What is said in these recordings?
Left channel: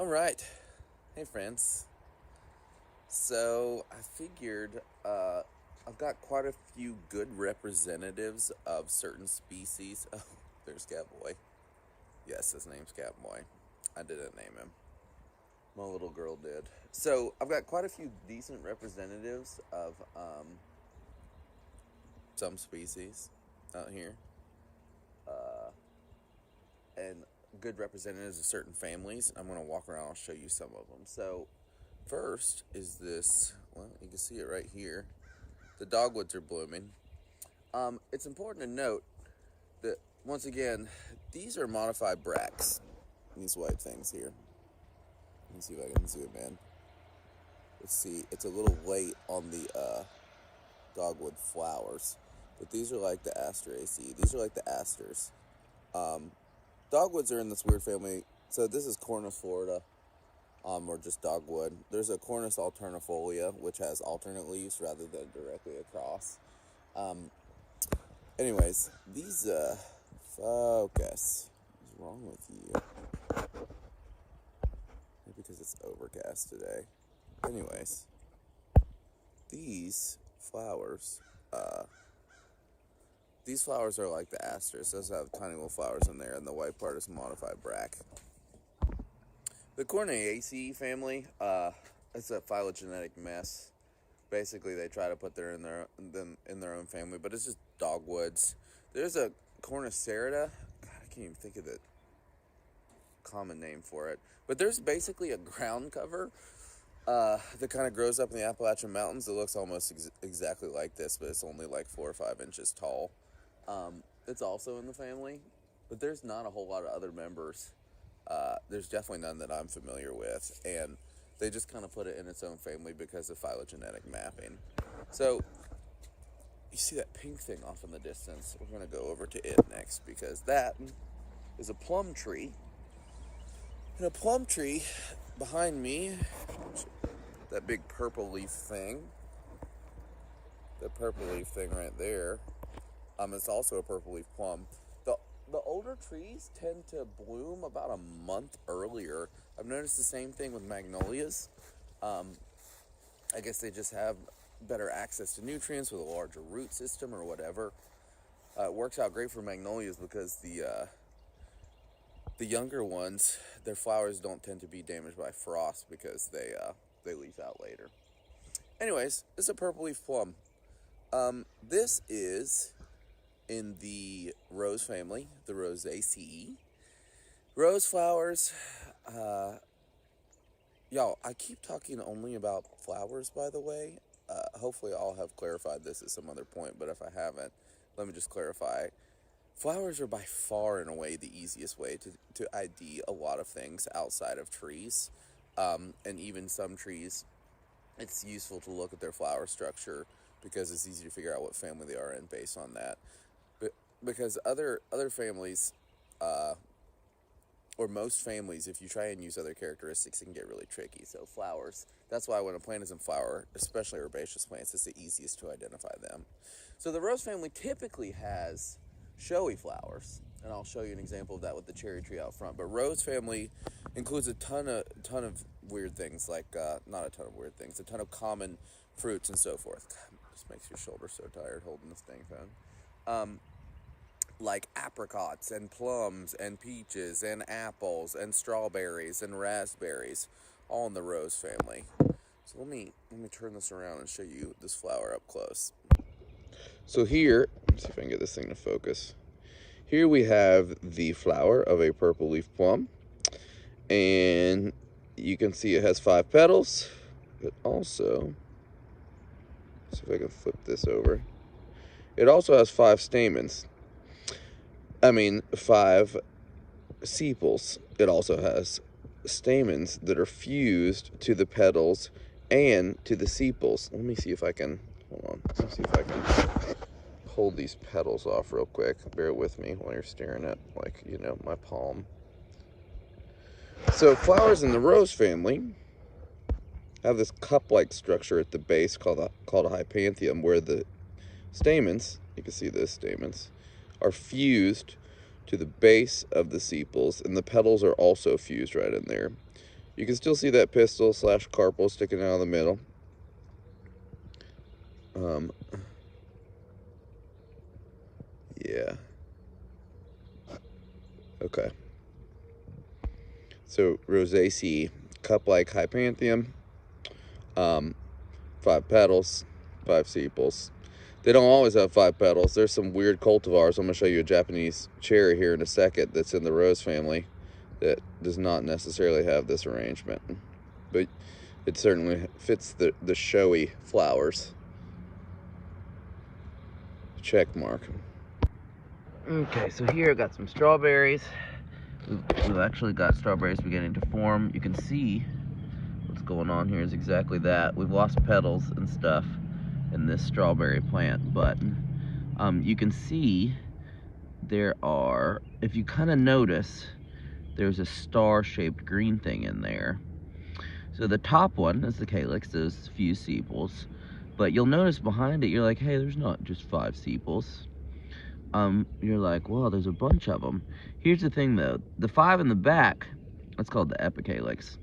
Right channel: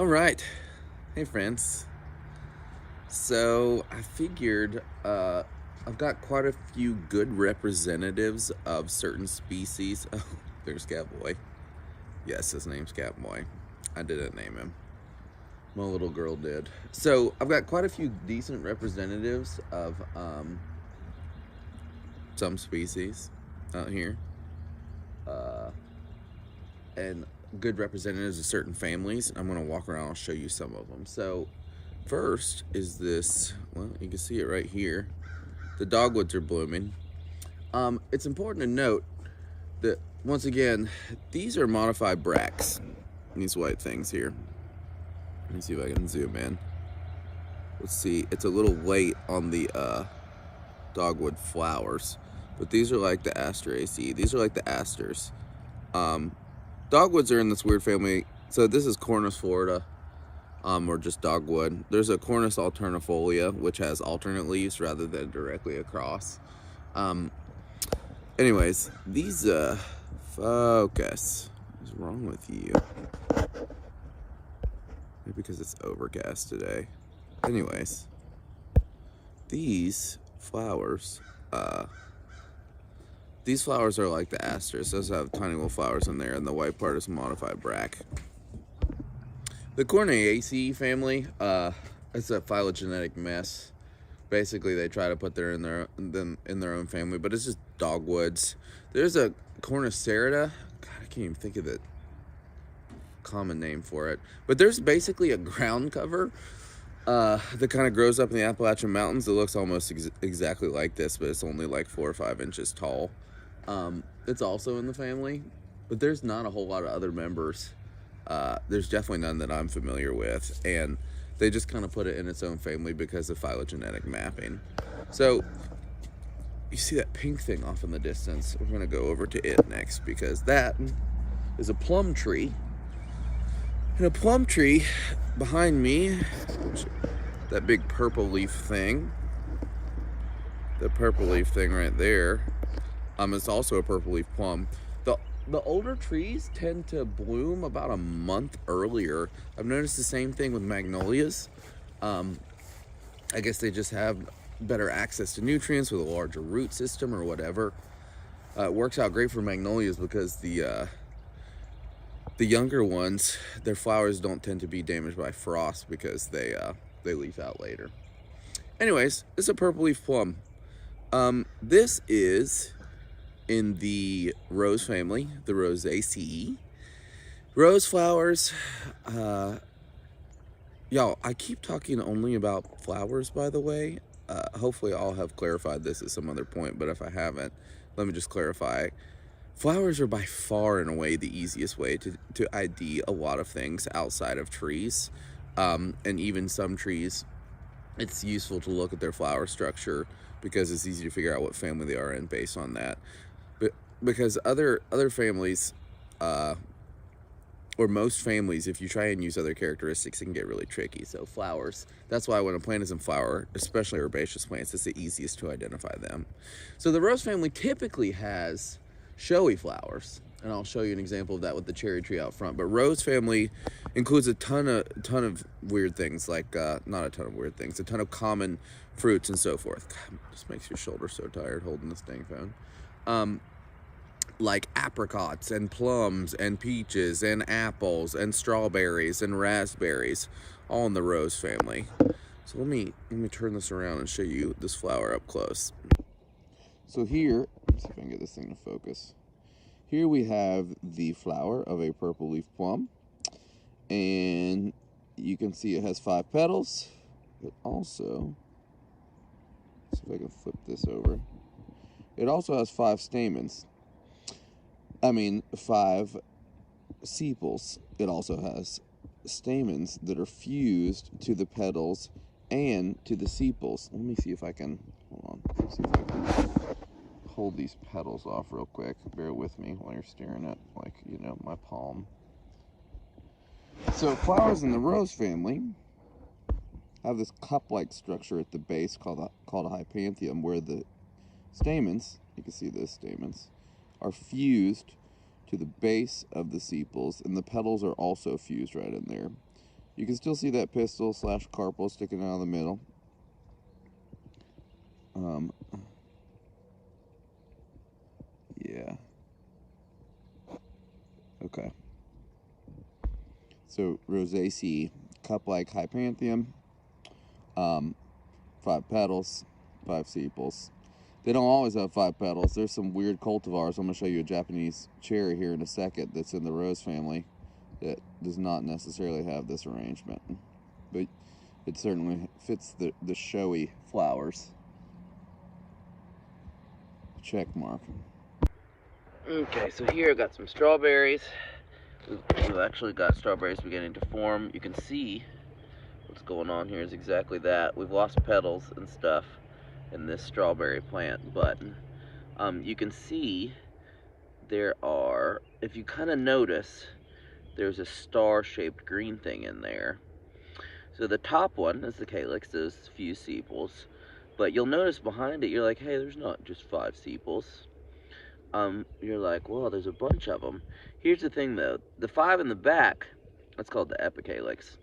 All right. Hey, friends. So I figured I've got quite a few good representatives of certain species. Oh, there's Catboy. Yes, his name's Catboy. I didn't name him. My little girl did. So I've got quite a few decent representatives of some species out here. And good representatives of certain families. I'm going to walk around and I'll show you some of them. So first is this, well, you can see it right here. The dogwoods are blooming. It's important to note that, once again, these are modified bracts. These white things here. Let me see if I can zoom in. Let's see, it's a little late on the dogwood flowers, but these are like the Asteraceae. These are like the asters. Dogwoods are in this weird family. So this is Cornus Florida, or just dogwood. There's a Cornus alternifolia, which has alternate leaves rather than directly across. Anyways, these, focus. What's wrong with you? Maybe because it's overcast today. Anyways, these flowers, are like the asters. Those have tiny little flowers in there, and the white part is modified bract. The Corneaceae family, it's a phylogenetic mess. Basically, they try to put them in their own family, but it's just dogwoods. There's a Cornicerida. God, I can't even think of the common name for it. But there's basically a ground cover that kind of grows up in the Appalachian Mountains. It looks almost exactly like this, but it's only like 4 or 5 inches tall. It's also in the family, but there's not a whole lot of other members. There's definitely none that I'm familiar with, and they just kind of put it in its own family because of phylogenetic mapping. So you see that pink thing off in the distance. We're going to go over to it next because that is a plum tree. And a plum tree behind me, that big purple leaf thing, right there, it's also a purple leaf plum. The older trees tend to bloom about a month earlier. I've noticed the same thing with magnolias. I guess they just have better access to nutrients with a larger root system or whatever. It works out great for magnolias because the younger ones, their flowers don't tend to be damaged by frost because they leaf out later. Anyways, this is a purple leaf plum. This is in the rose family, the Rosaceae. Rose flowers, y'all, I keep talking only about flowers, by the way. Hopefully I'll have clarified this at some other point, but if I haven't, let me just clarify. Flowers are by far and away the easiest way to ID a lot of things outside of trees. And even some trees, it's useful to look at their flower structure because it's easy to figure out what family they are in based on that. But because other families, or most families, if you try and use other characteristics, it can get really tricky. So flowers, that's why when a plant is in flower, especially herbaceous plants, it's the easiest to identify them. So the rose family typically has showy flowers, and I'll show you an example of that with the cherry tree out front. But rose family includes a ton of weird things, like not a ton of weird things, a ton of common fruits and so forth. God, it just makes your shoulder so tired holding this dang phone. Like apricots and plums and peaches and apples and strawberries and raspberries, all in the rose family. So let me turn this around and show you this flower up close. So here, let's see if I can get this thing to focus. Here we have the flower of a purple leaf plum, and you can see it has 5 petals. It also, let's see if I can flip this over. It also has 5 stamens. 5 sepals. It also has stamens that are fused to the petals and to the sepals. Let me see if I can, hold on, let's see if I can hold these petals off real quick. Bear with me while you're staring at, my palm. So flowers in the rose family have this cup-like structure at the base called a hypanthium, where the stamens, you can see this, stamens, are fused to the base of the sepals, and the petals are also fused right in there. You can still see that pistil slash carpel sticking out of the middle. Yeah. Okay. So Rosaceae, cup-like hypanthium, 5 petals, 5 sepals. They don't always have 5 petals. There's some weird cultivars. I'm going to show you a Japanese cherry here in a second that's in the rose family that does not necessarily have this arrangement. But it certainly fits the showy flowers. Check mark. Okay, so here I got some strawberries. We've actually got strawberries beginning to form. You can see what's going on here is exactly that. We've lost petals and stuff in this strawberry plant, but you can see there are, if you kind of notice, there's a star-shaped green thing in there. So the top one is the calyx, those few sepals, but you'll notice behind it, you're like, hey, there's not just 5 sepals. You're like, well, there's a bunch of them. Here's the thing though, the 5 in the back, that's called the epicalyx,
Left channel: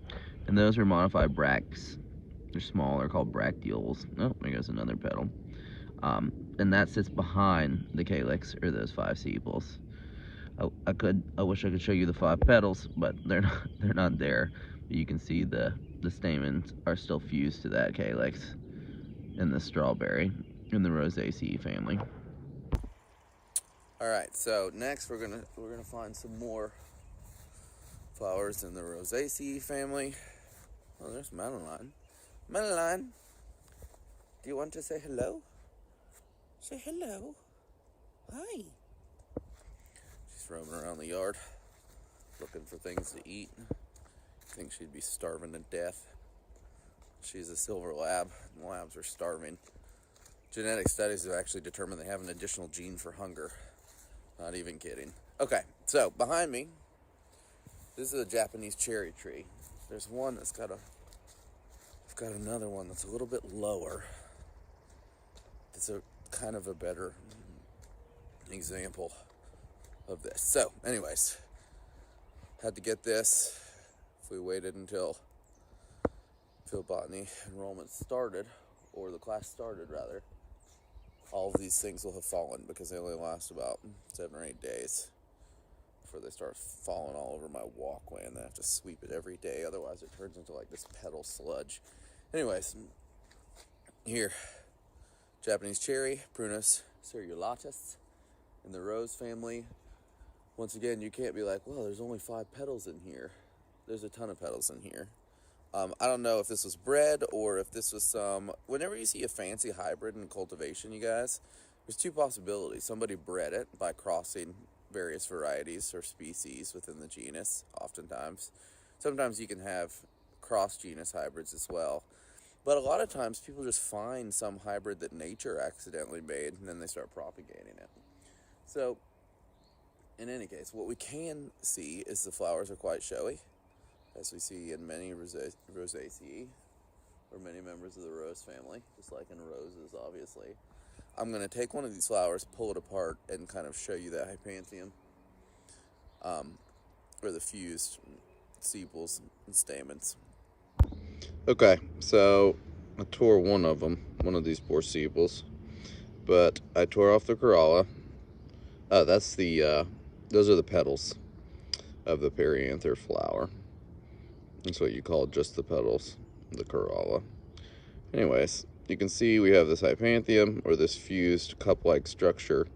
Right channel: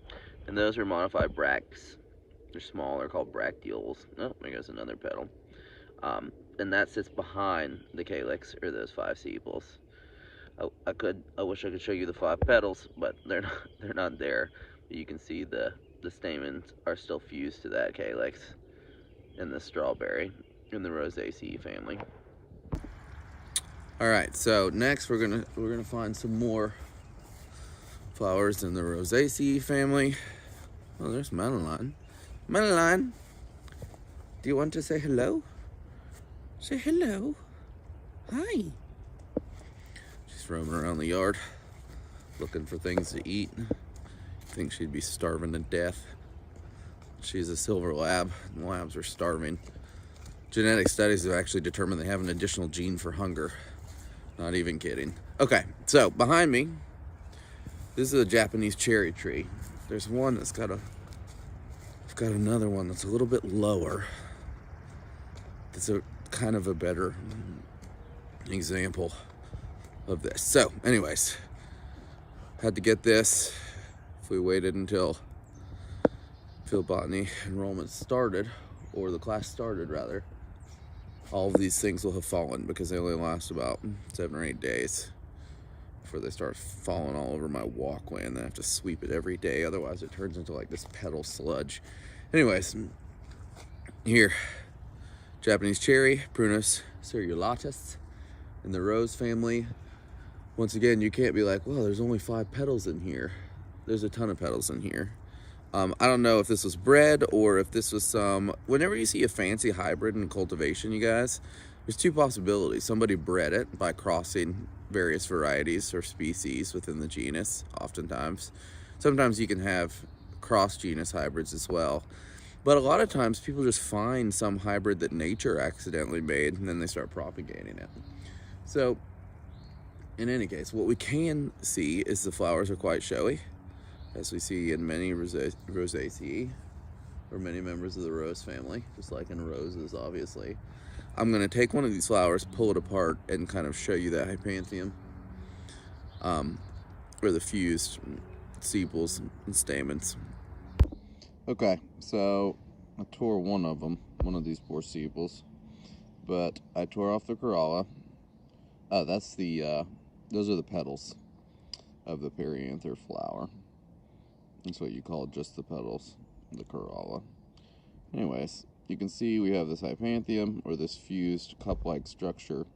and those are modified bracts. They're small, they're called bracteoles. Oh, there goes another petal. And that sits behind the calyx, or those 5 sepals. I wish I could show you the 5 petals, but they're not there. But you can see the stamens are still fused to that calyx in the strawberry in the Rosaceae family. All right, so next we're gonna find some more flowers in the Rosaceae family. Oh, there's Madeline. Madeline, do you want to say hello? Say hello. Hi. She's roaming around the yard, looking for things to eat. I think she'd be starving to death. She's a silver lab, and labs are starving. Genetic studies have actually determined they have an additional gene for hunger. Not even kidding. Okay, so behind me, this is a Japanese cherry tree. There's one that's got I've got another one that's a little bit lower. That's a kind of a better example of this. So, anyways, had to get this. If we waited until field botany enrollment started, or the class started rather, all of these things will have fallen because they only last about 7 or 8 days before they start falling all over my walkway, and then I have to sweep it every day, otherwise it turns into like this petal sludge. Anyways, here, Japanese cherry, Prunus cerulatus, in the rose family. Once again, you can't be like, well, there's only 5 petals in here. There's a ton of petals in here. I don't know if this was bred or if this was some, whenever you see a fancy hybrid in cultivation, you guys, there's 2 possibilities. Somebody bred it by crossing various varieties or species within the genus, oftentimes. Sometimes you can have cross-genus hybrids as well. But a lot of times people just find some hybrid that nature accidentally made, and then they start propagating it. So, in any case, what we can see is the flowers are quite showy, as we see in many Rosaceae, or many members of the rose family, just like in roses, obviously. I'm going to take one of these flowers, pull it apart, and kind of show you that hypanthium, or the fused sepals and stamens. Okay, so I tore one of them, one of these poor sepals, but I tore off the corolla. That's the, those are the petals of the perianther flower. That's what you call just the petals, the corolla. Anyways, you can see we have this hypanthium, or this fused cup-like structure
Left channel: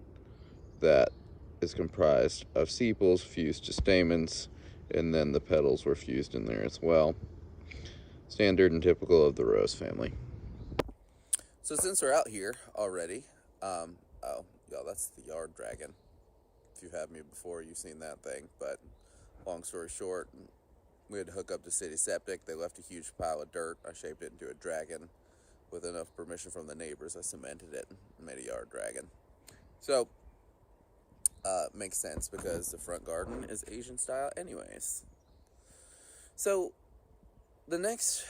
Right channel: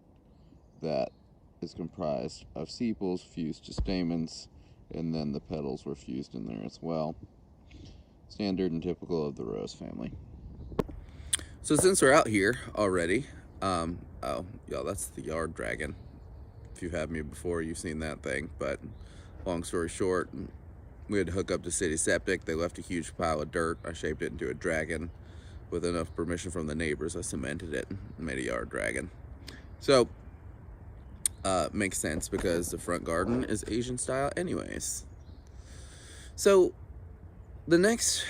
that is comprised of sepals fused to stamens, and then the petals were fused in there as well. Standard and typical of the rose family. So since we're out here already, oh, y'all, that's the yard dragon. If you've had me before, you've seen that thing, but long story short, we had to hook up to city septic. They left a huge pile of dirt. I shaped it into a dragon. With enough permission from the neighbors, I cemented it and made a yard dragon. So, makes sense because the front garden is Asian style anyways. So, the next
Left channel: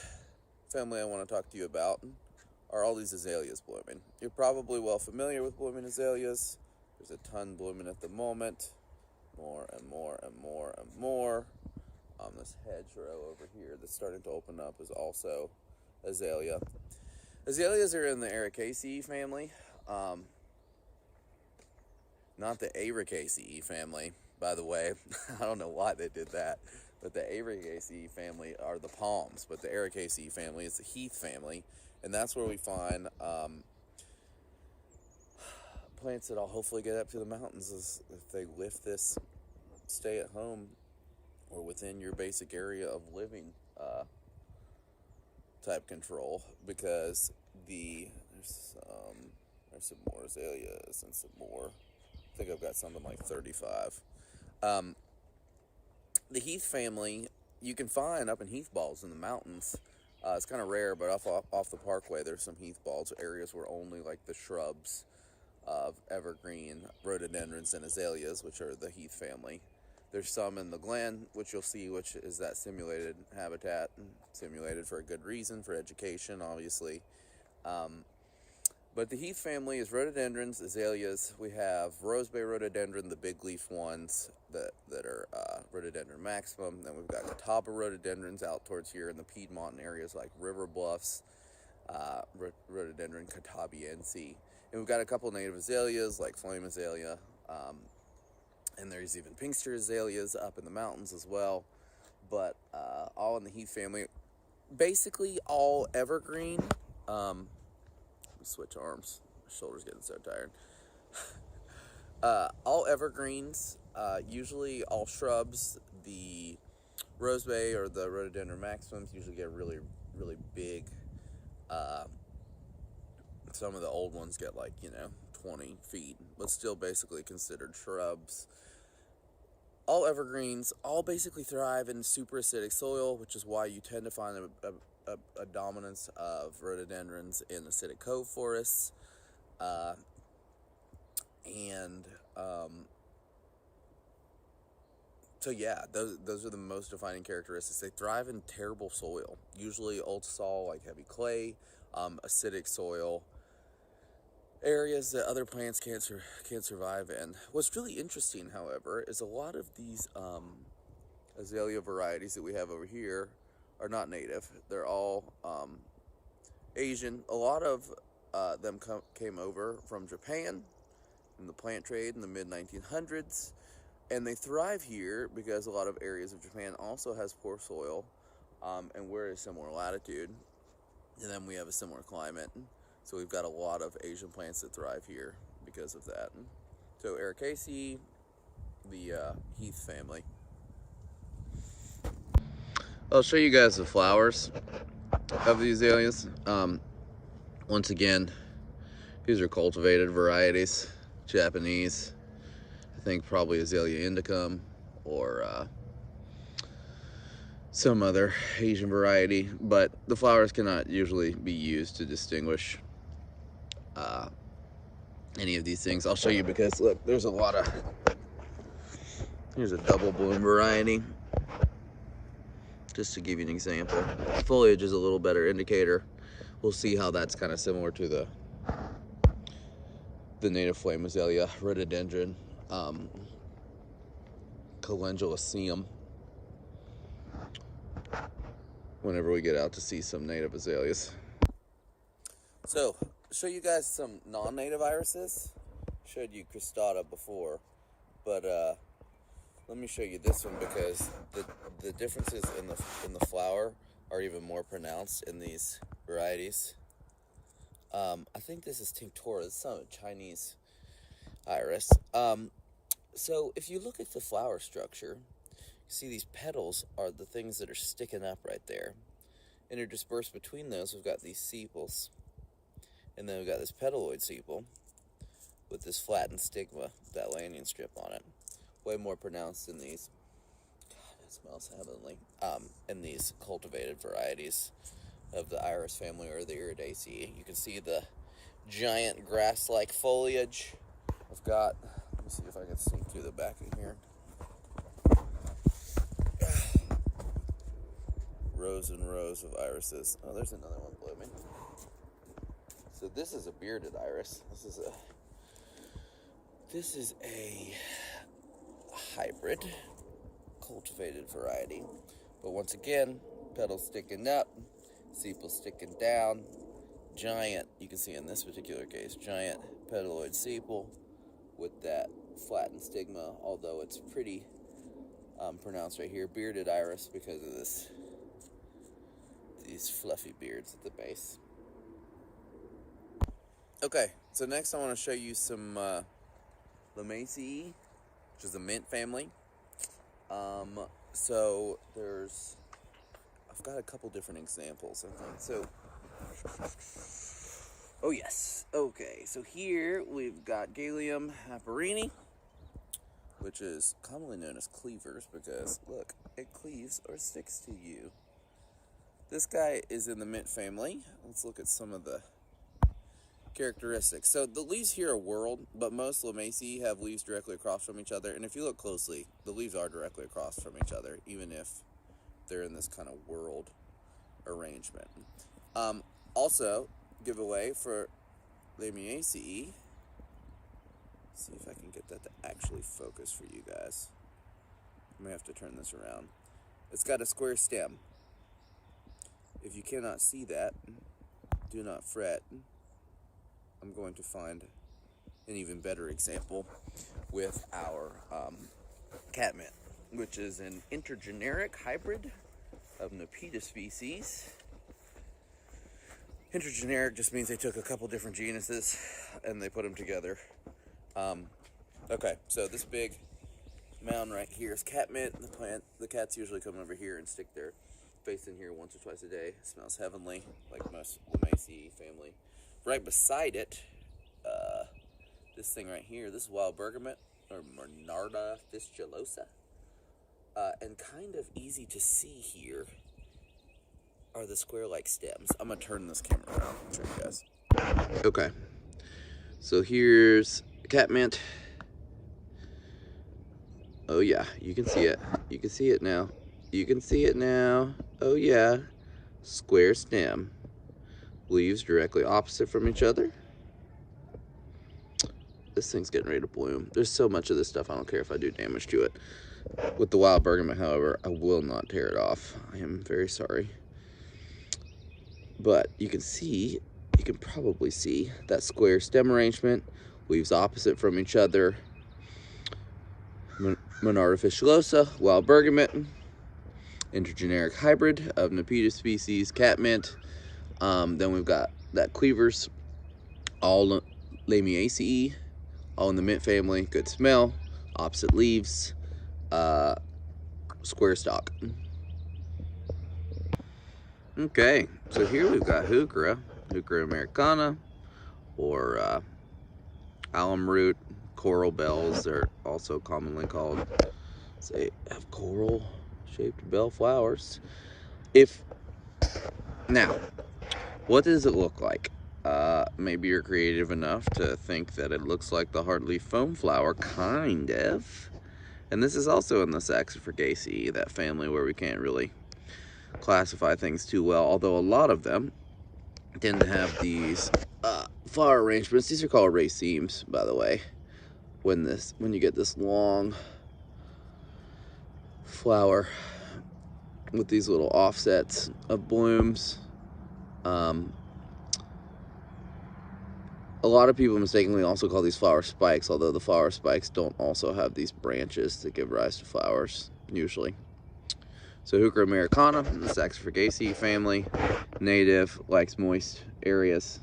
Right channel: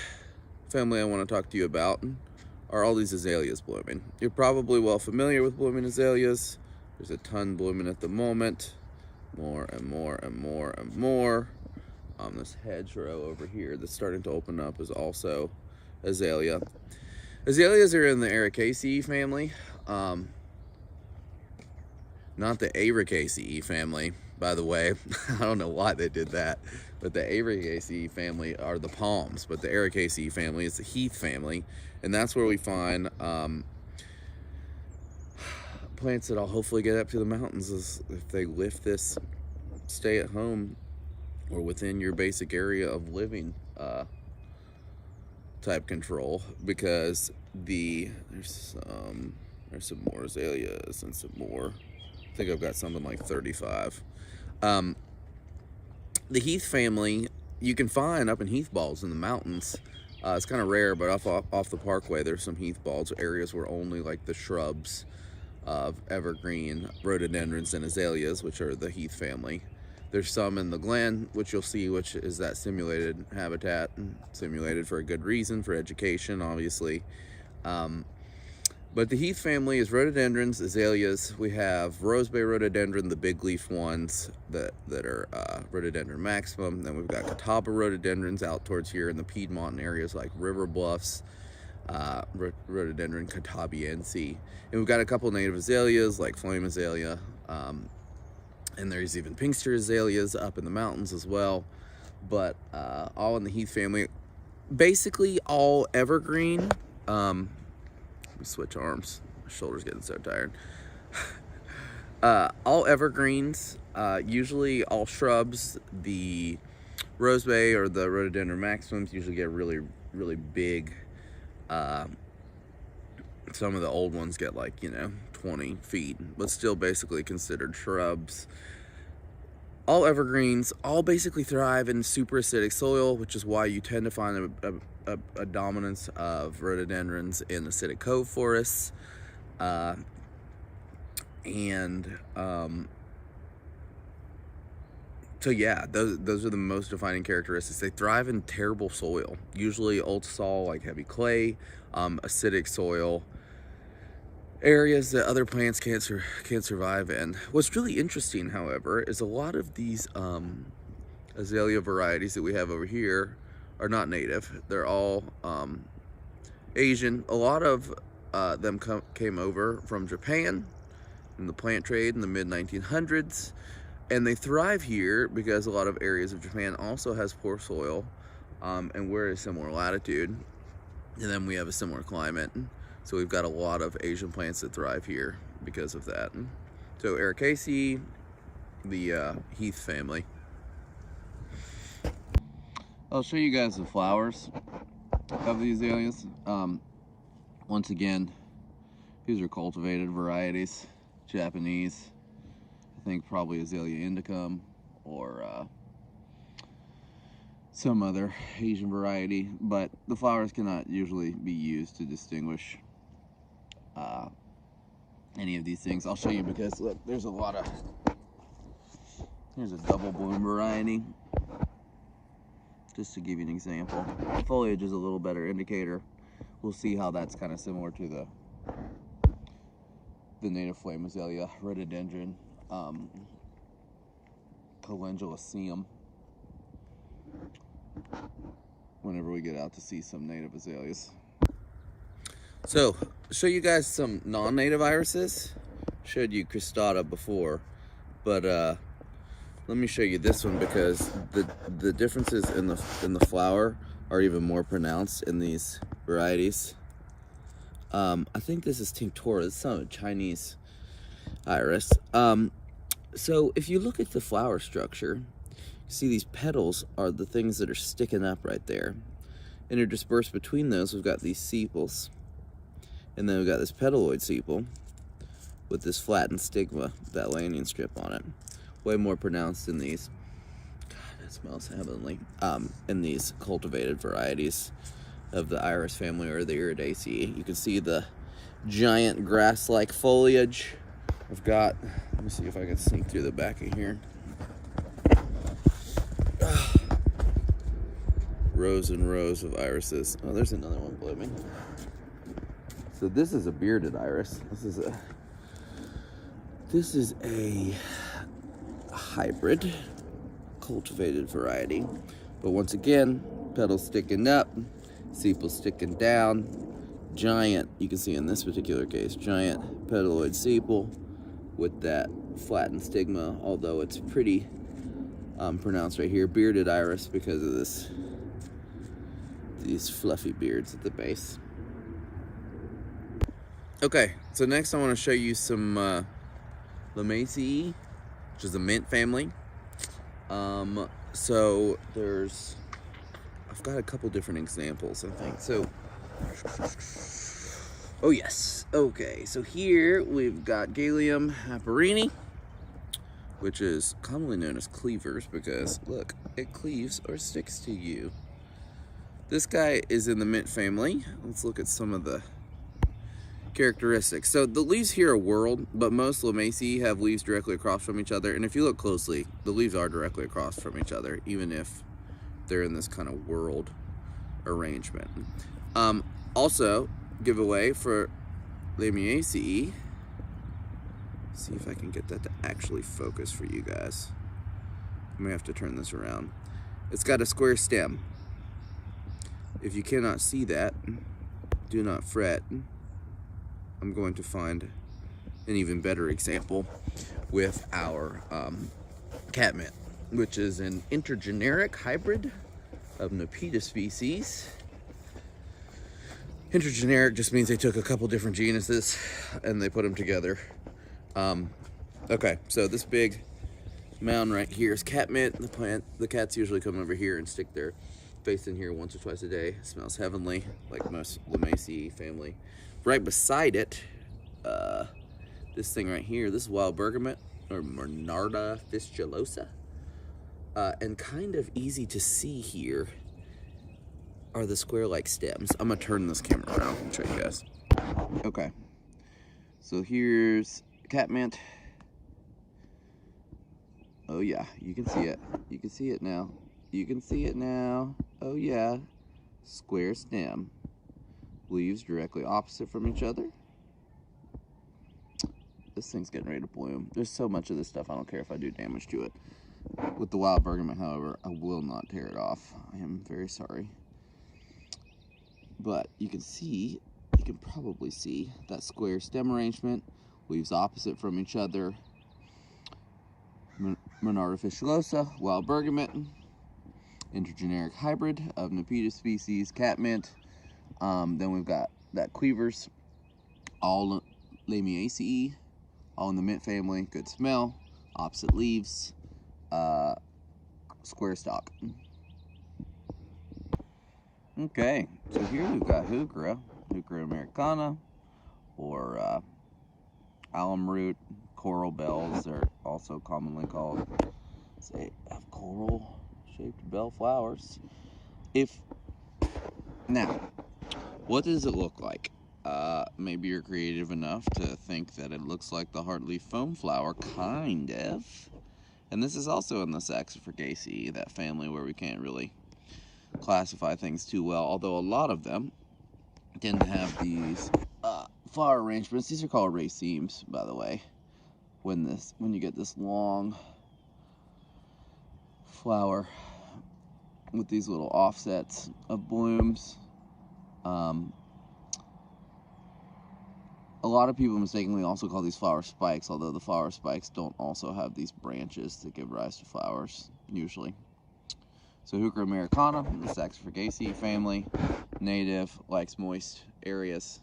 family I want to talk to you about are all these azaleas blooming. You're probably well familiar with blooming azaleas. There's a ton blooming at the moment. More and more and more and more. This hedgerow over here that's starting to open up is also azalea. Azaleas are in the Ericaceae family, not the Ericaceae family, by the way. I don't know why they did that, but the Ericaceae family are the palms, but the Ericaceae family is the Heath family, and that's where we find plants that I'll hopefully get up to the mountains if they lift this stay at home or within your basic area of living type control, because there's some more azaleas and some more. I think I've got something like 35. The Heath family you can find up in heath balls in the mountains. It's kind of rare, but off the parkway there's some heath balls, areas where only like the shrubs of evergreen rhododendrons and azaleas, which are the Heath family. There's some in the Glen, which you'll see, which is that simulated habitat, simulated for a good reason, for education, obviously. But the Heath family is rhododendrons, azaleas. We have rosebay rhododendron, the big leaf ones that are rhododendron maximum. Then we've got catawba rhododendrons out towards here in the Piedmont areas like River Bluffs, rhododendron catabiense. And we've got a couple native azaleas like flame azalea, and there's even pinkster azaleas up in the mountains as well. But all in the Heath family, basically all evergreen. Let me switch arms. My shoulder's getting so tired. All evergreens, usually all shrubs. The rosebay or the rhododendron maximums usually get really, really big. Some of the old ones get like, 20 feet, but still basically considered shrubs. All evergreens, all basically thrive in super acidic soil, which is why you tend to find a dominance of rhododendrons in acidic cove forests. So yeah, those are the most defining characteristics. They thrive in terrible soil, usually old sol, like heavy clay, acidic soil, areas that other plants can't survive in. What's really interesting, however, is a lot of these azalea varieties that we have over here are not native. They're all Asian. A lot of them came over from Japan in the plant trade in the mid-1900s, and they thrive here because a lot of areas of Japan also has poor soil, and we're at a similar latitude, and then we have a similar climate. So we've got a lot of Asian plants that thrive here because of that. So Ericaceae, the Heath family. I'll show you guys the flowers of these azaleas. Once again, these are cultivated varieties, Japanese. I think probably Azalea indicum or some other Asian variety, but the flowers cannot usually be used to distinguish any of these things. I'll show you because look, there's a lot of, here's a double bloom variety, just to give you an example. Foliage is a little better indicator. We'll see how that's kind of similar to the native flame azalea, rhododendron, calendulaceum, whenever we get out to see some native azaleas. So, show you guys some non-native irises. Showed you cristata before, but let me show you this one because the differences in the flower are even more pronounced in these varieties. I think this is tinctora. It's some Chinese iris. So if you look at the flower structure, you see these petals are the things that are sticking up right there. Interspersed between those, we've got these sepals. And then we've got this petaloid sepal with this flattened stigma, that landing strip on it. Way more pronounced in these. God, it smells heavenly. In these cultivated varieties of the iris family or the Iridaceae. You can see the giant grass-like foliage. I've got, let me see if I can sneak through the back of here. Rows and rows of irises. Oh, there's another one blooming. So this is a bearded iris. This is a hybrid. cultivated variety. But once again, petals sticking up, sepals sticking down, giant, you can see in this particular case, giant petaloid sepal with that flattened stigma, although it's pretty pronounced right here. Bearded iris because of these fluffy beards at the base. Okay, so next I want to show you some Lamaceae, which is a mint family. So I've got a couple different examples, I think. So, oh yes, okay, so here we've got Galium haperini, which is commonly known as cleavers because, look, it cleaves or sticks to you. This guy is in the mint family. Let's look at some of the characteristics. So the leaves here are whorled, but most Lamaceae have leaves directly across from each other, and if you look closely, the leaves are directly across from each other, even if they're in this kind of whorled arrangement. Also, giveaway for Lamiaceae. See if I can get that to actually focus for you guys. I may have to turn this around. It's got a square stem. If you cannot see that, do not fret. I'm going to find an even better example with our catmint, which is an intergeneric hybrid of Nepeta species. Intergeneric just means they took a couple different genuses and they put them together. Okay, so this big mound right here is catmint. The cats usually come over here and stick their face in here once or twice a day. It smells heavenly, like most Lamaceae family. Right beside it, this thing right here, this is wild bergamot, or Monarda fistulosa. And kind of easy to see here are the square-like stems. I'm gonna turn this camera around and show you guys. Okay, so here's catmint. Oh yeah, you can see it. You can see it now. You can see it now. Oh yeah, square stem. Leaves directly opposite from each other. This thing's getting ready to bloom. There's so much of this stuff, I don't care if I do damage to it. With the wild bergamot, however, I will not tear it off. I am very sorry. But you can see, you can probably see that square stem arrangement, leaves opposite from each other. Monarda fistulosa, wild bergamot, intergeneric hybrid of Nepeta species, catmint. Then we've got that cleavers, all Lamiaceae, all in the mint family, good smell, opposite leaves, square stalk. Okay, so here we've got Heuchera americana, or alum root, coral bells, they're also commonly called. They have coral-shaped bell flowers. Now, what does it look like? Maybe you're creative enough to think that it looks like the hardleaf foam flower, kind of. And this is also in the Saxifragaceae, that family where we can't really classify things too well, although a lot of them tend to have these flower arrangements. These are called racemes, by the way. When you get this long flower with these little offsets of blooms. A lot of people mistakenly also call these flower spikes, although the flower spikes don't also have these branches that give rise to flowers, usually. So Heuchera americana, the Saxifragaceae family, native, likes moist areas,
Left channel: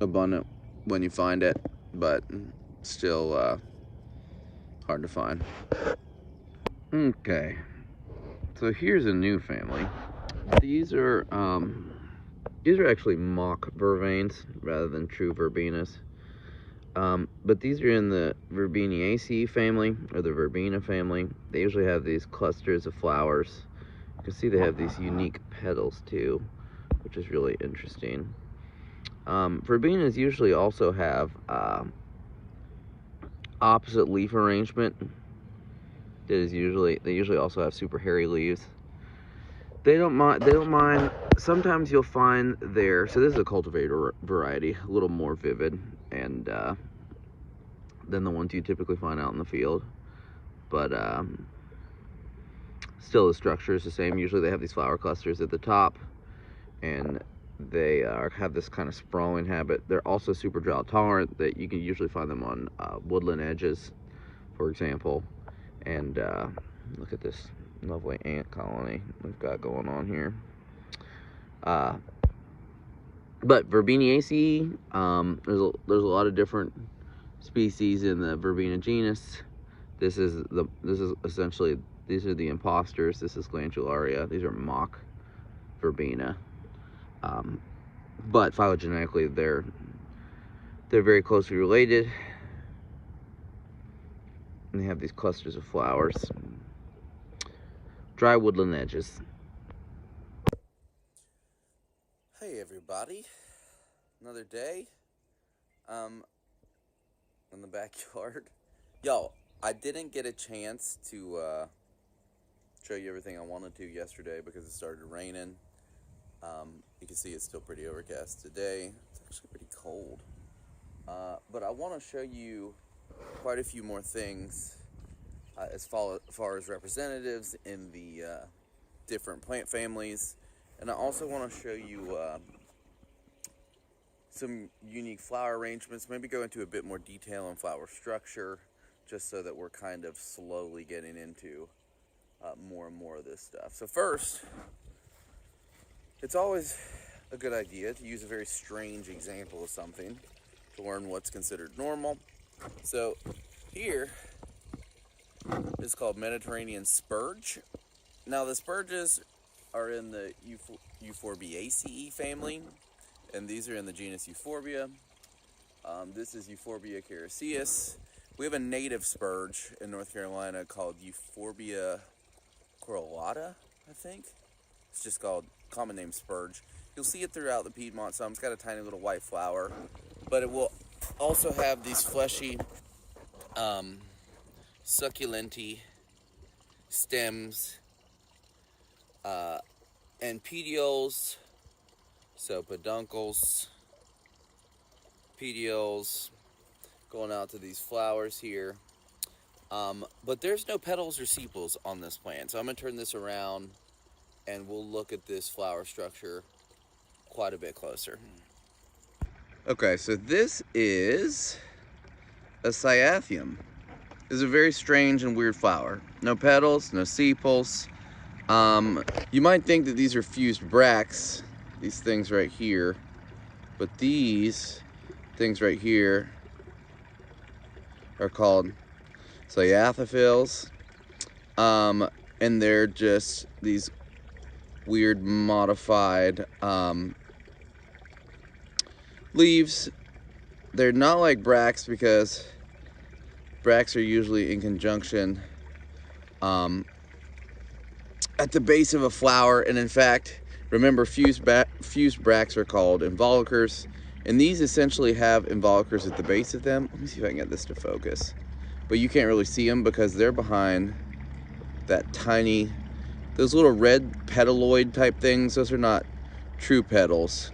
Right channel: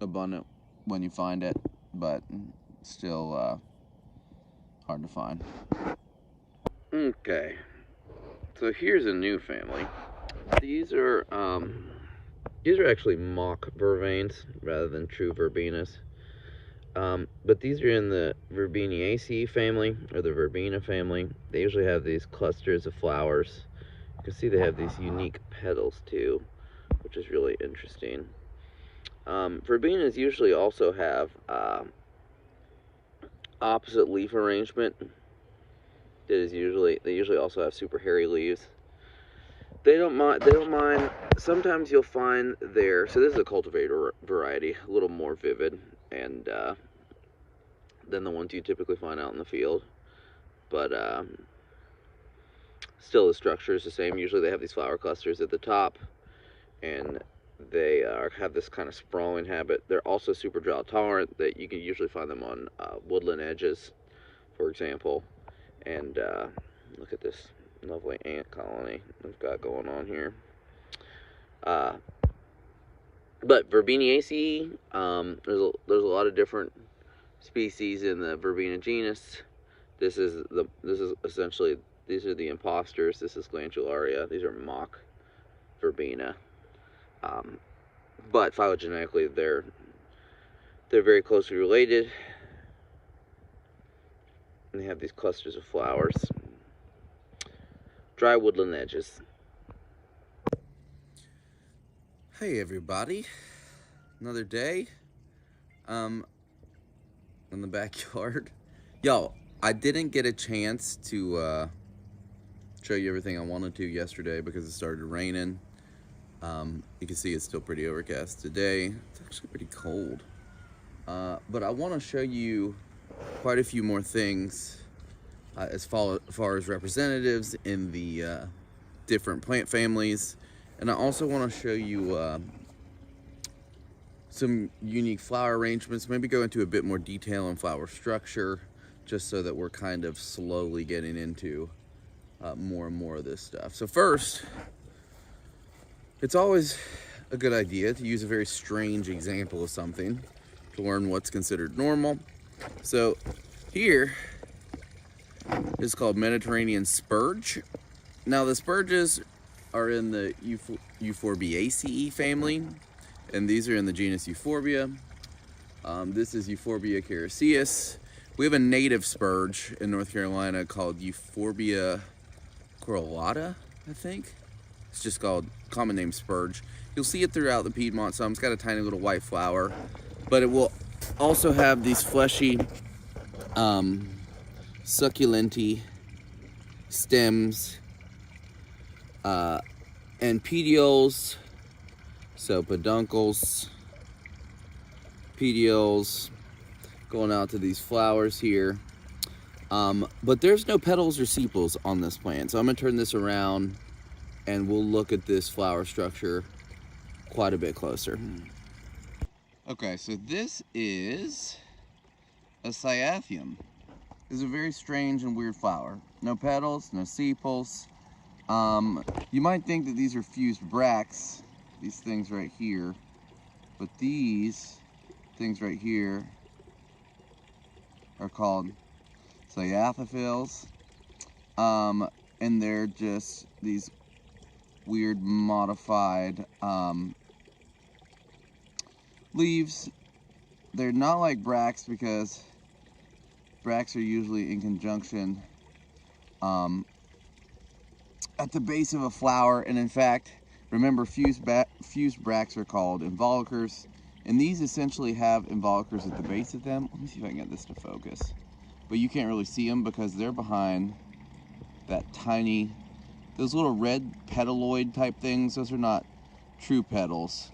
abundant when you find it, but still hard to find. Okay, so here's a new family. These are actually mock vervains rather than true verbenas. But these are in the Verbenaceae family, or the Verbena family. They usually have these clusters of flowers. You can see they have these unique petals too, which is really interesting. Verbenas usually also have opposite leaf arrangement. They usually also have super hairy leaves. They don't mind. Sometimes you'll find so this is a cultivated variety, a little more vivid and than the ones you typically find out in the field. but still the structure is the same. Usually they have these flower clusters at the top, and they have this kind of sprawling habit. They're also super drought tolerant. That you can usually find them on woodland edges, for example. And look at this lovely ant colony we've got going on here. But Verbenaceae, there's a lot of different species in the Verbena genus. This is essentially, these are the imposters. This is Glandularia. These are mock Verbena. But phylogenetically, they're very closely related, and they have these clusters of flowers. Dry woodland edges. Hey everybody, another day in the backyard. Y'all, I didn't get a chance to show you everything I wanted to yesterday because it started raining. You can see it's still pretty overcast today. It's actually pretty cold. But I want to show you quite a few more things as far as representatives in the different plant families. And I also want to show you some unique flower arrangements, maybe go into a bit more detail on flower structure, just so that we're kind of slowly getting into more and more of this stuff. So first, it's always a good idea to use a very strange example of something to learn what's considered normal. So here is called Mediterranean Spurge. Now the Spurges are in the Euphorbiaceae family, and these are in the genus Euphorbia. This is Euphorbia caricaeus. We have a native Spurge in North Carolina called Euphorbia corolata, I think. It's just called common name Spurge. You'll see it throughout the Piedmont some. It's got a tiny little white flower, but it will also have these fleshy succulenty stems and petioles, so peduncles, petioles going out to these flowers here. But there's no petals or sepals on this plant, so I'm going to turn this around and we'll look at this flower structure quite a bit closer. Okay, so this is a Cyathium. It's a very strange and weird flower. No petals, no sepals. You might think that these are fused bracts, these things right here, but these things right here are called Cyathophils, and they're just these weird modified leaves. They're not like bracts because bracts are usually in conjunction at the base of a flower, and in fact, remember, fused bracts are called involucres, and these essentially have involucres at the base of them. Let me see if I can get this to focus. But you can't really see them because they're behind that tiny, those little red petaloid type things. Those are not true petals.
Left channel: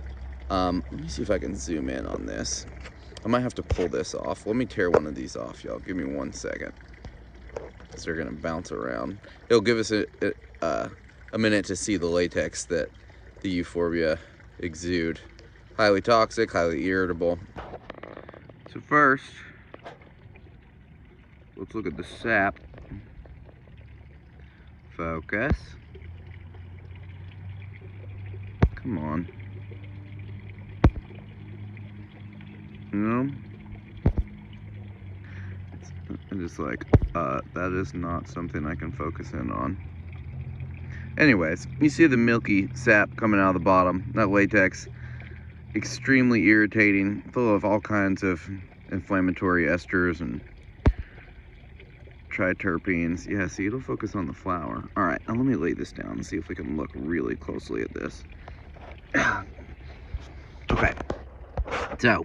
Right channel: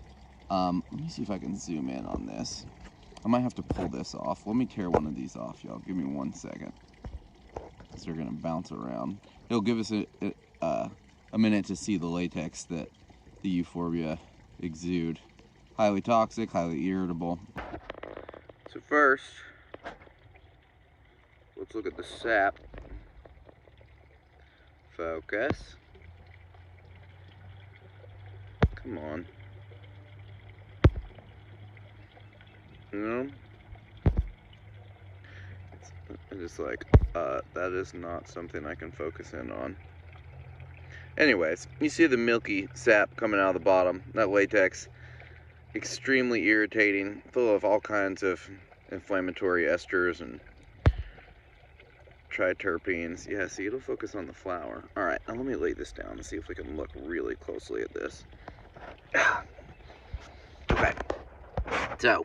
Let me see if I can zoom in on this. I might have to pull this off. Let me tear one of these off, y'all. Give me 1 second, because they're gonna bounce around. It'll give us a minute to see the latex that the Euphorbia exude. Highly toxic, highly irritable. So first, let's look at the sap. Focus. Come on. No? It's just like, that is not something I can focus in on. Anyways, you see the milky sap coming out of the bottom. That latex, extremely irritating, full of all kinds of inflammatory esters and triterpenes. Yeah, see, it'll focus on the flower. All right, now let me lay this down and see if we can look really closely at this. Okay, so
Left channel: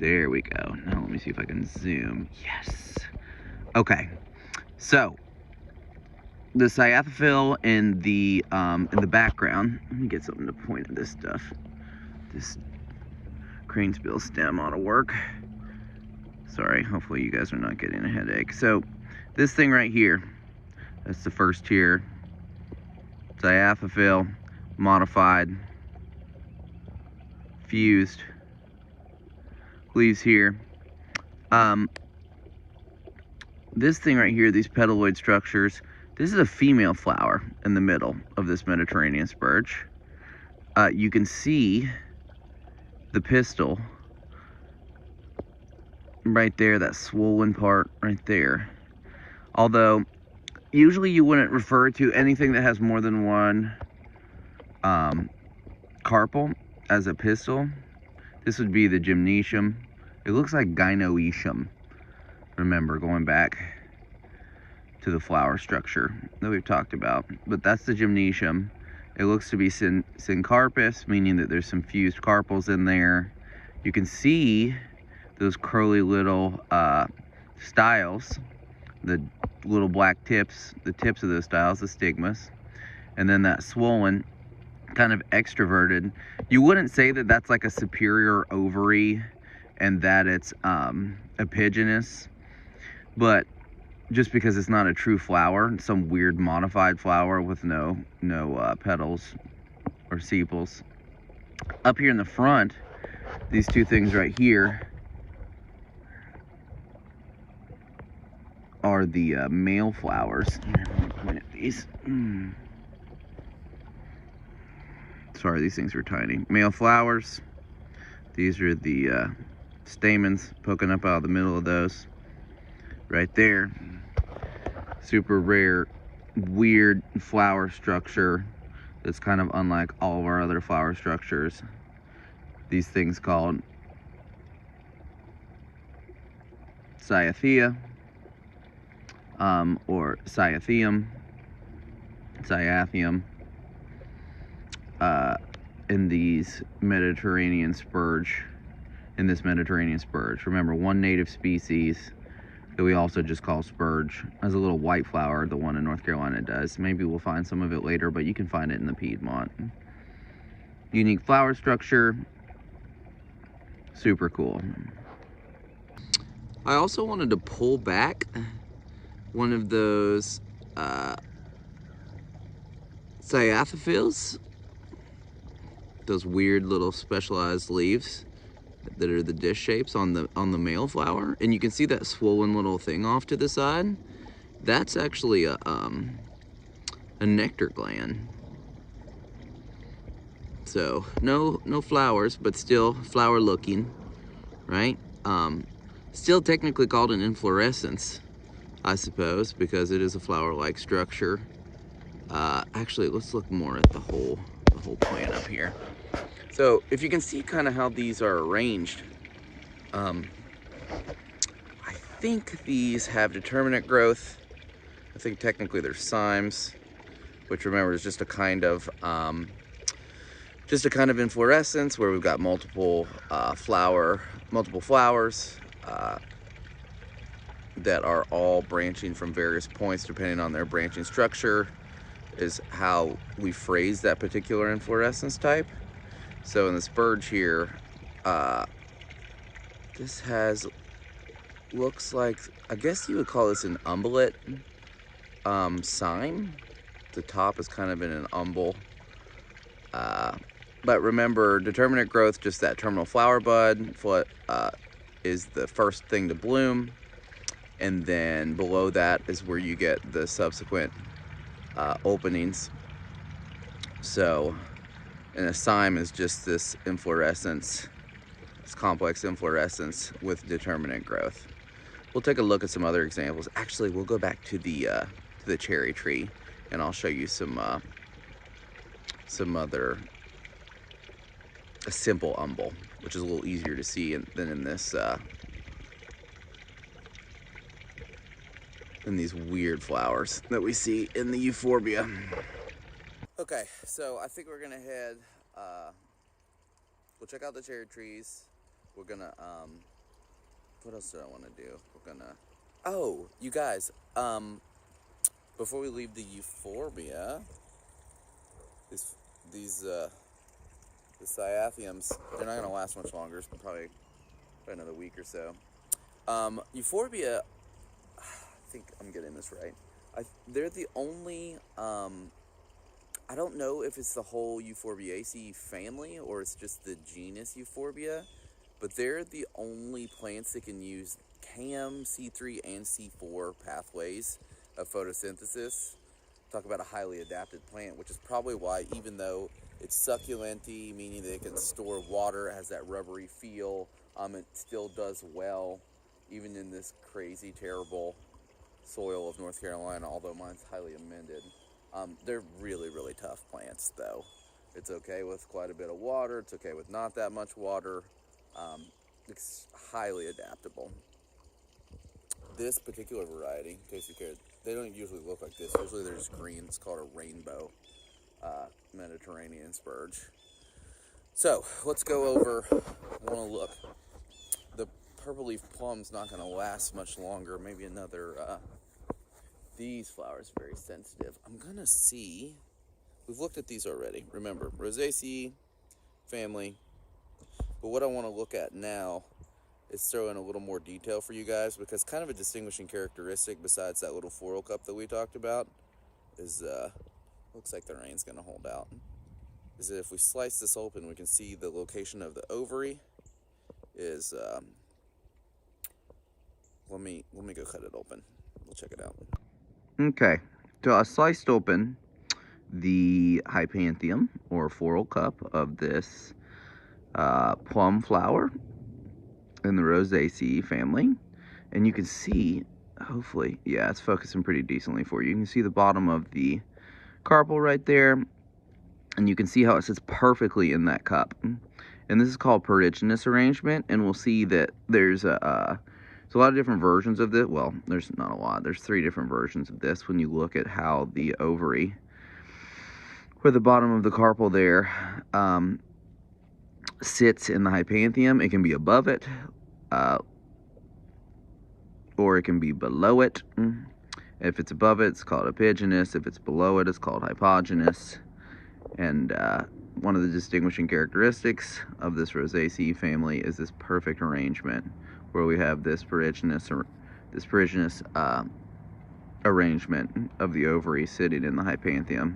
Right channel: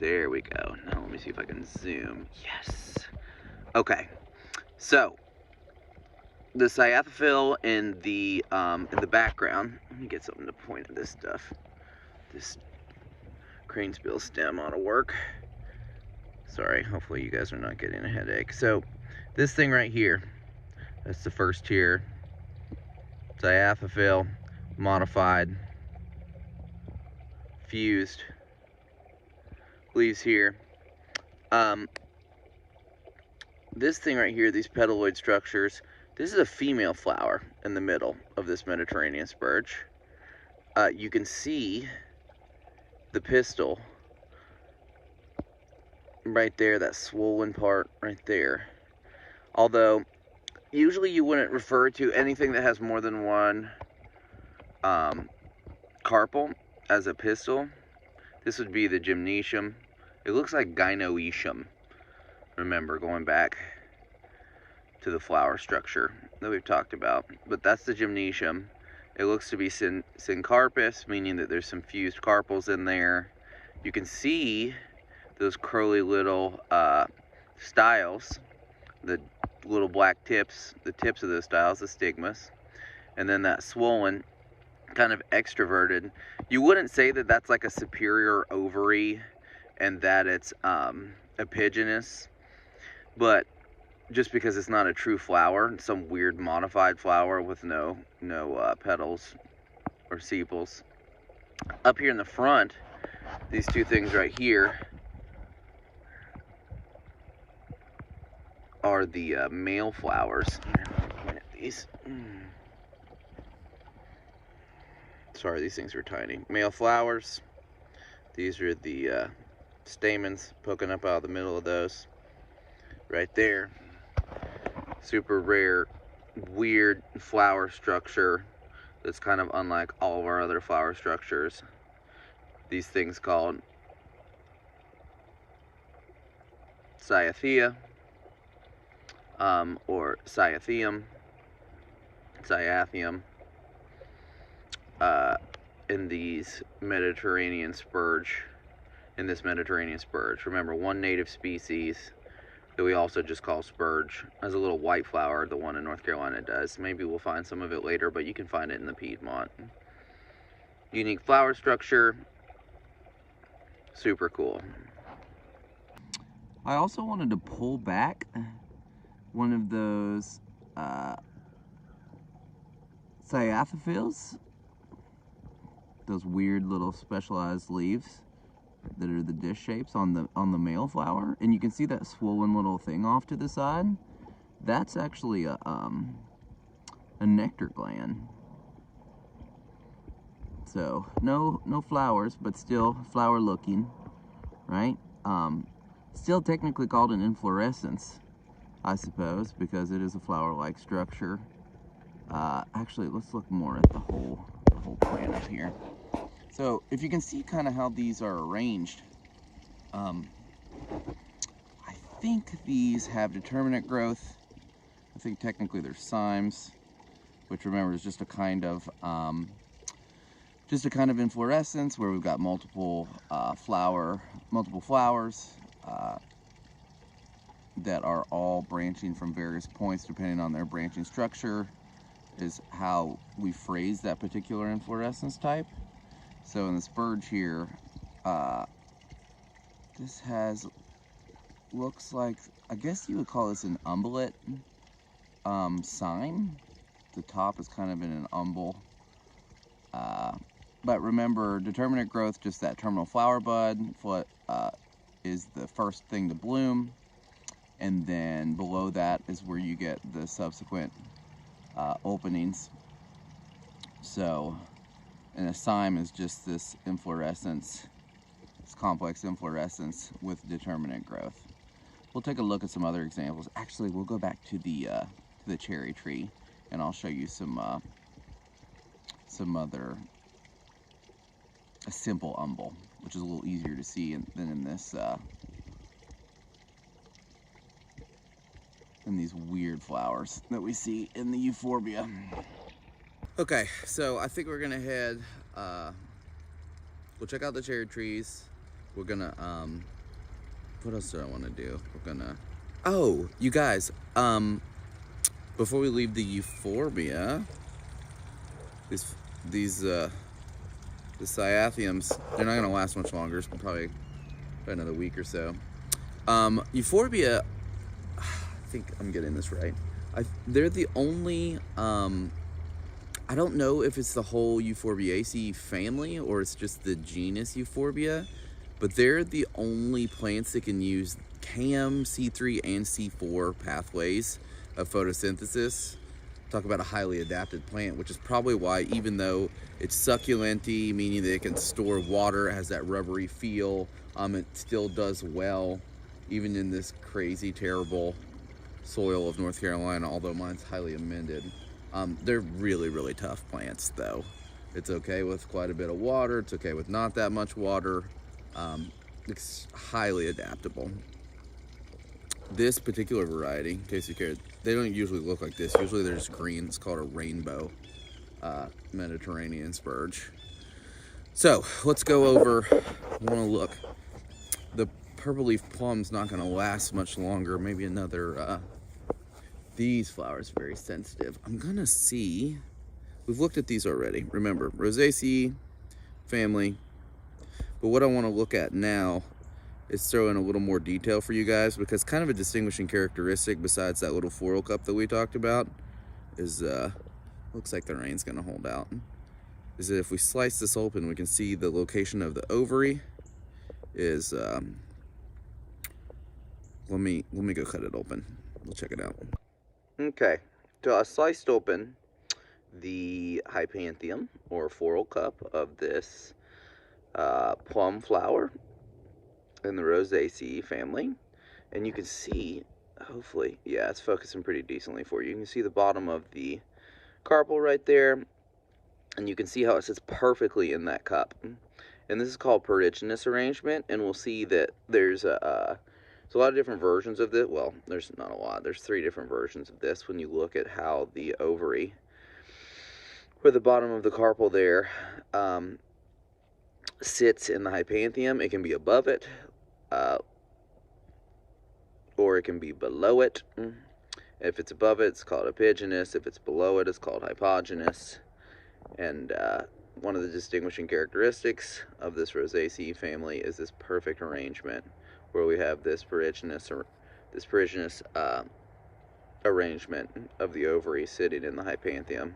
there we go. Now let me see if I can zoom. Yes. Okay, so the Cyathophil in the background. Let me get something to point at this stuff. This crane's bill stem ought to work. Sorry, hopefully you guys are not getting a headache. So This thing right here, that's the first tier. Cyathium, modified, fused, leaves here. This thing right here, these petaloid structures, this is a female flower in the middle of this Mediterranean spurge. You can see the pistil right there, that swollen part right there. Although, usually you wouldn't refer to anything that has more than one carpel as a pistil. This would be the gymnasium. It looks like gynoecium. Remember, going back to the flower structure that we've talked about. But that's the gymnasium. It looks to be syncarpous, meaning that there's some fused carpels in there. You can see those curly little styles, the little black tips, the tips of those styles, the stigmas. And then that swollen, kind of extroverted. You wouldn't say that that's like a superior ovary and that it's epigynous, but just because it's not a true flower, some weird modified flower with no petals or sepals. Up here in the front, these two things right here are the male flowers. Let me point at these. Sorry, these things are tiny. Male flowers. These are the stamens poking up out of the middle of those. Right there. Super rare, weird flower structure that's kind of unlike all of our other flower structures. These things called Cyathium or Cyathium, in these Mediterranean spurge, in this Mediterranean spurge. Remember, one native species that we also just call spurge. There's a little white flower, the one in North Carolina does. Maybe we'll find some of it later, but you can find it in the Piedmont. Unique flower structure, super cool. I also wanted to pull back one of those Cyathiums, those weird little specialized leaves that are the dish shapes on the male flower, and you can see that swollen little thing off to the side. That's actually a nectar gland. So no flowers, but still flower looking, right? Still technically called an inflorescence, I suppose, because it is a flower-like structure. Actually, let's look more at the whole plant up here. So if you can see kind of how these are arranged, I think these have determinate growth. I think technically they're cymes, which remember is just a kind of inflorescence where we've got multiple flowers that are all branching from various points depending on their branching structure, is how we phrase that particular inflorescence type. So in the spurge here, this looks like, I guess you would call this an umbellate cyme. The top is kind of in an umbel. But remember, determinate growth, just that terminal flower bud is the first thing to bloom. And then below that is where you get the subsequent openings. So, and a cyme is just this inflorescence, this complex inflorescence with determinate growth. We'll take a look at some other examples. Actually, we'll go back to the cherry tree, and I'll show you some other, a simple umbel, which is a little easier to see than in this in these weird flowers that we see in the euphorbia. Okay, so I think we're gonna head, we'll check out the cherry trees. We're gonna, what else do I wanna do? We're gonna, oh, you guys, before we leave the euphorbia, the Cyathiums, they're not gonna last much longer. It's probably another week or so. Euphorbia, think I'm getting this right. They're the only, I don't know if it's the whole Euphorbiaceae family or it's just the genus Euphorbia, but they're the only plants that can use CAM, C3, and C4 pathways of photosynthesis. Talk about a highly adapted plant, which is probably why, even though it's succulent-y, meaning that it can store water, it has that rubbery feel, it still does well, even in this crazy, terrible soil of North Carolina, although mine's highly amended. They're really, really tough plants, though. It's okay with quite a bit of water. It's okay with not that much water. It's highly adaptable. This particular variety, in case you care, they don't usually look like this. Usually they're just green. It's called a rainbow Mediterranean spurge. So let's go over, I want to look. The purple leaf plum's not going to last much longer. Maybe another, these flowers are very sensitive. I'm going to see, we've looked at these already. Remember, Rosaceae family. But what I want to look at now is throw in a little more detail for you guys, because kind of a distinguishing characteristic besides that little floral cup that we talked about is, looks like the rain's gonna hold out, is that if we slice this open, we can see the location of the ovary is, let me go cut it open. We'll check it out. Okay, so I sliced open the hypanthium or floral cup of this plum flower in the Rosaceae family, and you can see, hopefully, yeah, it's focusing pretty decently for you. You can see the bottom of the carpel right there, and you can see how it sits perfectly in that cup. And this is called Perdigenous Arrangement, and we'll see that there's a lot of different versions of this. Well, there's not a lot. There's 3 different versions of this when you look at how the ovary, where the bottom of the carpel there, sits in the hypanthium. It can be above it, or it can be below it. If it's above it, it's called epigynous. If it's below it, it's called hypogynous. And one of the distinguishing characteristics of this Rosaceae family is this perfect arrangement, where we have this Perdigenous arrangement of the ovary sitting in the hypanthium,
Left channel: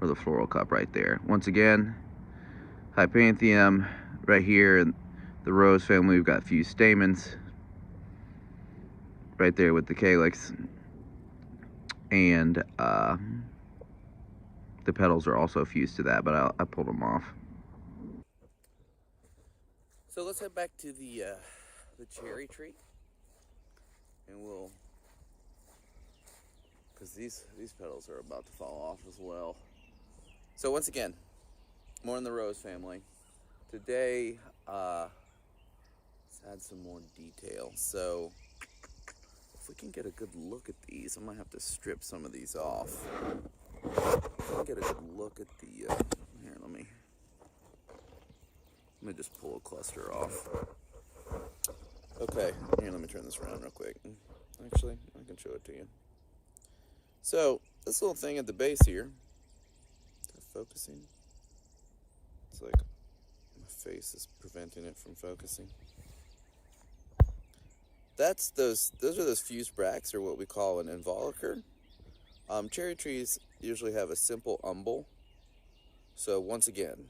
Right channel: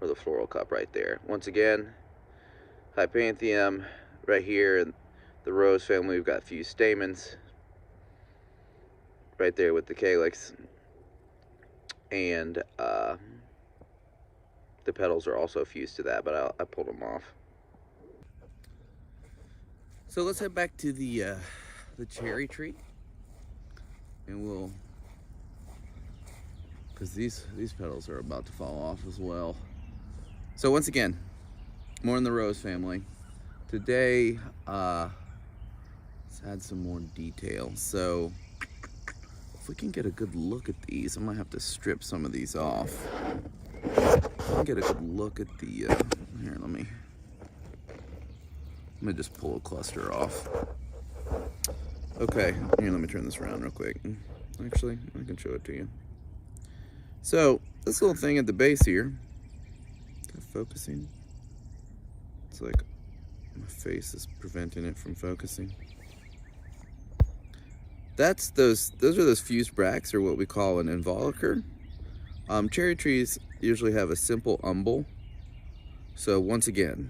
or the floral cup right there. Once again, hypanthium right here in the rose family, we've got fused stamens right there with the calyx, and the petals are also fused to that, but I pulled them off. So let's head back to the cherry tree, and we'll, because these petals are about to fall off as well. So once again, more in the rose family. Today, let's add some more detail. So if we can get a good look at these, I might have to strip some of these off. Get a good look at the, here, let me just pull a cluster off. Okay, here, let me turn this around real quick. Actually, I can show it to you. So, this little thing at the base here, focusing. It's like my face is preventing it from focusing. Those are those fused bracts, or what we call an involucre. Cherry trees usually have a simple umbel. So once again,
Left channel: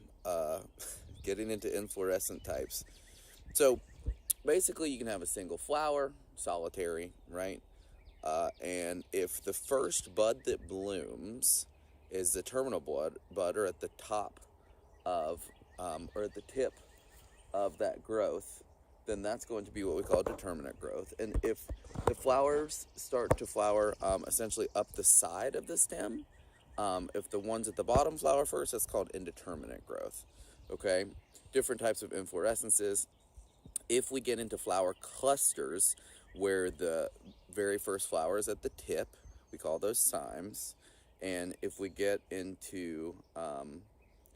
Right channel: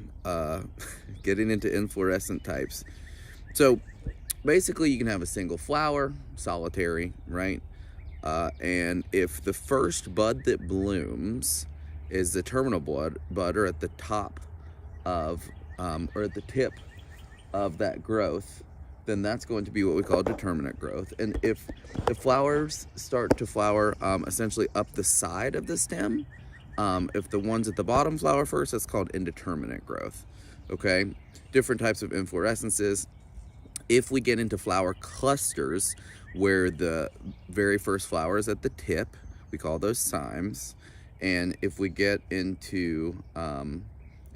getting into inflorescent types. So basically you can have a single flower, solitary, right? And if the first bud that blooms is the terminal bud, or at the top of, or at the tip of that growth, then that's going to be what we call determinate growth. And if the flowers start to flower essentially up the side of the stem, if the ones at the bottom flower first, that's called indeterminate growth. Okay, different types of inflorescences. If we get into flower clusters where the very first flower is at the tip, we call those cymes. And if we get into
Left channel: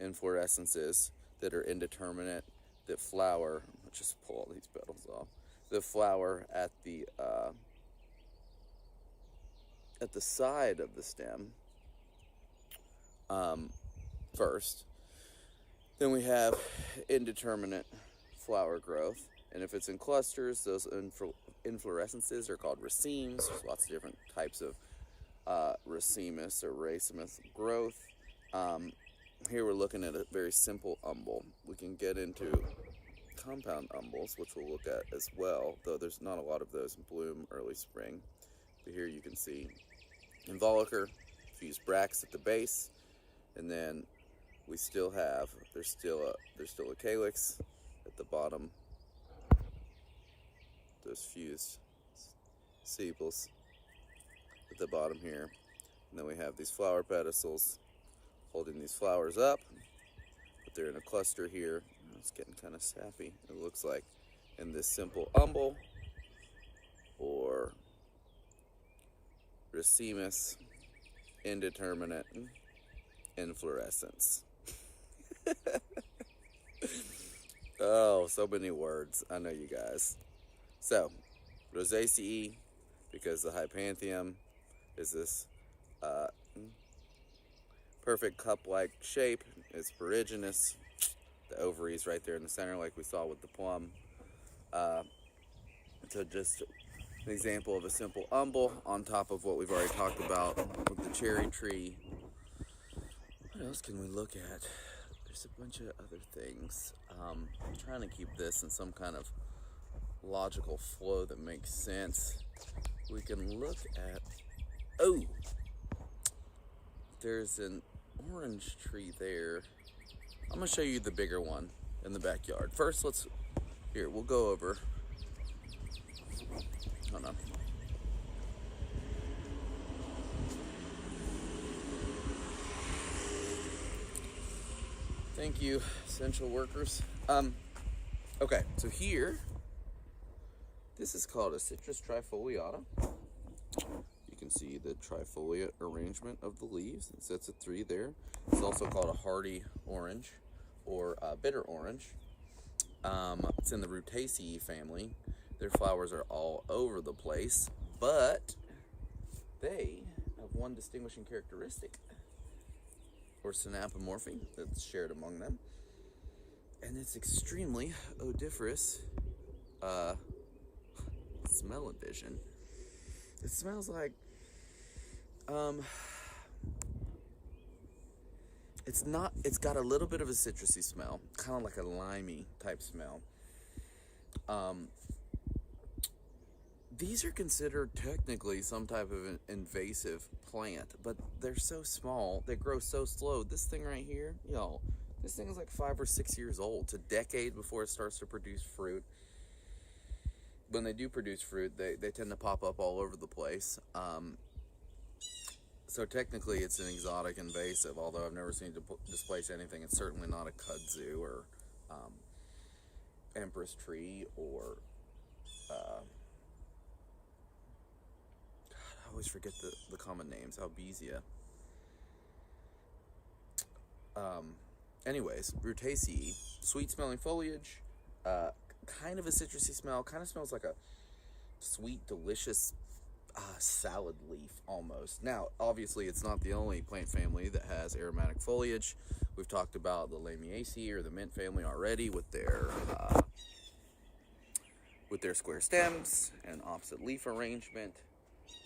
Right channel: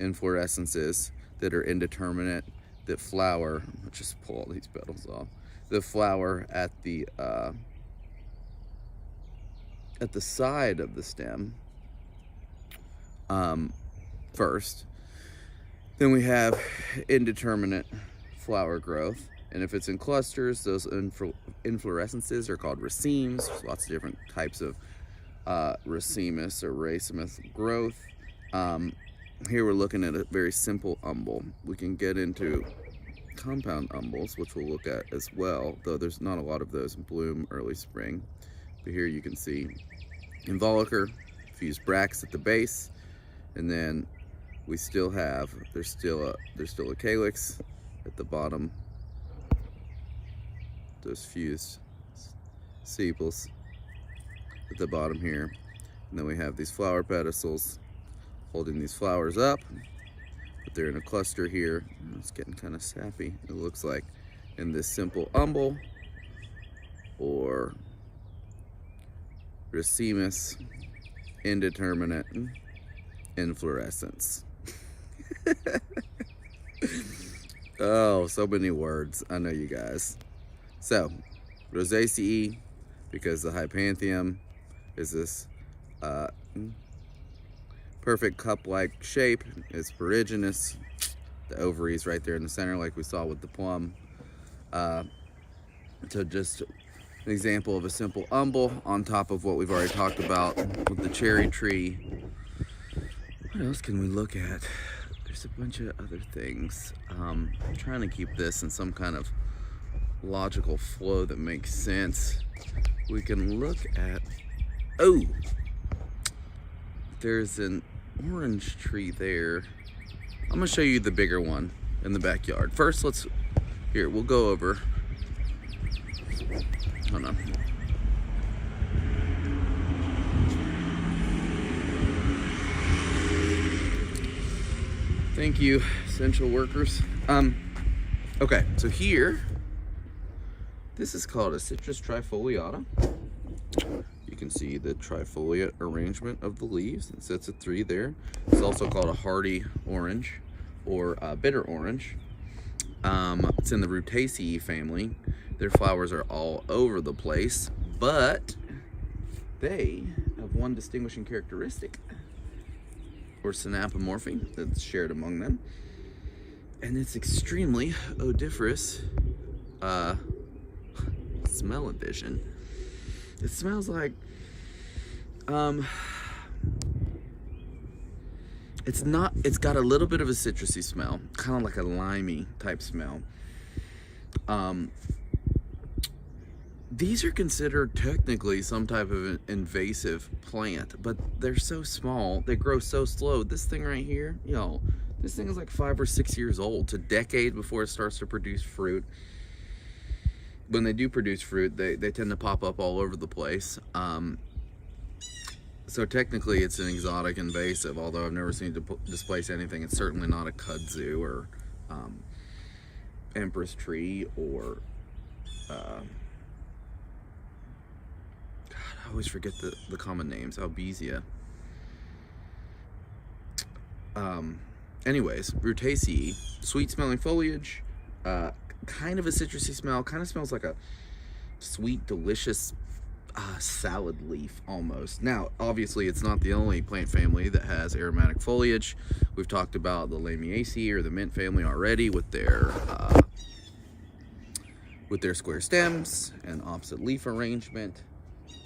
inflorescences that are indeterminate, that flower, let's just pull all these petals off, the flower at the side of the stem first, then we have indeterminate flower growth, And if it's in clusters, those inflorescences are called racemes. There's lots of different types of racemus or racemous growth. Here we're looking at a very simple umbel. We can get into compound umbels, which we'll look at as well, though there's not a lot of those in bloom early spring. But here you can see involucre, fused bracts at the base, and then we still have, there's still a calyx at the bottom, those fused sepals at the bottom here. And then we have these flower pedicels holding these flowers up, but they're in a cluster here. It's getting kind of sappy, it looks like, in this simple umbel or racemus indeterminate inflorescence. Oh, so many words. I know you guys. So, Rosaceae, because the hypanthium is this perfect cup-like shape, is Perdigenous. The ovaries right there in the center, like we saw with the plum. So just an example of a simple umbel on top of what we've already talked about with the cherry tree. What else can we look at? There's a bunch of other things. I'm trying to keep this in some kind of logical flow that makes sense. We can look at, oh, there's an orange tree there. I'm gonna show you the bigger one in the backyard. First, we'll go over, hold on. Thank you, essential workers. Okay, so here, this is called a citrus trifoliata. You can see the trifolia arrangement of the leaves. It sets at 3 there. It's also called a hardy orange or bitter orange. It's in the Rutaceae family. Their flowers are all over the place, but they have one distinguishing characteristic, or synapomorphy, that's shared among them, and it's extremely odoriferous smell-o-vision. It smells like it's got a little bit of a citrusy smell, kind of like a limey type smell. These are considered technically some type of an invasive plant, but they're so small, they grow so slow. This thing right here, this thing is like 5 or 6 years old. It's a decade before it starts to produce fruit. When they do produce fruit, they tend to pop up all over the place. So technically it's an exotic invasive, although I've never seen it displace anything. It's certainly not a kudzu or empress tree or I always forget the common names. Albizia. Anyways, Rutaceae, sweet smelling foliage, kind of a citrusy smell, kind of smells like a sweet, delicious salad leaf almost. Now, obviously, it's not the only plant family that has aromatic foliage. We've talked about the Lamiaceae or the mint family already with their square stems and opposite leaf arrangement.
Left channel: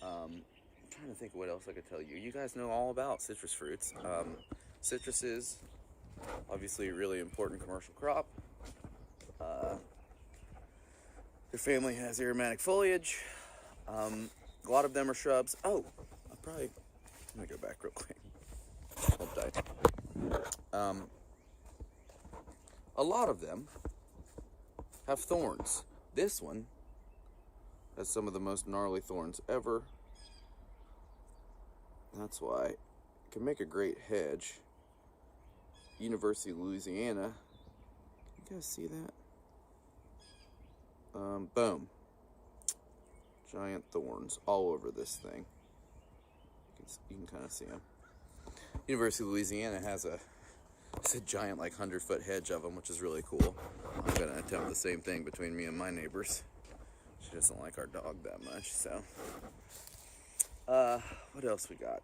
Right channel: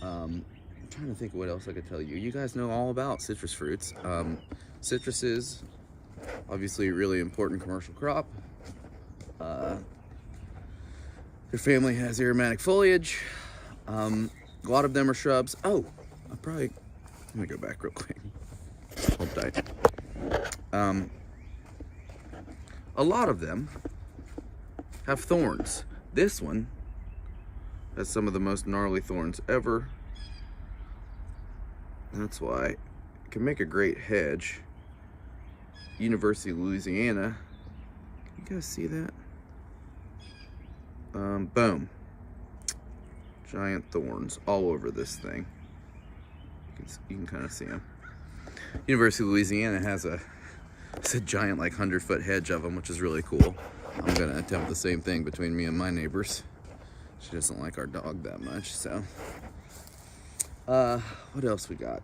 I'm trying to think of what else I could tell you. You guys know all about citrus fruits. Citruses, obviously a really important commercial crop. Their family has aromatic foliage. A lot of them are shrubs. Oh, let me go back real quick. Hold tight. A lot of them have thorns. This one has some of the most gnarly thorns ever. That's why it can make a great hedge. University of Louisiana. You guys see that? Boom. Giant thorns all over this thing. You can kind of see them. University of Louisiana has it's a giant, like 100-foot hedge of them, which is really cool. I'm gonna attempt the same thing between me and my neighbors. She doesn't like our dog that much, so. What else we got?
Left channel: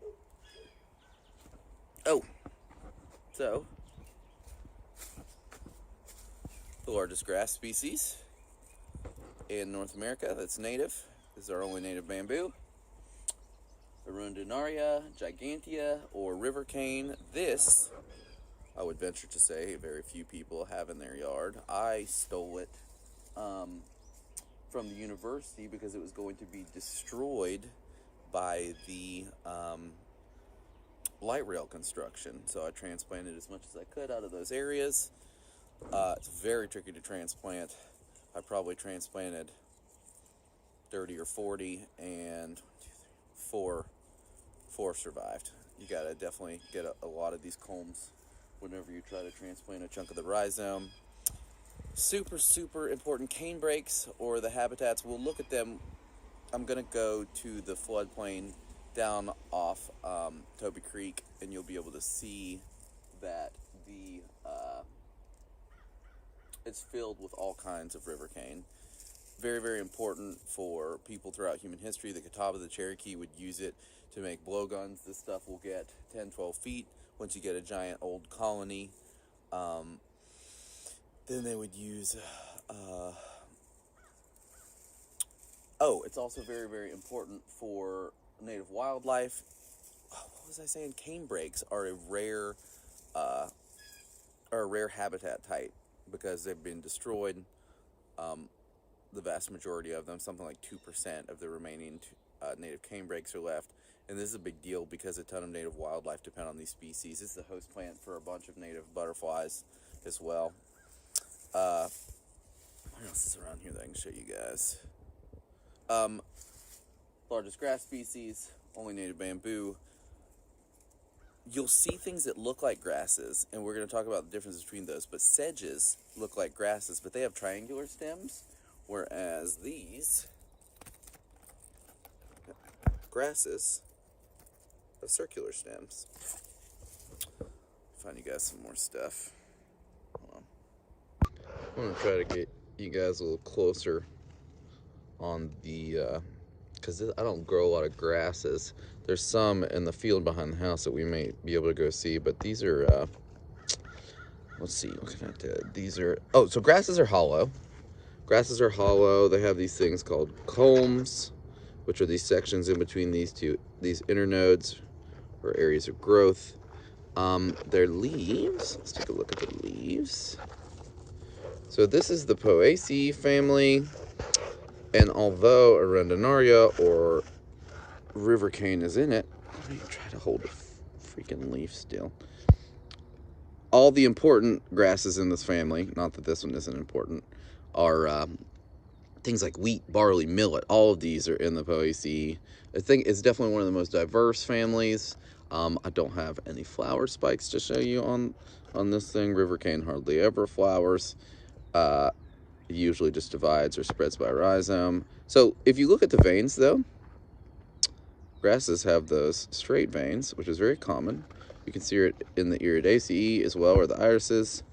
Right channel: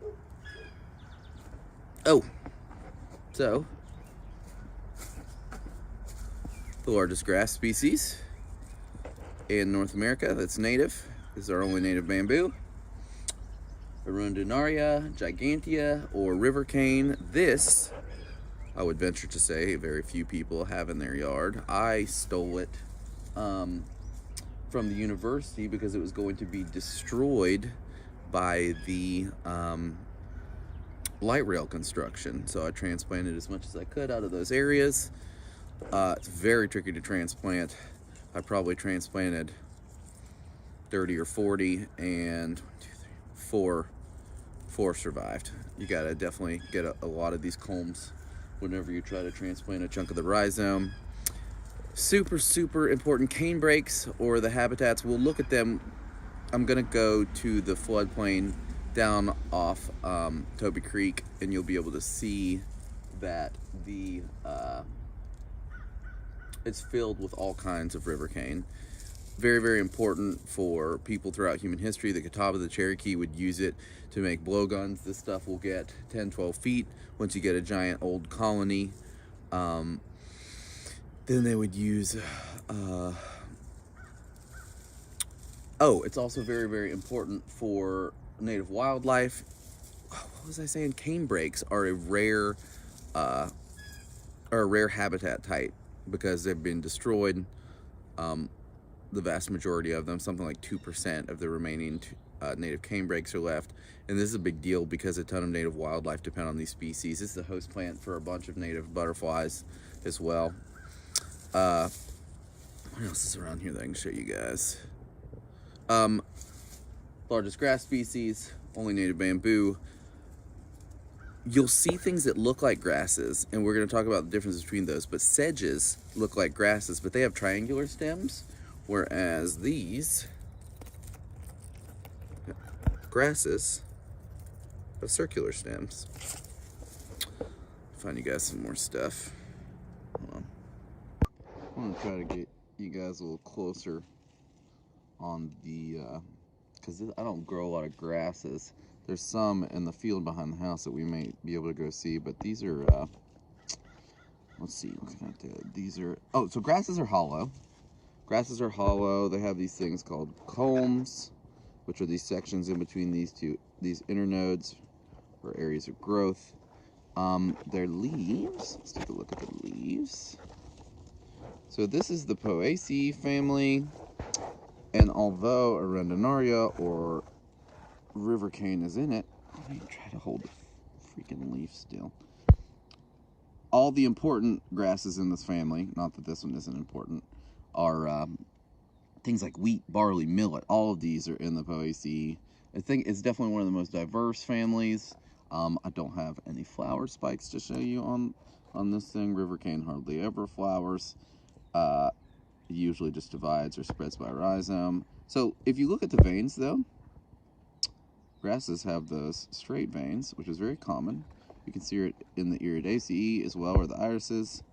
Oh, so the largest grass species in North America that's native. This is our only native bamboo. Arundinaria, Gigantea, or river cane. This, I would venture to say, very few people have in their yard. I stole it from the university because it was going to be destroyed by the light rail construction. So I transplanted as much as I could out of those areas. It's very tricky to transplant. I probably transplanted 30 or 40, and 4 survived. You gotta definitely get a lot of these culms whenever you try to transplant a chunk of the rhizome. Super important cane breaks, or the habitats. We'll look at them. I'm gonna go to the floodplain down off Toby Creek, and you'll be able to see that the it's filled with all kinds of river cane. Very important for people throughout human history. The Catawba, the Cherokee would use it to make blowguns. This stuff will get 10-12 feet once you get a giant old colony. Then they would use it's also very important for native wildlife. What was I saying? Cane breaks are a rare habitat type because they've been destroyed. The vast majority of them, something like 2% of the remaining native cane breaks are left. And this is a big deal because a ton of native wildlife depend on these species. This is the host plant for a bunch of native butterflies as well. What else is around here that I can show you guys? Largest grass species, only native bamboo. You'll see things that look like grasses, and we're going to talk about the difference between those, but sedges look like grasses, but they have triangular stems, whereas these grasses have circular stems. Find you guys some more stuff. Hold on. I'm going to try to get you guys a little closer on the, because I don't grow a lot of grasses. There's some in the field behind the house that we may be able to go see, but these are, let's see, what can I do? These are, so grasses are hollow. Grasses are hollow. They have these things called culms, which are these sections in between these inner nodes or areas of growth. Their leaves, let's take a look at the leaves. So this is the Poaceae family, and although Arundinaria or river cane is in it, why do you try to hold the freaking leaf still? All the important grasses in this family, not that this one isn't important, are things like wheat, barley, millet. All of these are in the Poaceae. I think it's definitely one of the most diverse families. I don't have any flower spikes to show you on this thing. River cane hardly ever flowers. It usually just divides or spreads by rhizome. So if you look at the veins, though, grasses have those straight veins, which is very common. You can see it in the Iridaceae as well, or the irises.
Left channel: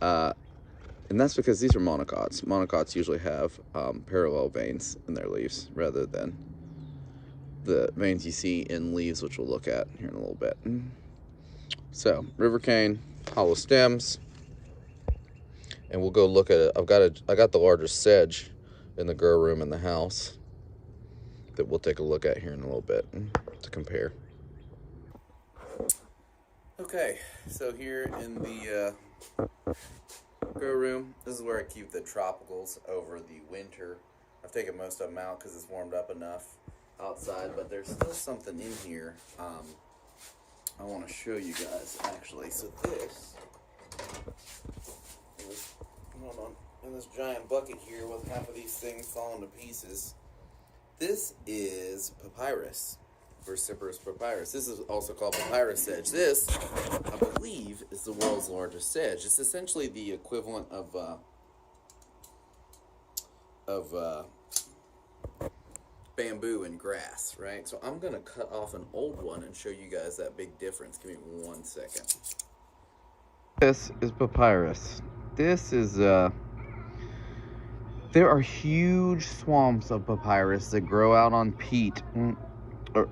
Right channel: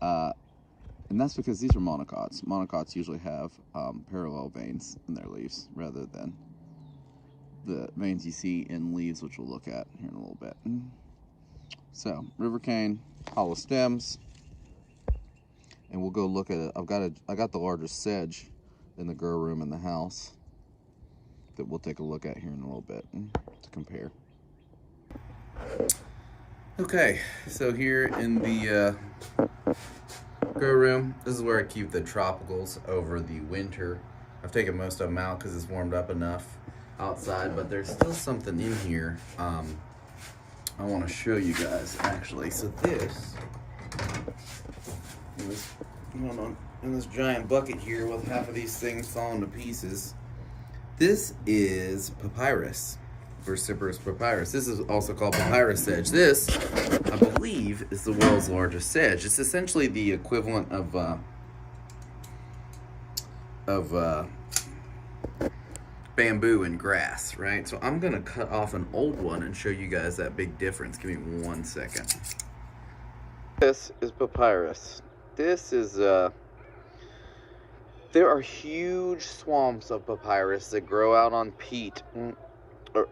And that's because these are monocots. Monocots usually have parallel veins in their leaves rather than the veins you see in leaves, which we'll look at here in a little bit. So, river cane, hollow stems, and we'll go look at it. I got the largest sedge in the grow room in the house that we'll take a look at here in a little bit to compare. Okay, so here in the grow room, this is where I keep the tropicals over the winter. I've taken most of them out because it's warmed up enough outside, but there's still something in here I want to show you guys, actually. So in this giant bucket here with half of these things falling to pieces, this is Papyrus, Versiferous papyrus. This is also called papyrus sedge. This, I believe, is the world's largest sedge. It's essentially the equivalent of bamboo and grass, right? So I'm gonna cut off an old one and show you guys that big difference. Give me 1 second. This is papyrus. This is there are huge swamps of papyrus that grow out on peat or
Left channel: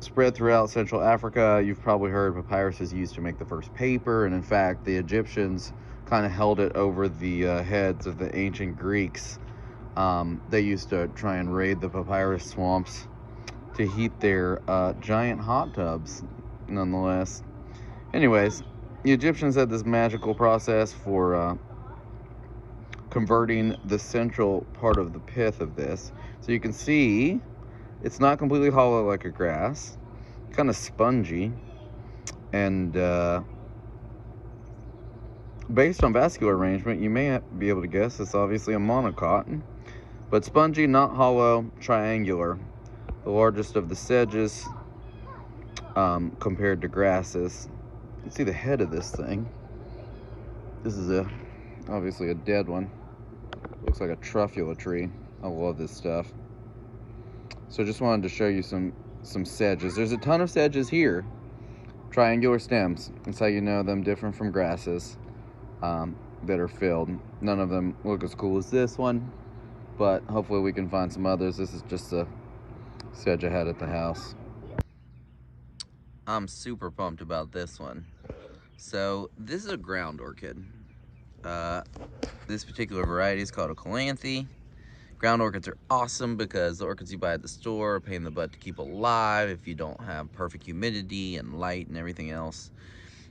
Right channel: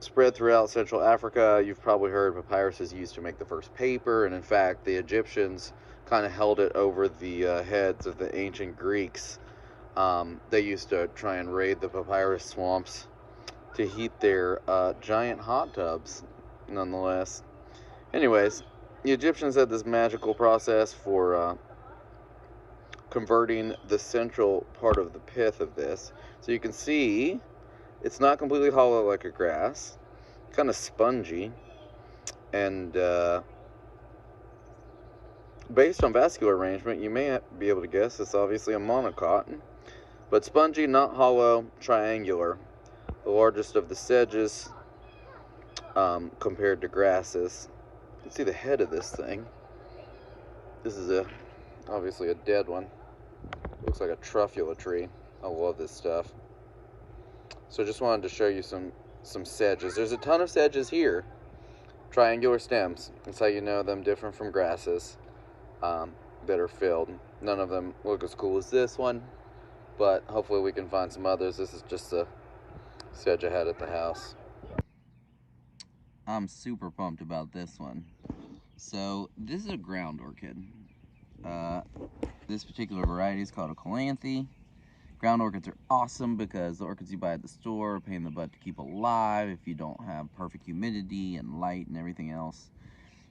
spread throughout Central Africa. You've probably heard papyrus is used to make the first paper, and in fact the Egyptians kind of held it over the heads of the ancient Greeks They used to try and raid the papyrus swamps to heat their giant hot tubs, nonetheless. Anyways, the Egyptians had this magical process for converting the central part of the pith of this. So you can see it's not completely hollow like a grass, kind of spongy, and based on vascular arrangement, you may be able to guess it's obviously a monocot, but spongy, not hollow, triangular. The largest of the sedges compared to grasses. You can see the head of this thing. This is obviously a dead one. Looks like a Trifolia tree. I love this stuff. So just wanted to show you some sedges. There's a ton of sedges here. Triangular stems. That's how you know them different from grasses that are filled. None of them look as cool as this one, but hopefully we can find some others. This is just a sedge I had at the house. I'm super pumped about this one. So this is a ground orchid. This particular variety is called a Kalanthi. Ground orchids are awesome because the orchids you buy at the store are a pain in the butt to keep alive if you don't have perfect humidity and light and everything else.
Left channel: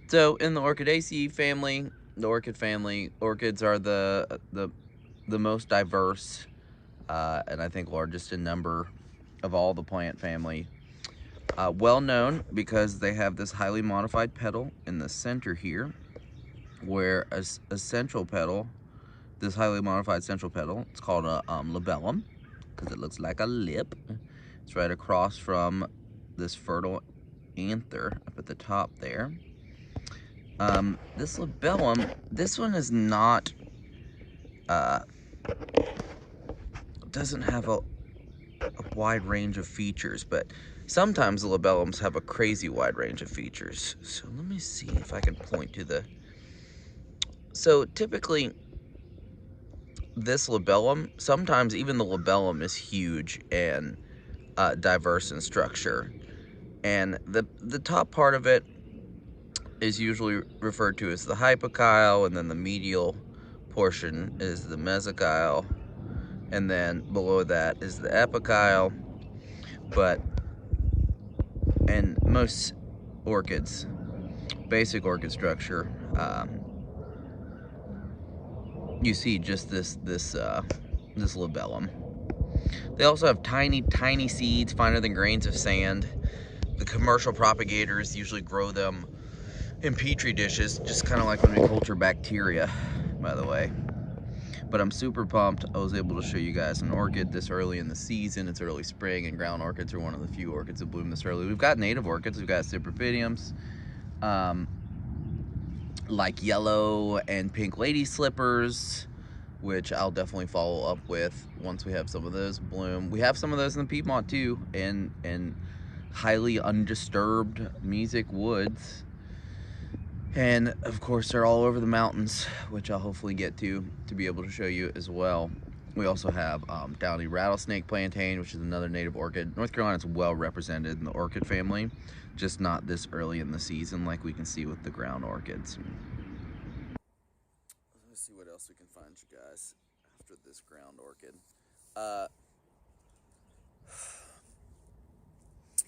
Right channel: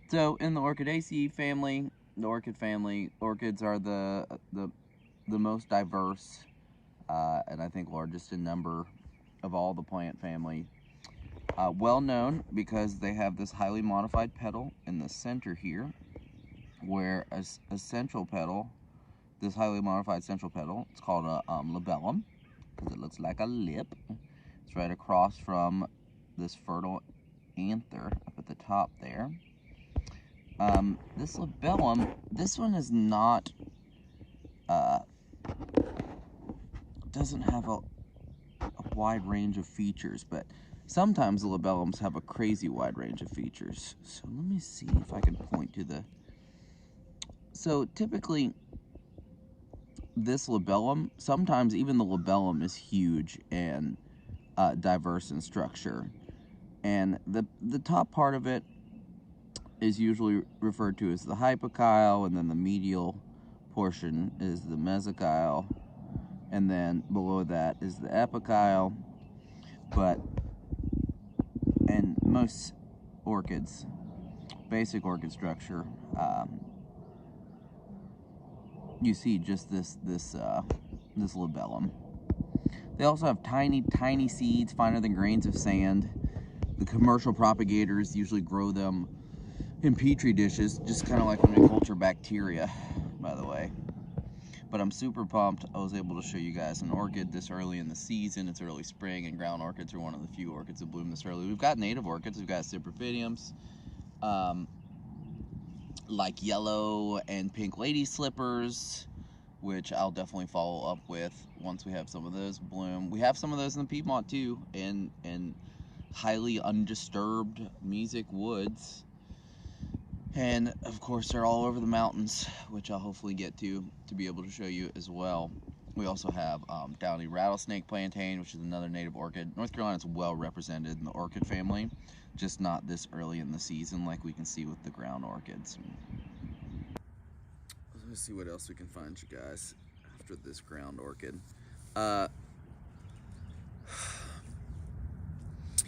So in the Orchidaceae family, the orchid family, orchids are the most diverse and I think largest in number of all the plant family. Well known because they have this highly modified petal in the center here, where a central petal, this highly modified central petal, it's called a labellum because it looks like a lip. It's right across from this fertile anther up at the top there. This labellum, this one is not, doesn't have a wide range of features, but sometimes the labellums have a crazy wide range of features. So let me see if I can point to the... So typically, this labellum, sometimes even the labellum is huge and diverse in structure. And the top part of it is usually referred to as the hypokyle, and then the medial portion is the mesokyle, and then below that is the epikyle. But in most orchids, basic orchid structure, you see just this labellum. They also have tiny seeds, finer than grains of sand. The commercial propagators usually grow them in petri dishes, just kind of like when we culture bacteria, by the way. But I'm super pumped. I was able to show you guys an orchid this early in the season. It's early spring, and ground orchids are one of the few orchids that bloom this early. We've got native orchids. We've got cypripediums, like yellow and pink lady slippers, which I'll definitely follow up with once we have some of those bloom. We have some of those in the Piedmont too, in highly undisturbed mesic woods. And of course they're all over the mountains, which I'll hopefully get to be able to show you as well. We also have Downey Rattlesnake Plantain, which is another native orchid. North Carolina's well represented in the orchid family, just not this early in the season like we can see with the ground orchids. Let's see what else we can find you guys after this ground orchid.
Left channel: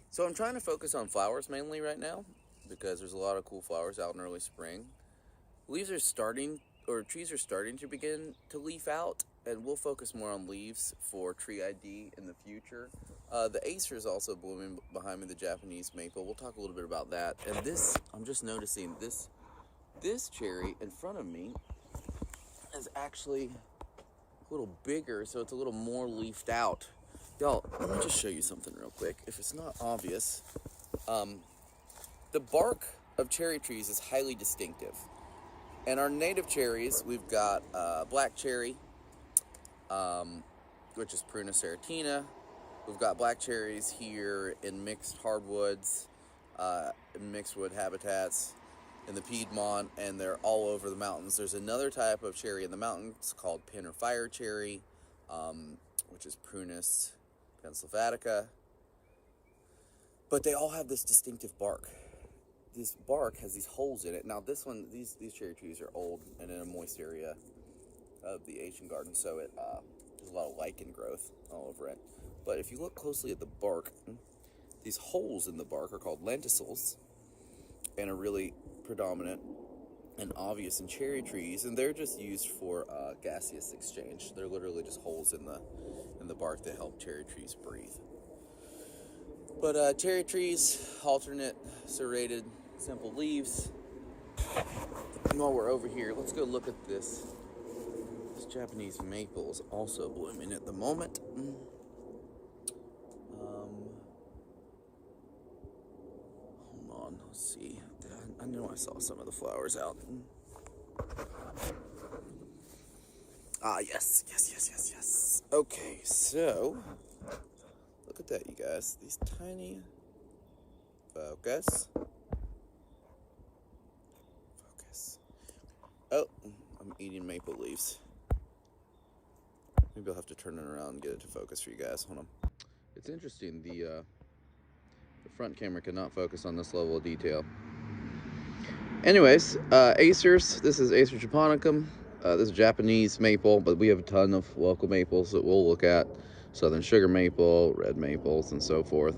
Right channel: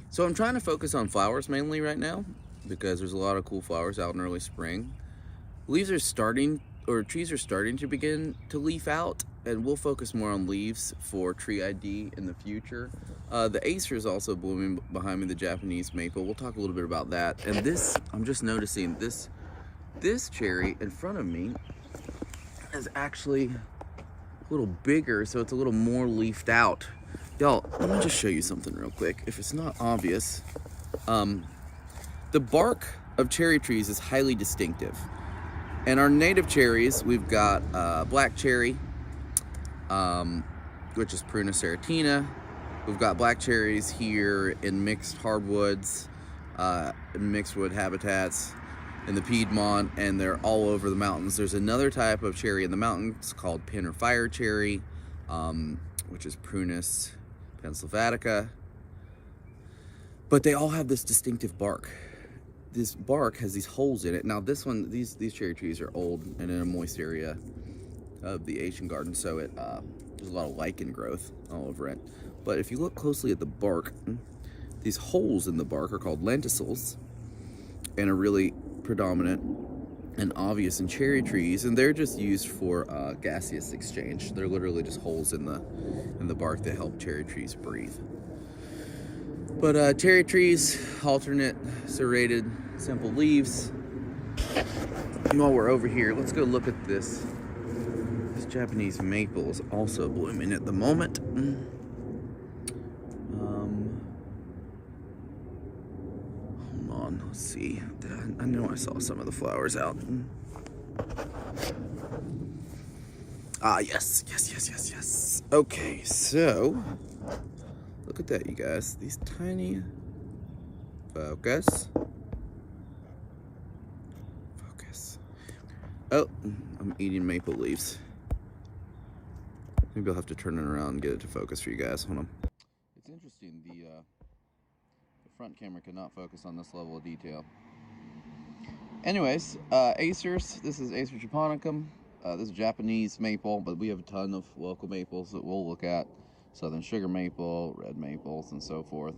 So I'm trying to focus on flowers mainly right now because there's a lot of cool flowers out in early spring. Leaves are starting, or trees are starting to begin to leaf out, and we'll focus more on leaves for tree ID in the future. The Acer is also blooming behind me, the Japanese maple. We'll talk a little bit about that. And this, I'm just noticing this cherry in front of me is actually a little bigger, so it's a little more leafed out. Y'all, let me just show you something real quick. If it's not obvious, the bark of cherry trees is highly distinctive. And our native cherries, we've got black cherry, which is Prunus serratina. We've got black cherries here in mixed hardwoods, in mixed wood habitats in the Piedmont, and they're all over the mountains. There's another type of cherry in the mountains called pin or fire cherry, which is Prunus pensylvatica. But they all have this distinctive bark. This bark has these holes in it. Now this one, these cherry trees are old and in a moist area of the Asian garden, so it There's a lot of lichen growth all over it. But if you look closely at the bark, these holes in the bark are called lenticels and are really predominant and obvious in cherry trees, and they're just used for gaseous exchange. They're literally just holes in the bark that help cherry trees breathe. But cherry trees, alternate, serrated, simple leaves. And while we're over here, let's go look at this. This Japanese maple is also blooming at the moment. Hold on, let's see. I know I saw some of the flowers out. Ah, yes. Okay, so look at that, you guys. These tiny focus. Oh, I'm eating maple leaves. Maybe I'll have to turn it around and get it to focus for you guys. Hold on. It's interesting, the front camera cannot focus on this level of detail. Anyways, Acers. This is Acer japonicum. This is Japanese maple, but we have a ton of local maples that we'll look at. Southern sugar maple, red maples, and so forth.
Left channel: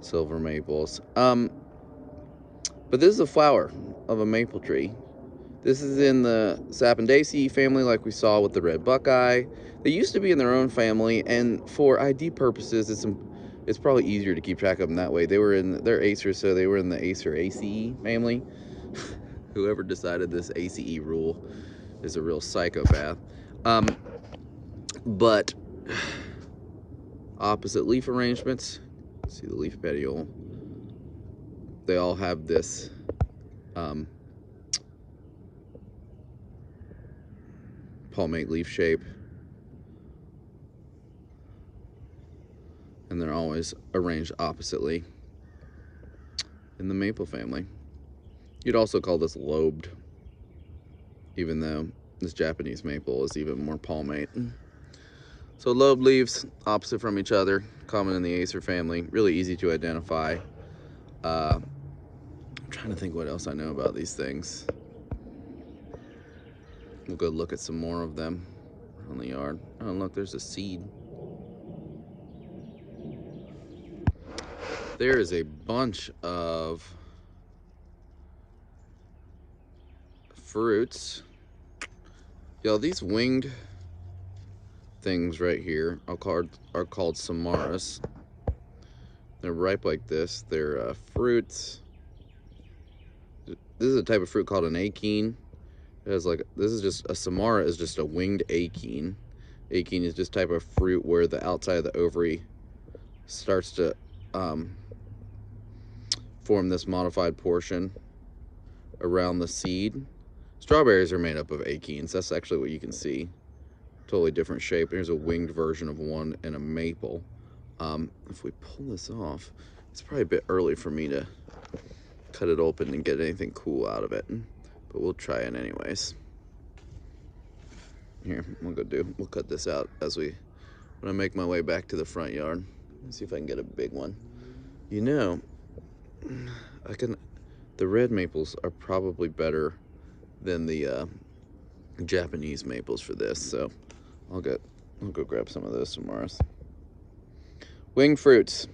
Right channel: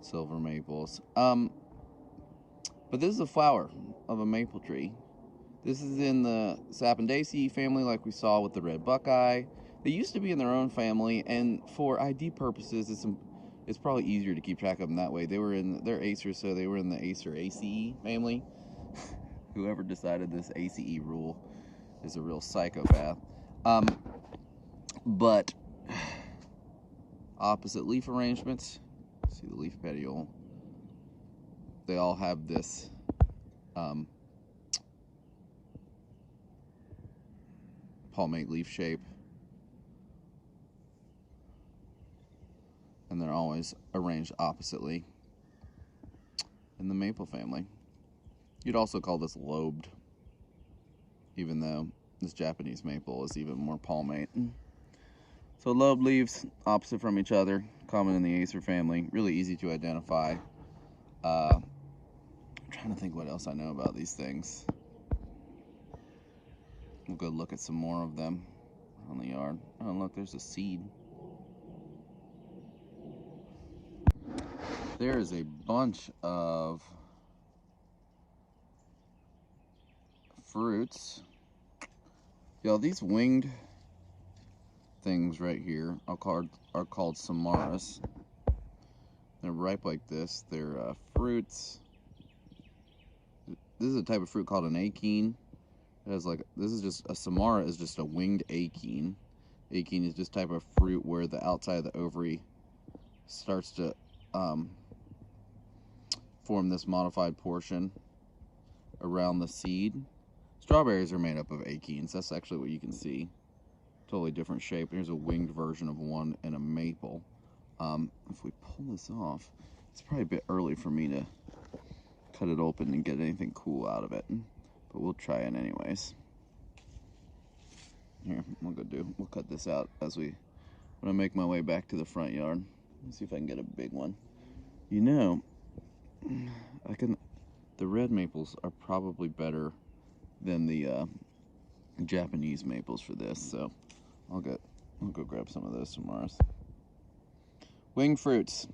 Silver maples. But this is a flower of a maple tree. This is in the Sapindaceae family, like we saw with the red buckeye. They used to be in their own family, and for ID purposes, it's probably easier to keep track of them that way. They're Acer, so they were in the Acer Ace family. Whoever decided this Ace rule is a real psychopath. But opposite leaf arrangements. See the leaf petiole. They all have this palmate leaf shape, and they're always arranged oppositely in the maple family. You'd also call this lobed, even though this Japanese maple is even more palmate. So lobed leaves, opposite from each other, common in the Acer family, really easy to identify. I'm trying to think what else I know about these things. We'll go look at some more of them on the yard. Oh, look, there's a seed. There is a bunch of fruits. Yo, these winged things right here are called samaras. They're ripe like this. They're fruits. This is a type of fruit called an achene. It has a samara is just a winged achene. Achene is just type of fruit where the outside of the ovary starts to form this modified portion around the seed. Strawberries are made up of achenes. That's actually what you can see. Totally different shape. Here's a winged version of one in a maple. If we pull this off, it's probably a bit early for me to cut it open and get anything cool out of it. But we'll try it anyways. Here, we'll cut this out when I make my way back to the front yard. Let's see if I can get a big one. You know, the red maples are probably better than the Japanese maples for this, so I'll go grab some of those tomorrow. Winged fruits.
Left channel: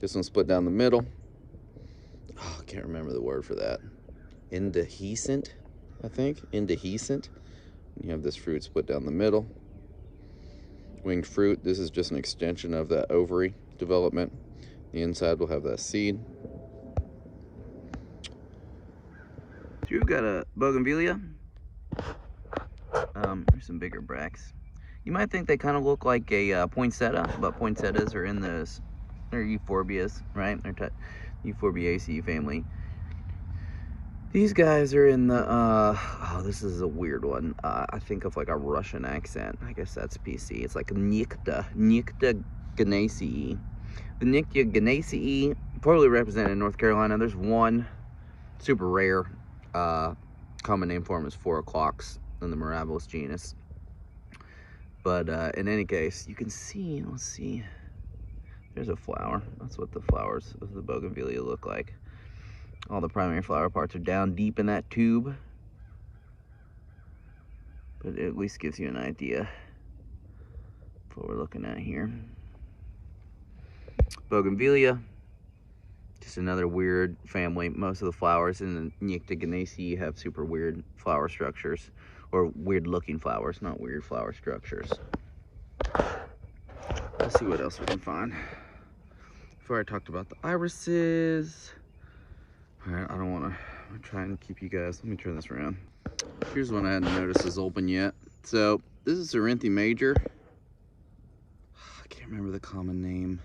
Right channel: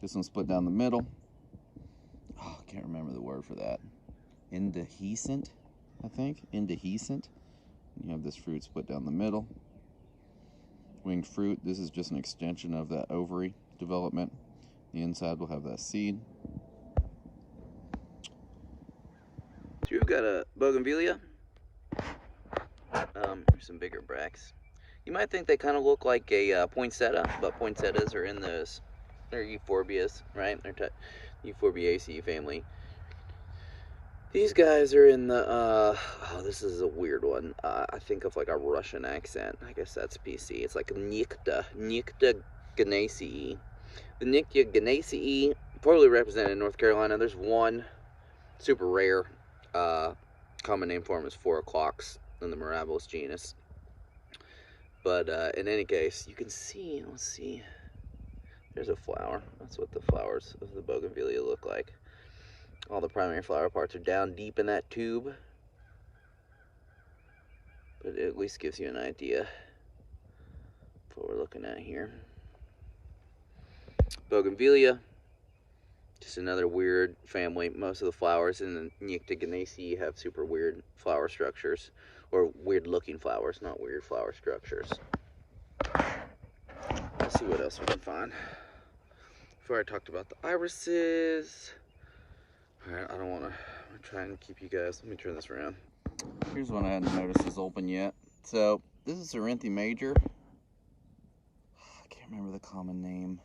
This one's split down the middle. Oh, I can't remember the word for that. Indehiscent, I think. Indehiscent. You have this fruit split down the middle. Winged fruit. This is just an extension of that ovary development. The inside will have that seed. You've got a Bougainvillea. Here's some bigger bracts. You might think they kind of look like a poinsettia, but poinsettias are in those. They're euphorbias, right? They're Euphorbiaceae family. These guys are in the, oh, this is a weird one. I think of like a Russian accent. I guess that's PC. It's like Nycta Genaceae. The Nycta Genaceae, poorly represented in North Carolina. There's one super rare, common name for them is 4 o'clocks in the Mirabilis genus. But in any case, you can see, let's see, there's a flower. That's what the flowers of the Bougainvillea look like. All the primary flower parts are down deep in that tube. But it at least gives you an idea. what we're looking at here. Bougainvillea, just another weird family. Most of the flowers in the Nyctiganaceae have super weird flower structures, or weird looking flowers, not weird flower structures. Let's see what else we can find. Before I talked about the irises. Alright, I don't want to try and keep you guys. Let me turn this around. Here's one I hadn't noticed is open yet. So, this is Cerinthe major. I can't remember the common name.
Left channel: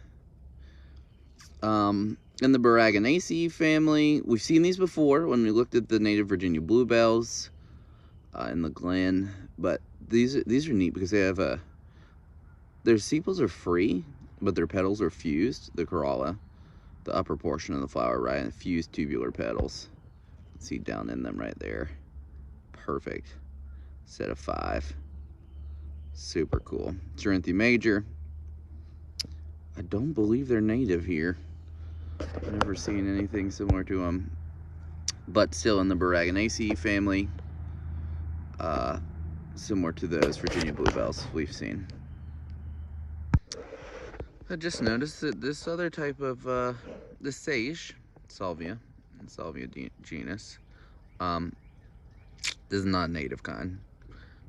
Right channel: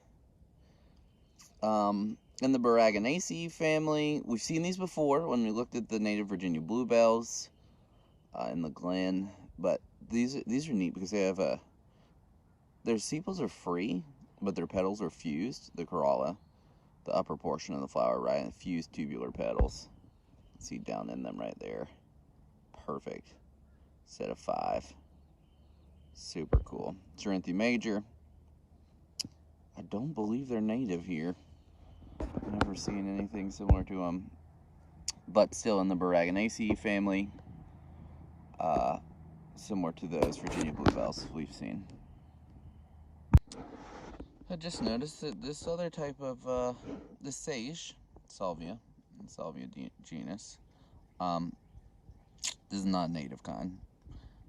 In the Perdigenous family, we've seen these before when we looked at the native Virginia bluebells in the Glen. But these are neat because they have their sepals are free, but their petals are fused. The corolla, the upper portion of the flower, right, and fused tubular petals. See down in them right there. Perfect. Set of 5. Super cool. Cerinthe major. I don't believe they're native here. I've never seen anything similar to them. But still in the Perdigenaceae family. Similar to those Virginia bluebells we've seen. I just noticed that this other type of, the sage, Salvia genus, this is not native kind,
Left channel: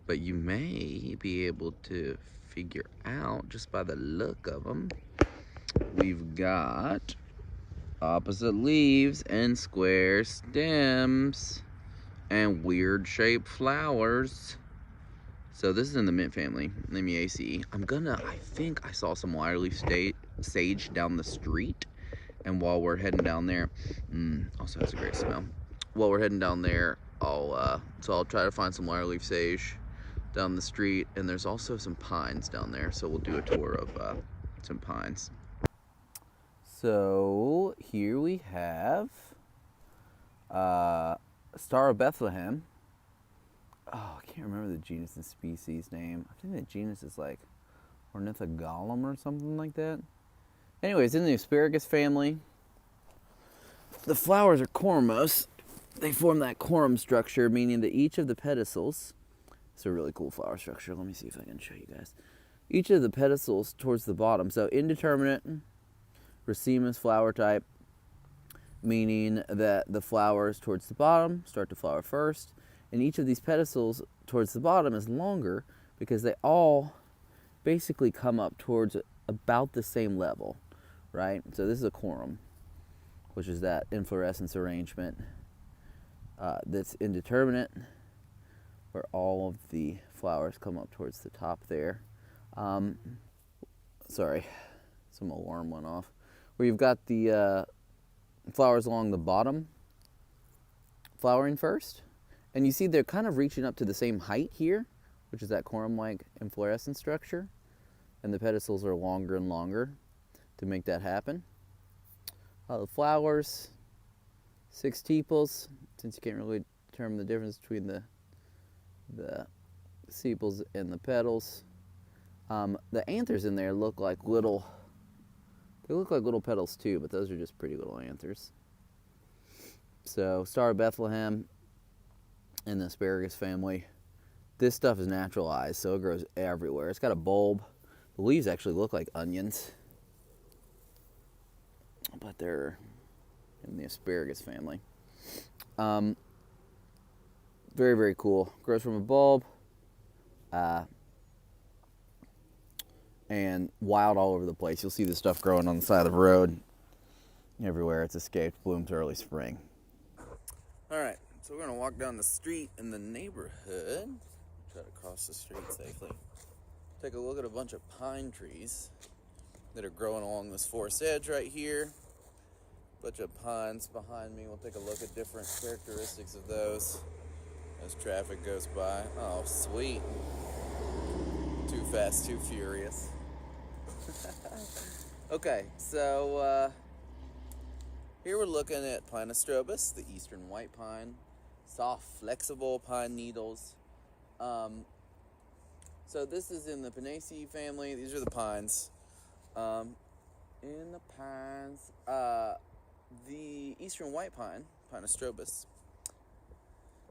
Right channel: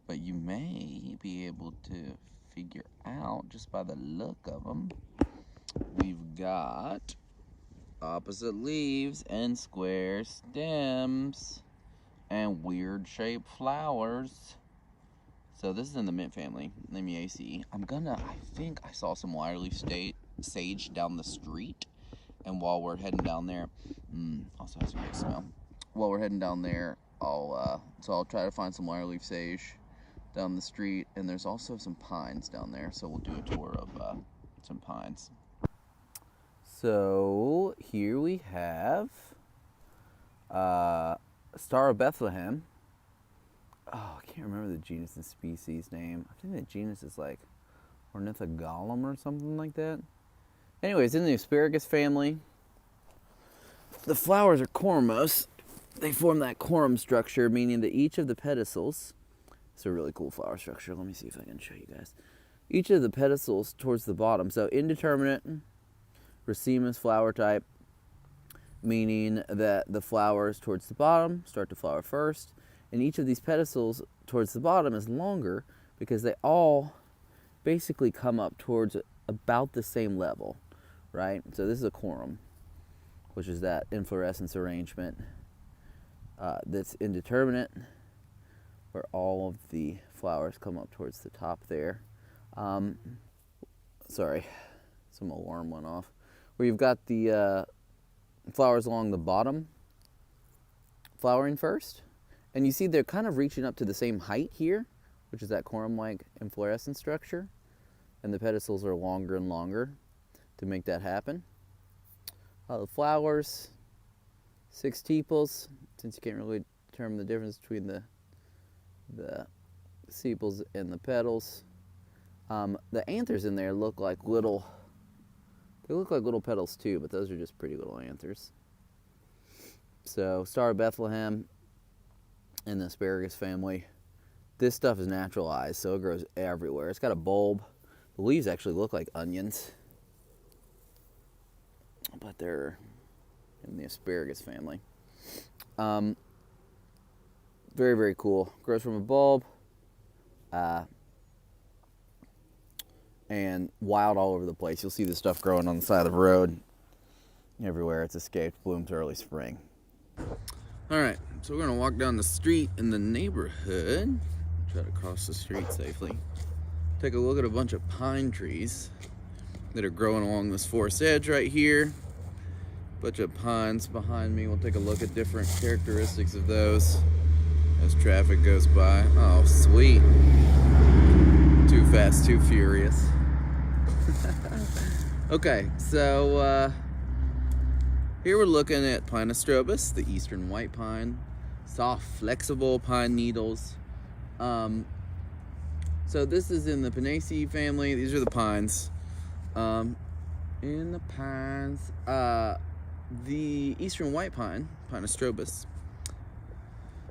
but you may be able to figure out just by the look of them. We've got opposite leaves and square stems and weird shaped flowers. So this is in the mint family, Lamiaceae. I think I saw some wireleaf sage down the street. And while we're heading down there, also has a great smell. While we're heading down there, I'll try to find some wireleaf sage down the street. And there's also some pines down there, so we'll do a tour of some pines. So here we have Star of Bethlehem. Oh, I can't remember the genus and species name. I think the genus is like Ornithogalum or something like that. Anyways, in the asparagus family, the flowers are cormous. They form that corm structure, meaning that each of the pedicels, it's a really cool flower structure. Let me see if I can show you guys. Each of the pedicels towards the bottom, so indeterminate, racemous flower type, meaning that the flowers towards the bottom start to flower first. And each of these pedicels towards the bottom is longer because they all basically come up towards about the same level, right? So this is a corum, which is that inflorescence arrangement that's indeterminate, where all of the flowers come up towards the top there. Sorry, some alarm went off. Where you've got the flowers along the bottom flowering first. And you see they're kind of reaching up to the same height here, which is that corum-like inflorescence structure. And the pedicels are longer and longer to make that happen. The flowers, 6 tepals, since you can't really determine the difference between the sepals and the petals. The anthers in there look like little petals too, but those are just pretty little anthers. So Star of Bethlehem in the asparagus family. This stuff is naturalized, so it grows everywhere. It's got a bulb. The leaves actually look like onions, but they're in the asparagus family. Very, very cool. Grows from a bulb, and wild all over the place. You'll see this stuff growing on the side of the road. Everywhere it's escaped, blooms early spring. All right, so we're gonna walk down the street in the neighborhood. Try to cross the street safely. Take a look at a bunch of pine trees that are growing along this forest edge right here. Bunch of pines behind me. We'll take a look at different characteristics of those as traffic goes by. Oh, sweet. Too fast, too furious. Okay, so here we're looking at Planistrobus, the eastern white pine. Soft, flexible pine needles. So this is in the Pinaceae family. These are the pines. In the pines, the eastern white pine, Planistrobus.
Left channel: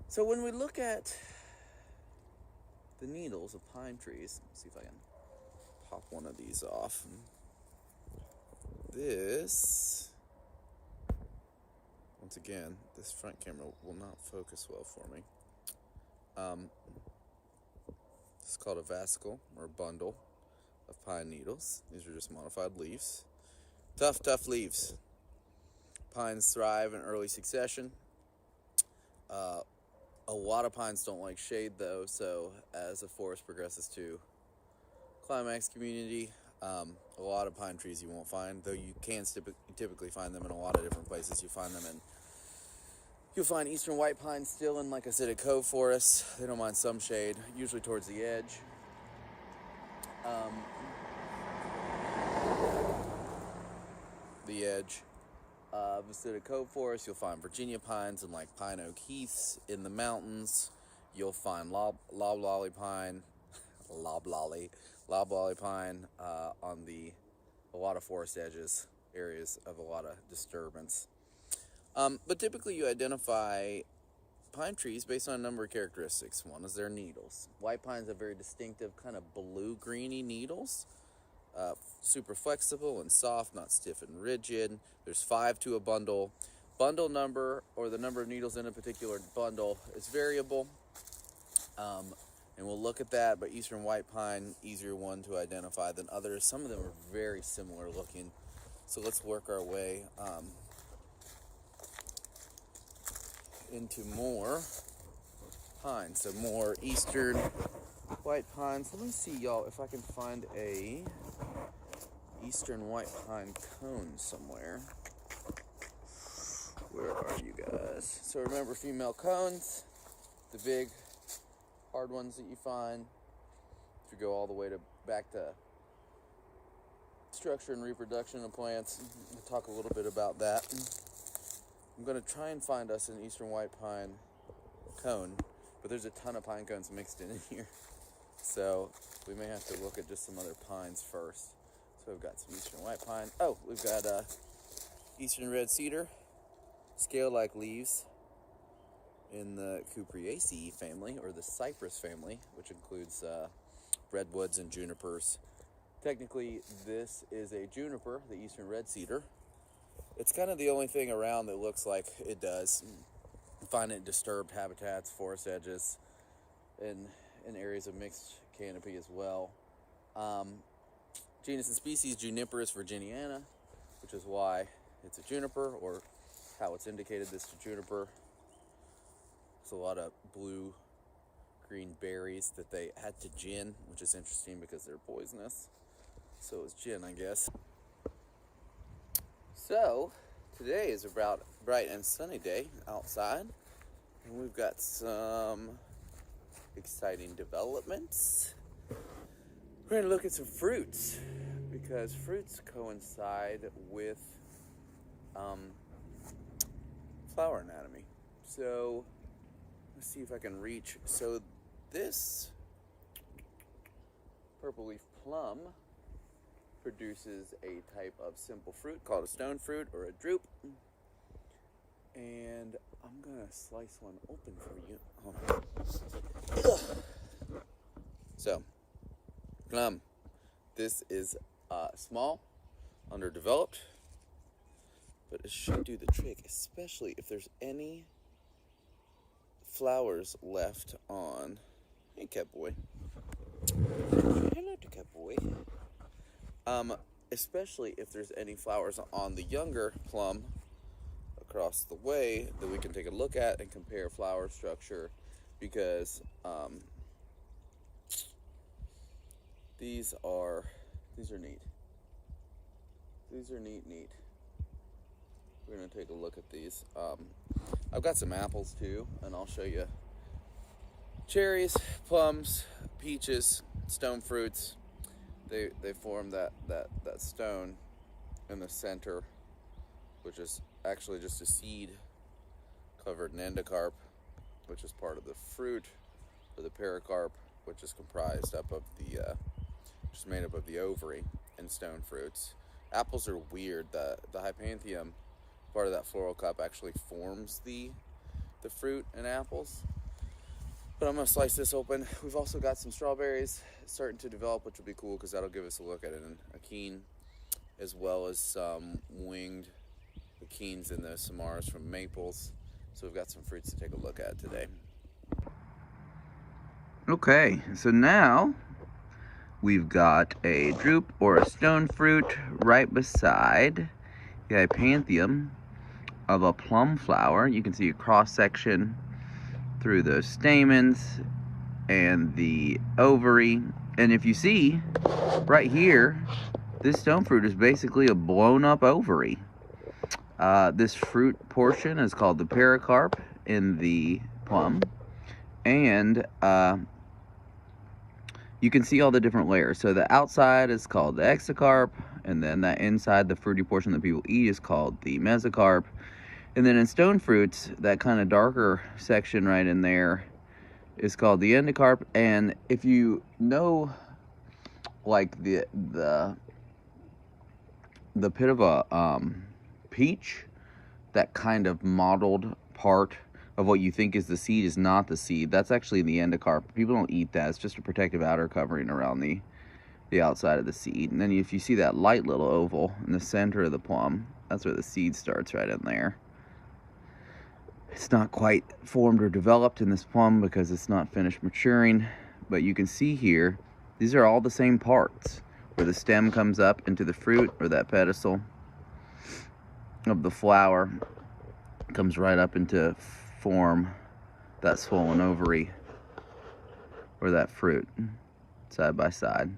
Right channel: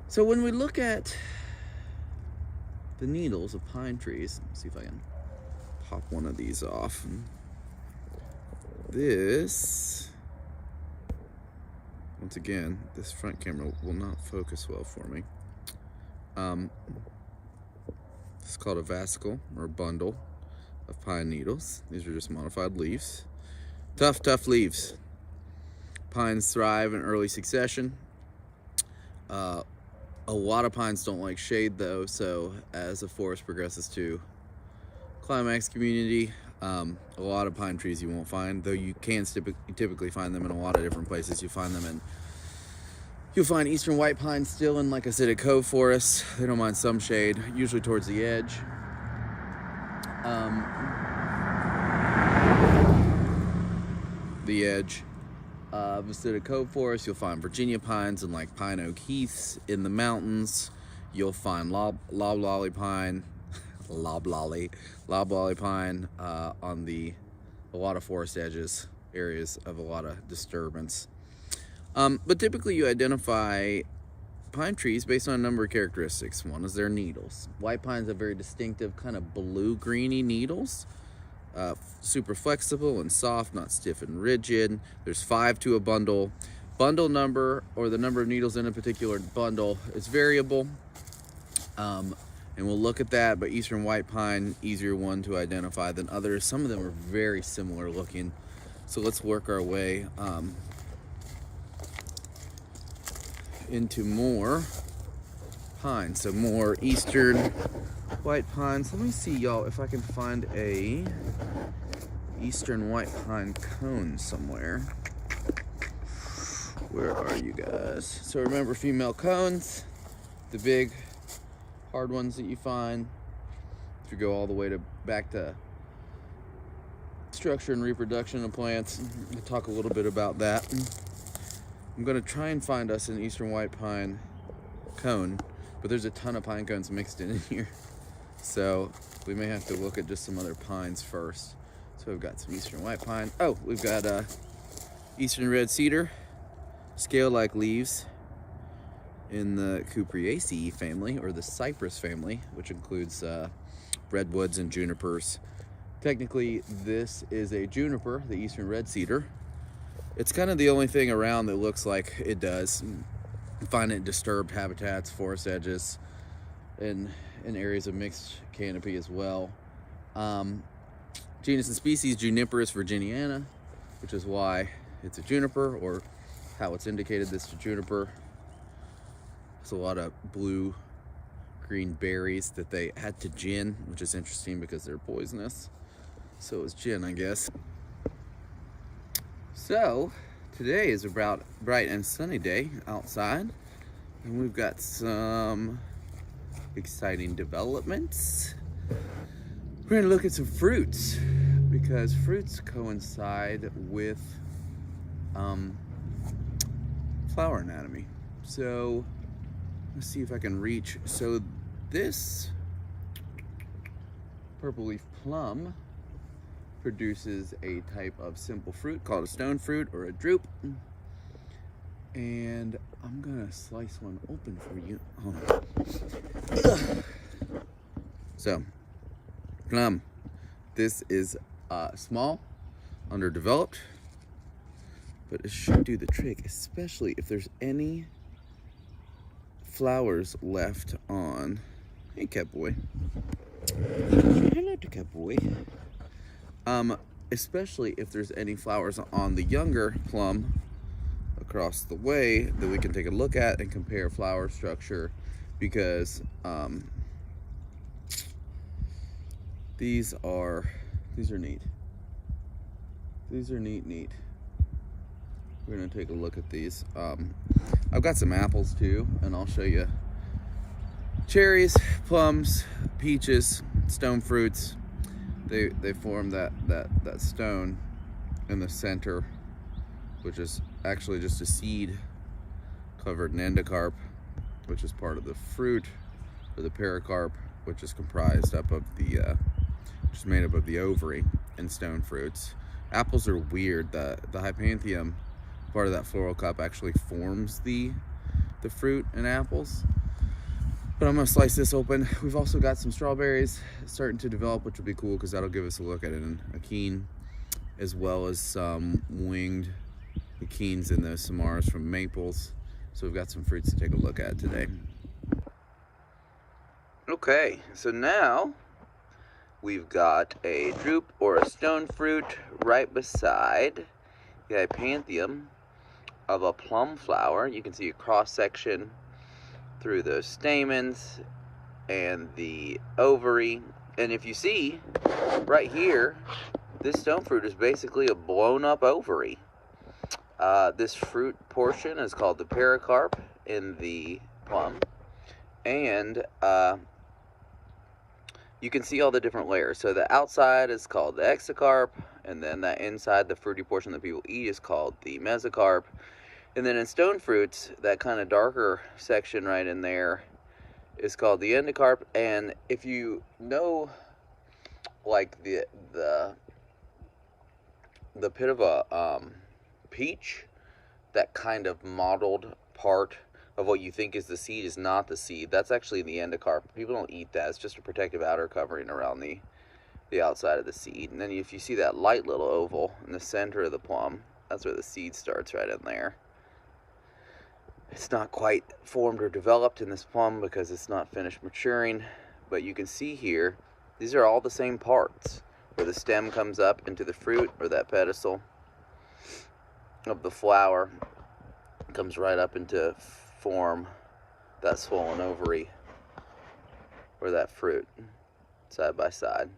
So when we look at the needles of pine trees, let's see if I can pop one of these off. This, once again, this front camera will not focus well for me. This is called a vasicle, or a bundle of pine needles. These are just modified leaves. Tough leaves. Pines thrive in early succession. A lot of pines don't like shade though, so as the forest progresses to climax community, a lot of pine trees you won't find, though you can typically find them in a lot of different places. You'll find eastern white pines still in, like I said, cove forests. They don't mind some shade, usually towards the edge. Instead of cove forest, you'll find Virginia pines and like pine oak heaths in the mountains. You'll find loblolly pine on a lot of forest edges, areas of a lot of disturbance. But typically you identify pine trees based on a number of characteristics. One is their needles. White pines have very distinctive kind of blue-greeny needles. Super flexible and soft, not stiff and rigid. There's 5 to a bundle. Bundle number, or the number of needles in a particular bundle, is variable. And we'll look at that, but eastern white pine, easier one to identify than others. Some of them are very similar looking. So let's work our way into more pine. So more eastern white pines. Let me see, y'all, if I can find a eastern white pine cone somewhere. Where are you guys? So remember, female cones, the big hard ones that you find. If you go all the way back to structure and reproduction of plants, we'll talk a little bit about that. I'm going to try and find us an eastern white pine cone, but there's a ton of pine cones mixed in here, so we may have to look at just some other pines first. So we've got some eastern white pine. Oh, we've got eastern red cedar, scale-like leaves in the Cupreaceae family, or the cypress family, which includes redwoods and junipers. Technically, this is a juniper, the eastern red cedar. It's kind of the only thing around that looks like it does. You find it in disturbed habitats, forest edges, and in areas of mixed canopy as well. Genus and species, Juniperus virginiana, which is why it's a juniper, or how it's indicated this to juniper. There's a lot of blue-green berries that they add to gin, which is interesting because they're poisonous. So is gin, I guess. So, today is a bright and sunny day outside, and we've got some exciting developments. We're gonna look at some fruits, because fruits coincide with flower anatomy. So, let's see if I can reach. So this purple leaf plum produces a type of simple fruit called a stone fruit, or a drupe. And I'm gonna slice one open for you. Hold on. So, plum. This is small, underdeveloped, but it should do the trick, especially if there's any flowers left on. Hey, cat boy. Hello to cat boy. Especially if there's any flowers on the younger plum across the way that we can take a look at and compare flower structure, because these are neat. These are neat. We're gonna take a look at these. I've got some apples too, and I'll show you cherries, plums, peaches, stone fruits. They form that stone in the center, which is actually just a seed covered in endocarp, which is part of the fruit, or the pericarp, which is comprised up of the which is made up of the ovary and stone fruits. Apples are weird. The hypanthium, part of that floral cup, actually forms the fruit in apples. But I'm gonna slice this open. We've also got some strawberries starting to develop, which will be cool because that'll give us a look at an akene, as well as some winged akenes and those samaras from maples. So we've got some fruits to take a look at today. Okay, so now we've got a drupe or a stone fruit right beside the epanthium of a plum flower. You can see a cross section through those stamens and the ovary. And if you see right here, this stone fruit is basically a blown up ovary. This fruit portion is called the pericarp in the plum. And you can see all the different layers. So the outside is called the exocarp, and then that inside, the fruity portion that people eat, is called the mesocarp. And then in stone fruits, that kind of darker section right in there is called the endocarp. And if you know, like the pit of a peach, that kind of mottled part of what you think is the seed is not the seed. That's actually the endocarp. People don't eat that. It's just a protective outer covering around the outside of the seed. And then if you see that light little oval in the center of the plum, that's where the seed starts, right in there. It's not quite formed or developed in this plum because it's not finished maturing, but you can see here, these are all the same parts, where the stem comes up into the fruit, or that pedestal of the flower comes right up into form that swollen ovary or that fruit side by side.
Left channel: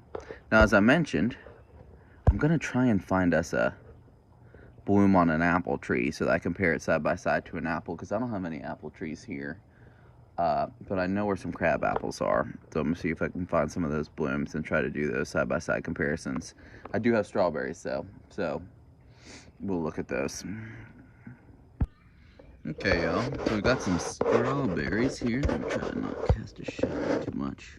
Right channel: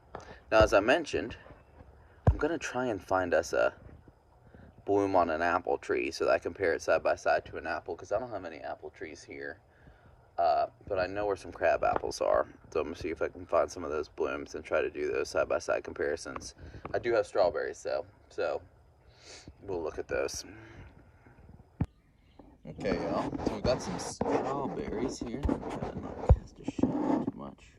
Now, as I mentioned, I'm going to try and find us a bloom on an apple tree so that I compare it side by side to an apple, because I don't have any apple trees here, but I know where some crab apples are, so I'm going to see if I can find some of those blooms and try to do those side by side comparisons. I do have strawberries though, so we'll look at those. Okay, y'all, so we got some strawberries here. I'm trying to not cast a shadow too much.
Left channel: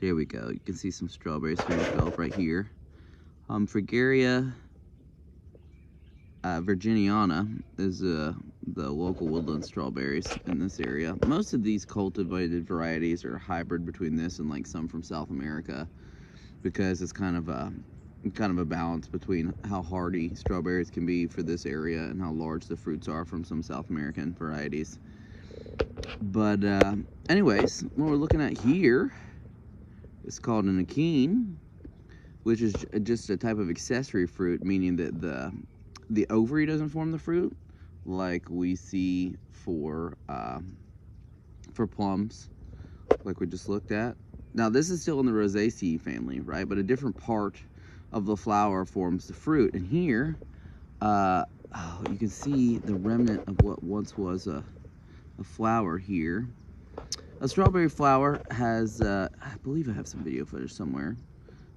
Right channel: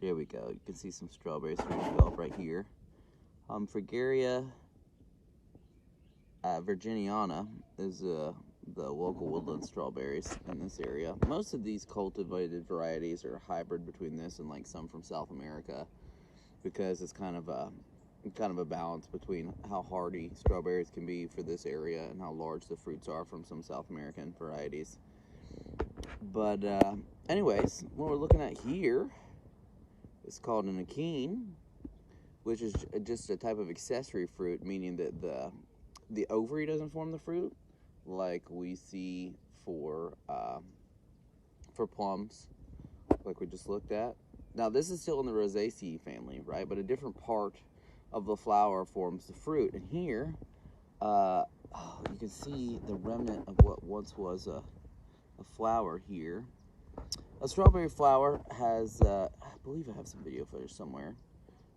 There we go. You can see some strawberries here develop right here. Fragaria virginiana is the local woodland strawberries in this area. Most of these cultivated varieties are hybrid between this and like some from South America, because it's kind of a balance between how hardy strawberries can be for this area and how large the fruits are from some South American varieties. But anyways, what we're looking at here is called an akene, which is just a type of accessory fruit, meaning that the ovary doesn't form the fruit like we see for plums, like we just looked at. Now this is still in the Rosaceae family, right? But a different part of the flower forms the fruit. And here, you can see the remnant of what once was a flower here. A strawberry flower has, I believe I have some video footage somewhere,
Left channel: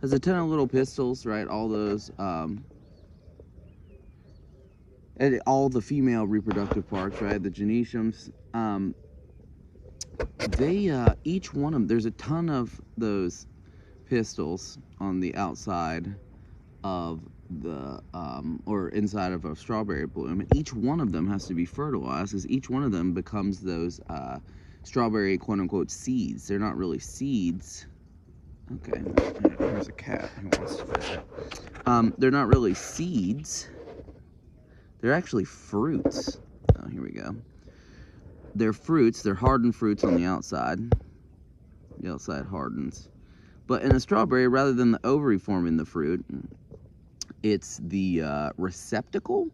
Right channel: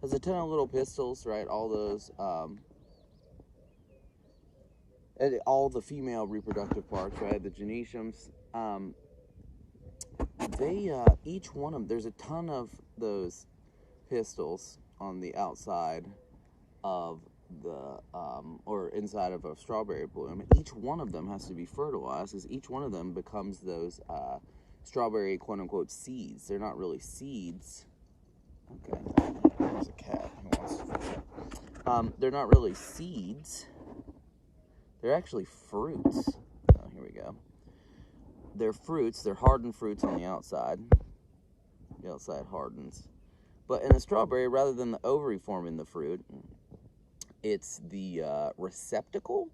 has a ton of little pistils, right? All those, and all the female reproductive parts, right? The genetiums, each one of them, there's a ton of those pistils on the outside of the, or inside of a strawberry bloom. And each one of them has to be fertilized, as each one of them becomes those strawberry quote-unquote seeds. They're not really seeds. Okay, here's a cat who wants to visit. They're not really seeds. They're actually fruits. Oh, here we go. They're fruits. They're hardened fruits on the outside. The outside hardens. But in a strawberry, rather than the ovary forming the fruit, it's the receptacle,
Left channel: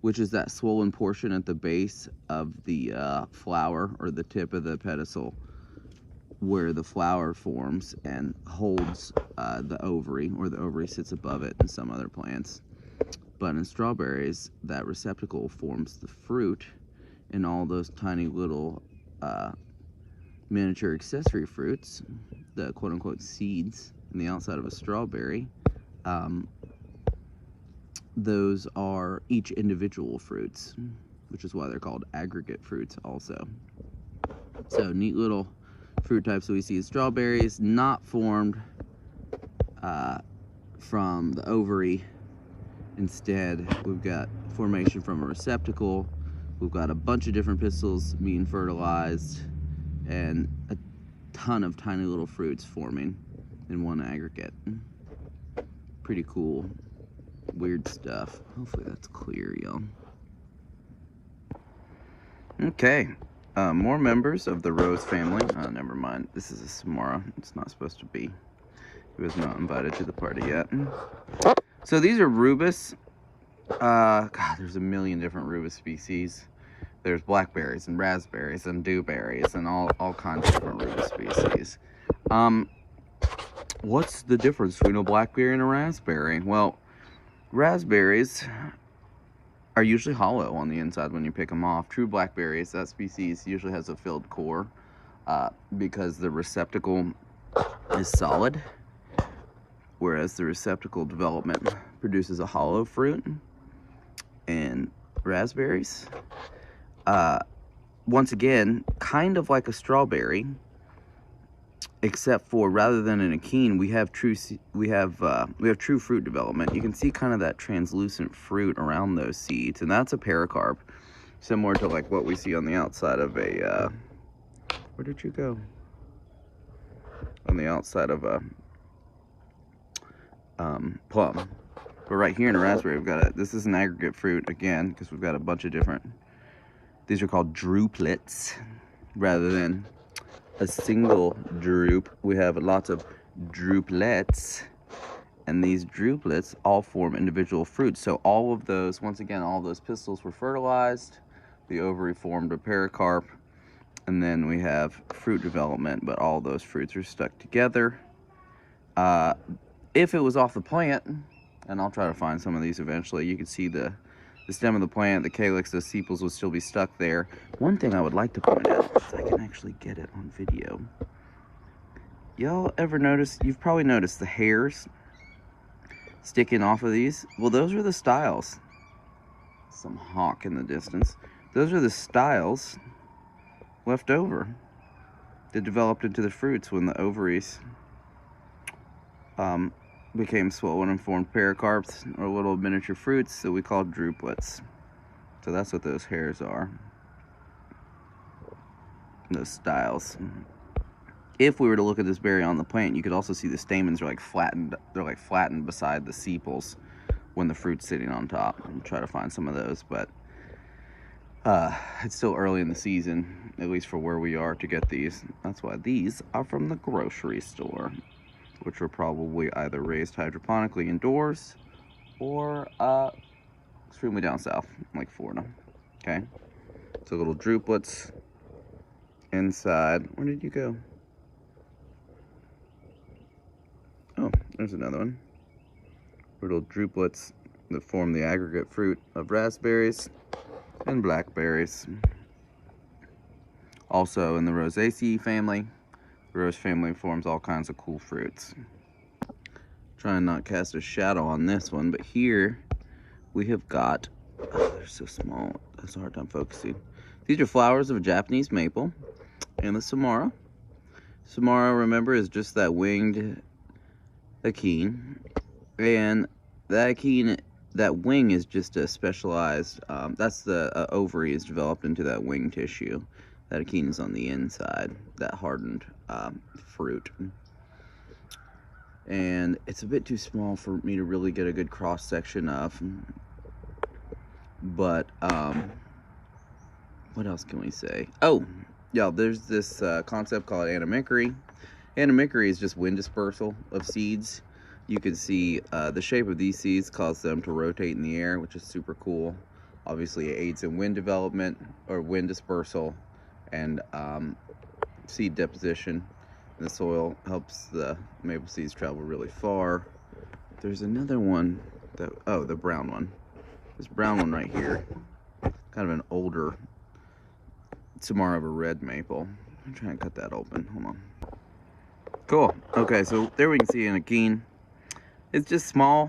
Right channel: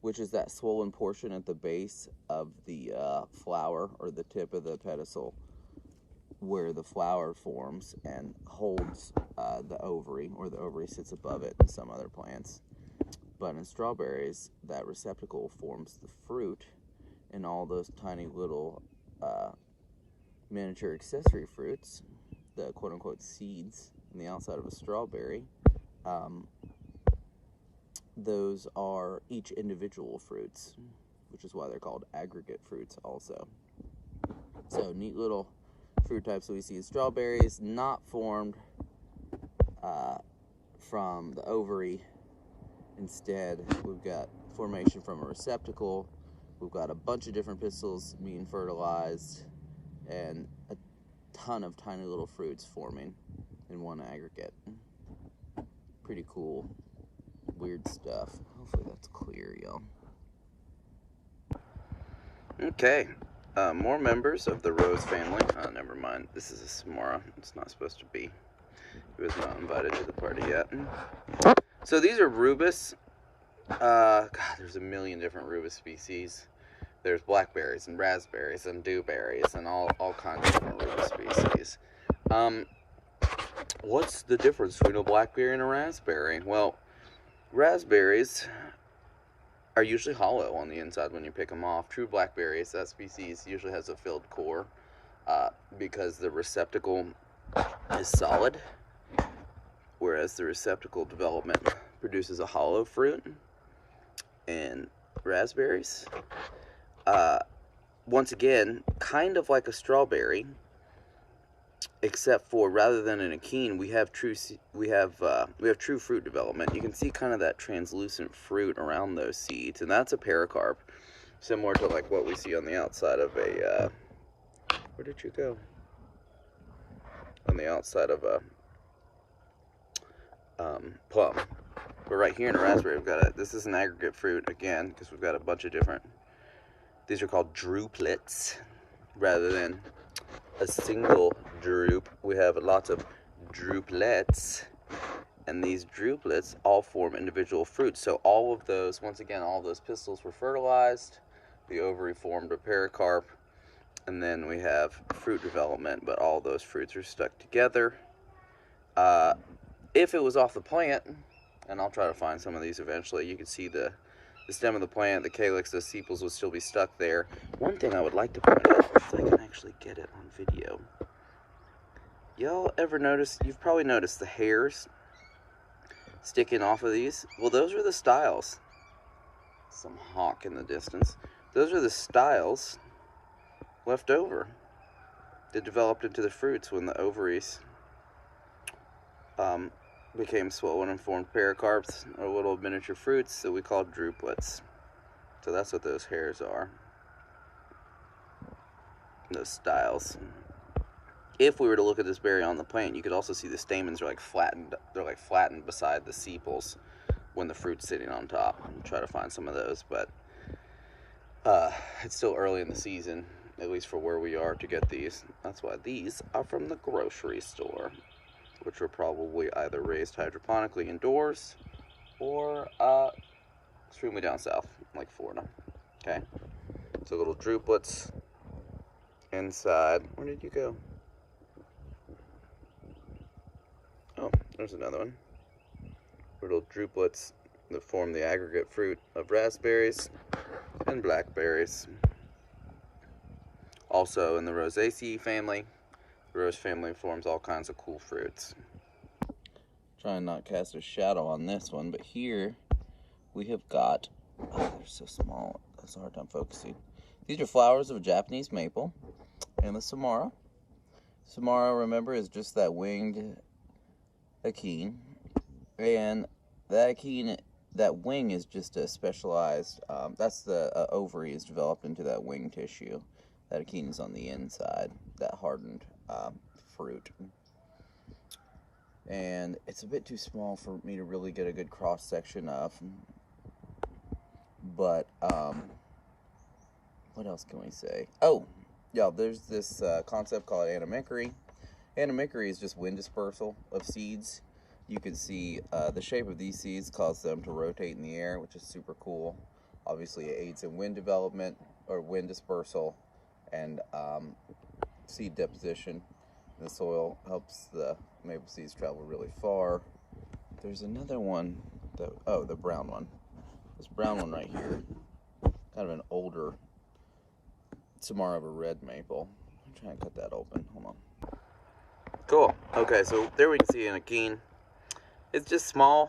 which is that swollen portion at the base of the flower, or the tip of the pedestal, where the flower forms and holds the ovary, or the ovary sits above it in some other plants. But in strawberries, that receptacle forms the fruit, and all those tiny little miniature accessory fruits, the quote-unquote seeds in the outside of a strawberry, those are each individual fruits, which is why they're called aggregate fruits also. So neat little fruit types that we see in strawberries, not formed from the ovary. Instead, we've got formation from a receptacle. We've got a bunch of different pistils being fertilized, and ton of tiny little fruits forming in one aggregate. Pretty cool, weird stuff. Hopefully that's clear, y'all. Okay, more members of the rose family. Never mind, this is a Samara. It's not supposed to be. He was not invited to the party yet. So these are rubus. God, there's a million different rubus species. There's blackberries and raspberries and dewberries and all kinds of different rubus species. What's the difference between a blackberry and a raspberry? Well, raspberries are usually hollow on the inside when you pick them off. True blackberries, that species usually has a filled core because the receptacle is solid, whereas the receptacle development produces a hollow fruit. And raspberries, once again, kind of like a strawberry, except for rather than an achene, we have true fruit development. You can see kind of that translucent fruit around those seeds, and that's a pericarp, similar to like what we see on the outside of a where did you go? On the outside of a plum. But right here in a raspberry, we've got this is an aggregate fruit again, because we've got a bunch of different. These are called drooplets rather than a single drupe. We have lots of drooplets, and these drooplets all form individual fruits. So all of those, once again, all of those pistils were fertilized, the ovary formed a pericarp, and then we have fruit development, but all those fruits are stuck together. If it was off the plant, and I'll try to find some of these eventually, you can see the stem of the plant, the calyx, the sepals would still be stuck there. One thing I would like to point out, if I can actually get it on video. Y'all ever notice, you've probably noticed the hairs sticking off of these? Well, those are the styles. Some hawk in the distance. Those are the styles left over that developed into the fruits when the ovaries became swollen and formed pericarps, or little miniature fruits that we call drooplets. So that's what those hairs are, those styles. If we were to look at this berry on the plant, you could also see the stamens are like flattened. They're like flattened beside the sepals when the fruit's sitting on top. I'll try to find some of those, but it's still early in the season, at least for where we are, to get these. That's why these are from the grocery store, which are probably either raised hydroponically indoors or extremely down south, like Florida. Okay, so little drooplets inside. Where did you go? Oh, there's another one. Little drooplets that form the aggregate fruit of raspberries and blackberries. Also in the Rosaceae family, the rose family forms all kinds of cool fruits. Try and not cast a shadow on this one, but here we have got, oh, they're so small, that's a hard time focusing. These are flowers of a Japanese maple and the Samara. Samara, remember, is just that winged achene, and that achene, that wing is just a specialized, that's the ovary is developed into that wing tissue. That achene is on the inside, that hardened fruit. And it's a bit too small for me to really get a good cross section of, but what else can we say? Oh, yeah, there's this concept called anomicry. Anomicry is just wind dispersal of seeds. You can see the shape of these seeds causes them to rotate in the air, which is super cool. Obviously, it aids in wind development or wind dispersal, and seed deposition in the soil, helps the maple seeds travel really far. There's another one that, oh, the brown one. This brown one right here, kind of an older Samara of a red maple. I'm trying to cut that open. Hold on. Cool. Okay, so there we can see an achene. It's just small.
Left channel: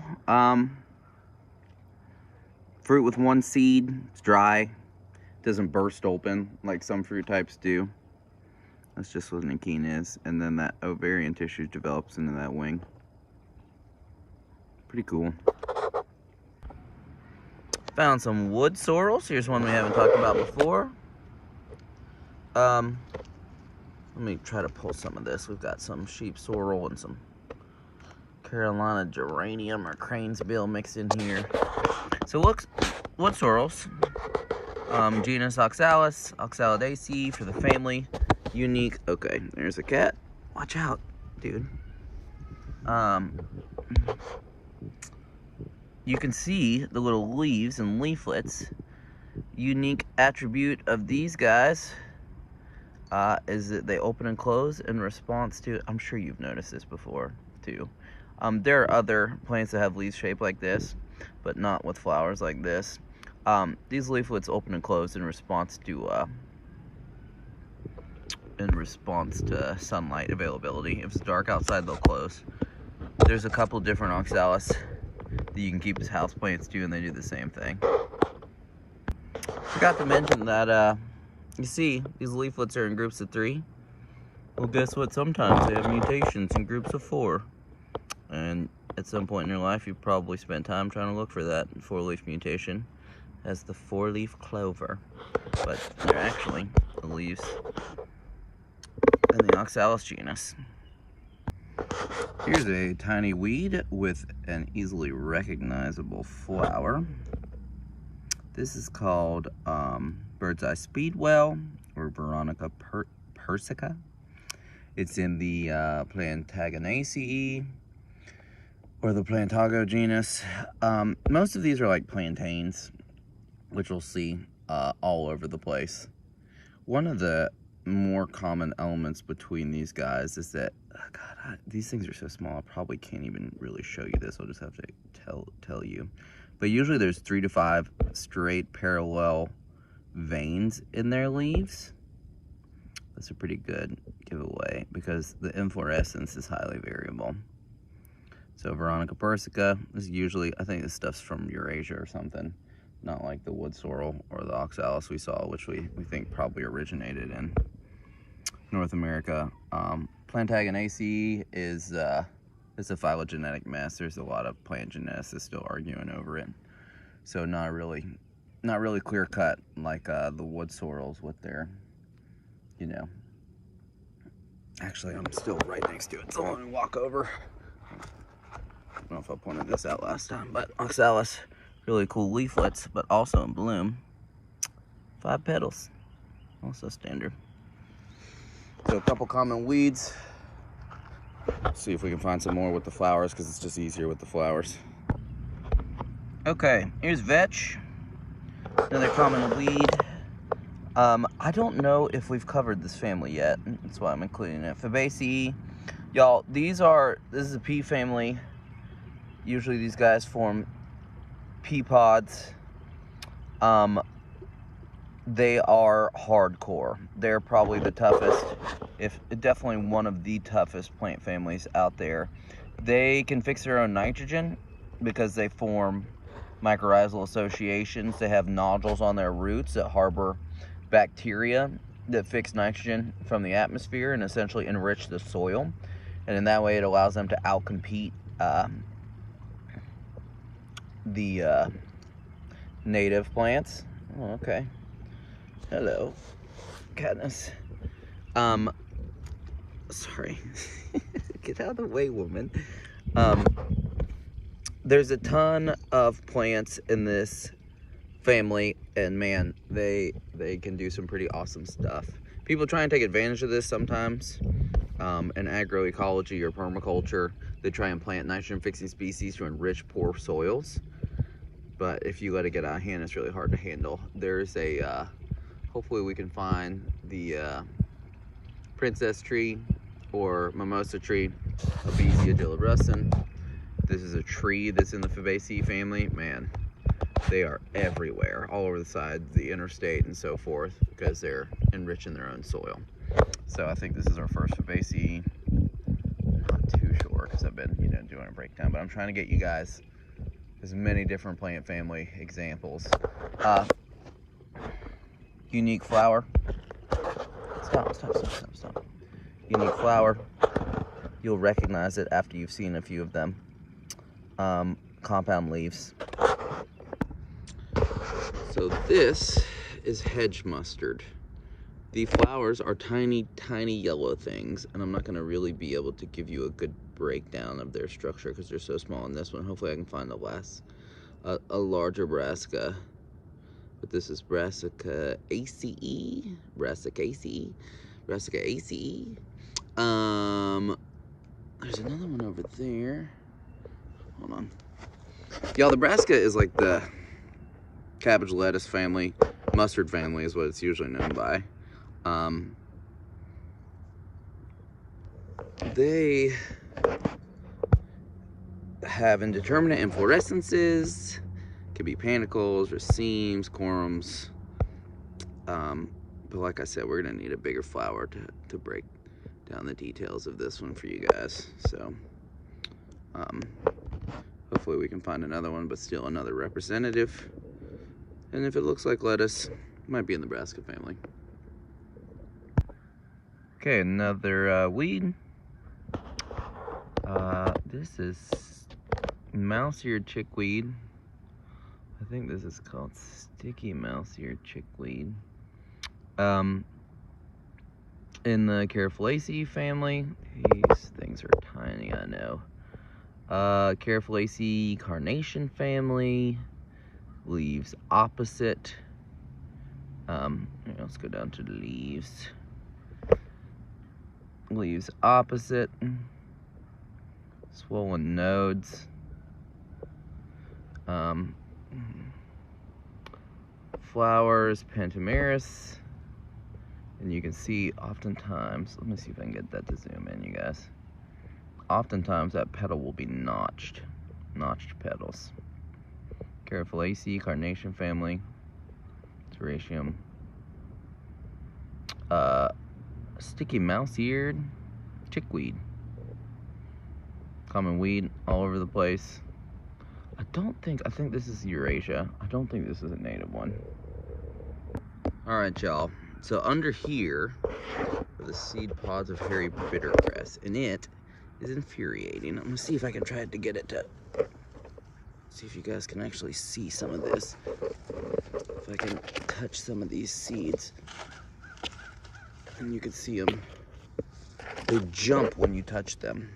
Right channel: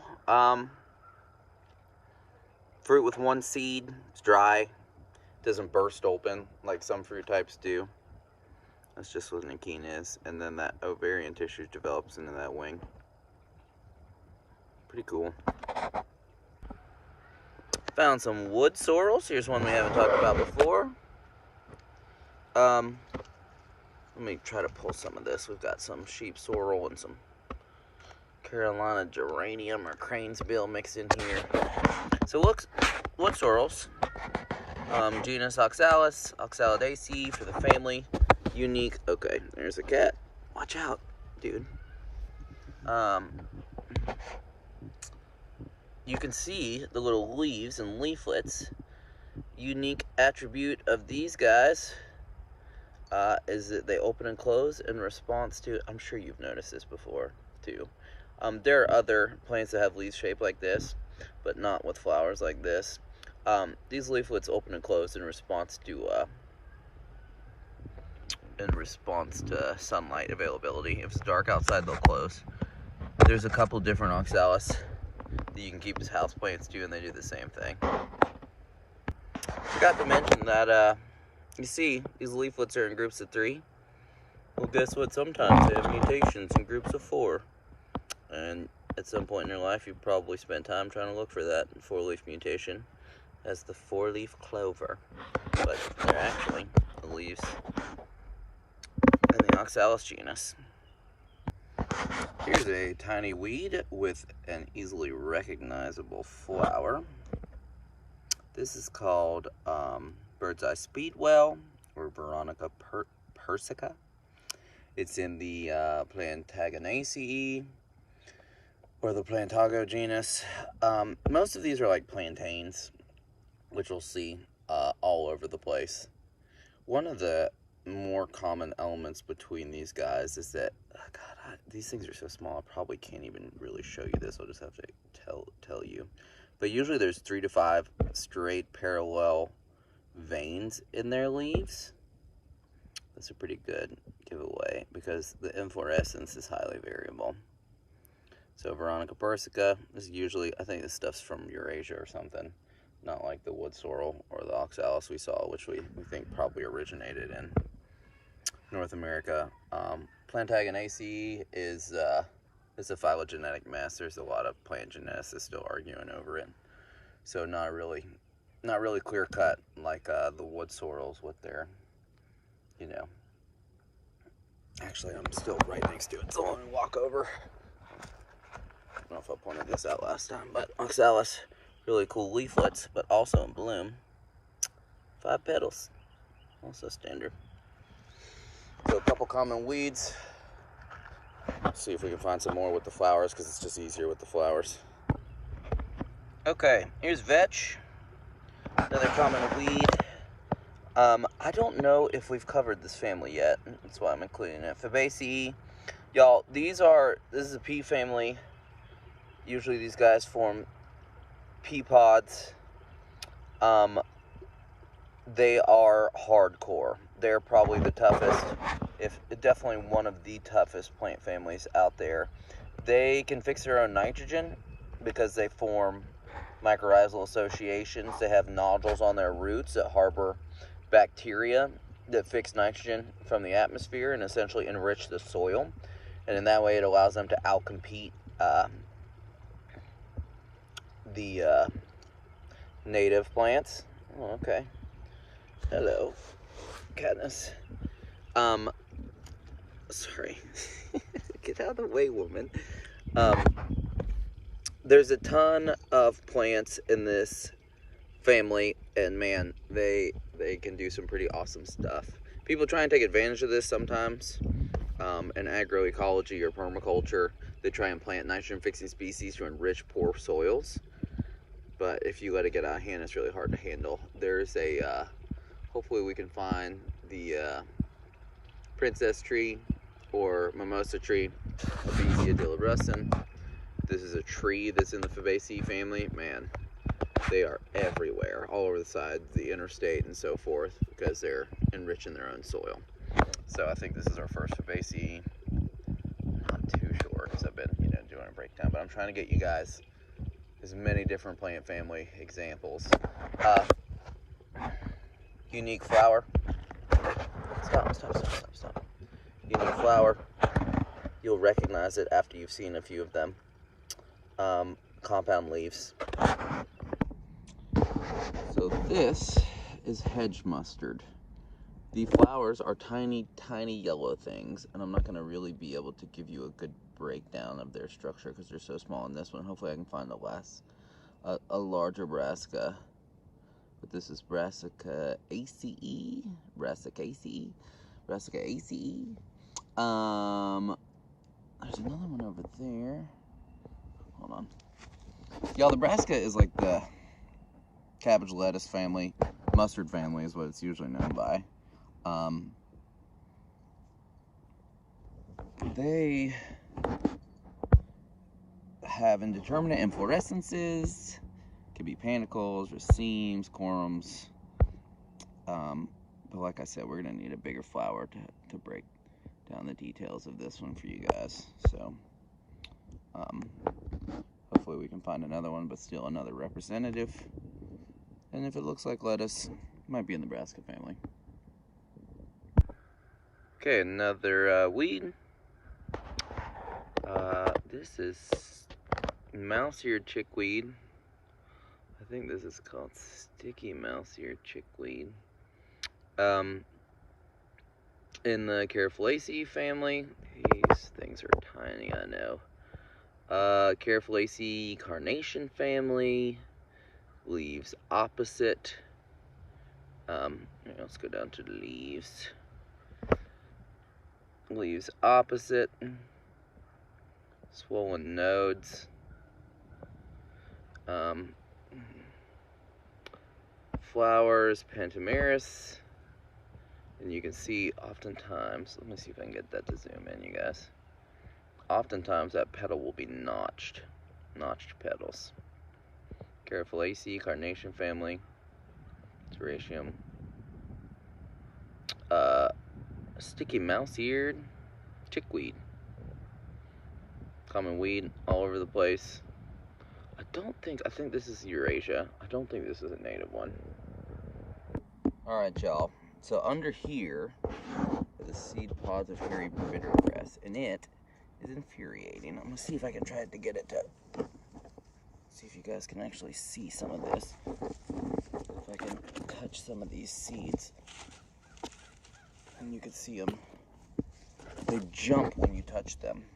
Fruit with one seed. It's dry. It doesn't burst open like some fruit types do. That's just what an achene is. And then that ovarian tissue develops into that wing. Pretty cool. Found some wood sorrels. Here's one we haven't talked about before. Let me try to pull some of this. We've got some sheep sorrel and some Carolina geranium or cranesbill mixed in here. So look, wood sorrels. Genus Oxalis, Oxalidaceae for the family. Unique. Okay, there's a cat. Watch out, dude. You can see the little leaves and leaflets. Unique attribute of these guys is that they open and close in response to, I'm sure you've noticed this before too. There are other plants that have leaves shaped like this, but not with flowers like this. These leaflets open and close in response to sunlight availability. If it's dark outside, they'll close. There's a couple different oxalis that you can keep as house plants too, and they do the same thing. Forgot to mention that you see these leaflets are in groups of 3. Well, guess what? Sometimes they have mutations in groups of 4. And at some point in your life, you've probably spent time trying to look for that 4-leaf mutation as the 4-leaf clover. But they're actually the leaves in the Oxalis genus. Here's a tiny weed with an easily recognizable flower. This is called Bird's Eye Speedwell, or Veronica Persica. It's in the Plantaginaceae, or the Plantago genus. Most of these are like plantains, which we'll see all over the place. One of the more common elements between these guys is that, oh God, these things are so small, I probably can't even really show you this. I'll just have to tell you. But usually there's 3 to 5 straight parallel veins in their leaves. That's a pretty good giveaway because the inflorescence is highly variable. So Veronica Persica is usually, I think this stuff's from Eurasia or something, not like the wood sorrel or the oxalis we saw, which we think probably originated in North America. Plantaginaceae is a phylogenetic mess. There's a lot of plant geneticists still arguing over it. So not really clear cut like the wood sorrels with their, you know. Actually, I'm still right next to it, so I'm gonna walk over. I don't know if I pointed this out last time, but oxalis, really cool leaflets, but also in bloom. 5 petals, also standard. So a couple common weeds. Let's see if we can find some more with the flowers, because it's just easier with the flowers. Okay, here's vetch, another common weed. I don't know if we've covered this family yet. That's why I'm including it. Fabaceae, y'all. This is a pea family. Usually these guys form pea pods. They are hardcore. They're probably the toughest, if definitely one of the toughest plant families out there. They can fix their own nitrogen because they form mycorrhizal associations. They have nodules on their roots that harbor bacteria that fix nitrogen from the atmosphere and essentially enrich the soil. And in that way it allows them to outcompete the native plants. Oh, okay. Hello, Katniss. Sorry. Get out of the way, woman. There's a ton of plants in this family, and man, they can do some pretty awesome stuff. People try and take advantage of this sometimes. In agroecology or permaculture, they try and plant nitrogen-fixing species to enrich poor soils. But if you let it get out of hand, it's really hard to handle. There's a, hopefully we can find the princess tree or mimosa tree, Verbena dilabruscin. This is a tree that's in the Fabaceae family. Man, they are everywhere, all over the side, the interstate and so forth, because they're enriching their own soil. So I think this is our first Fabaceae. Not too sure, because I've been, doing a breakdown, but I'm trying to get you guys as many different plant family examples. Unique flower. Stop. Unique flower. You'll recognize it after you've seen a few of them. Compound leaves. So this is hedge mustard. The flowers are tiny, tiny yellow things, and I'm not going to really be able to give you a good breakdown of their structure because they're so small in this one. Hopefully I can find a larger brassica. But this is Brassica Ace. Brassica Ace. Brassica Ace. There's another one over there. Hold on. Y'all, the brassica is like the cabbage lettuce family. Mustard family is what it's usually known by. They have indeterminate inflorescences. Could be panicles, racemes, corums. But like I said, we're gonna need a bigger flower to break down the details of this one for you guys. So hopefully we can find another one, but still another representative. And if it looks like lettuce, it might be in the brassica family. Okay, another weed. This is mouse-eared chickweed. I think this is called sticky mouse-eared chickweed. In the Carafolaceae family. These things are tiny, I know. Carafolaceae carnation family. Leaves opposite. Let's go down to the leaves. Leaves opposite. Swollen nodes. Flowers, Papyrus. And you can see oftentimes, let me see if I can get that to zoom in, you guys. Oftentimes that petal will be notched petals. Carafolaceae, carnation family, Terratium. Sticky mouse-eared chickweed. Common weed all over the place. I think this is Eurasia. I don't think this is a native one. Alright, y'all. So under here are the seed pods of hairy bittergrass, and it is infuriating. I'm gonna see if I can try to get it to, see if you guys can actually see some of this. If I can touch some of these seeds, and you can see them. They jump when you touch them.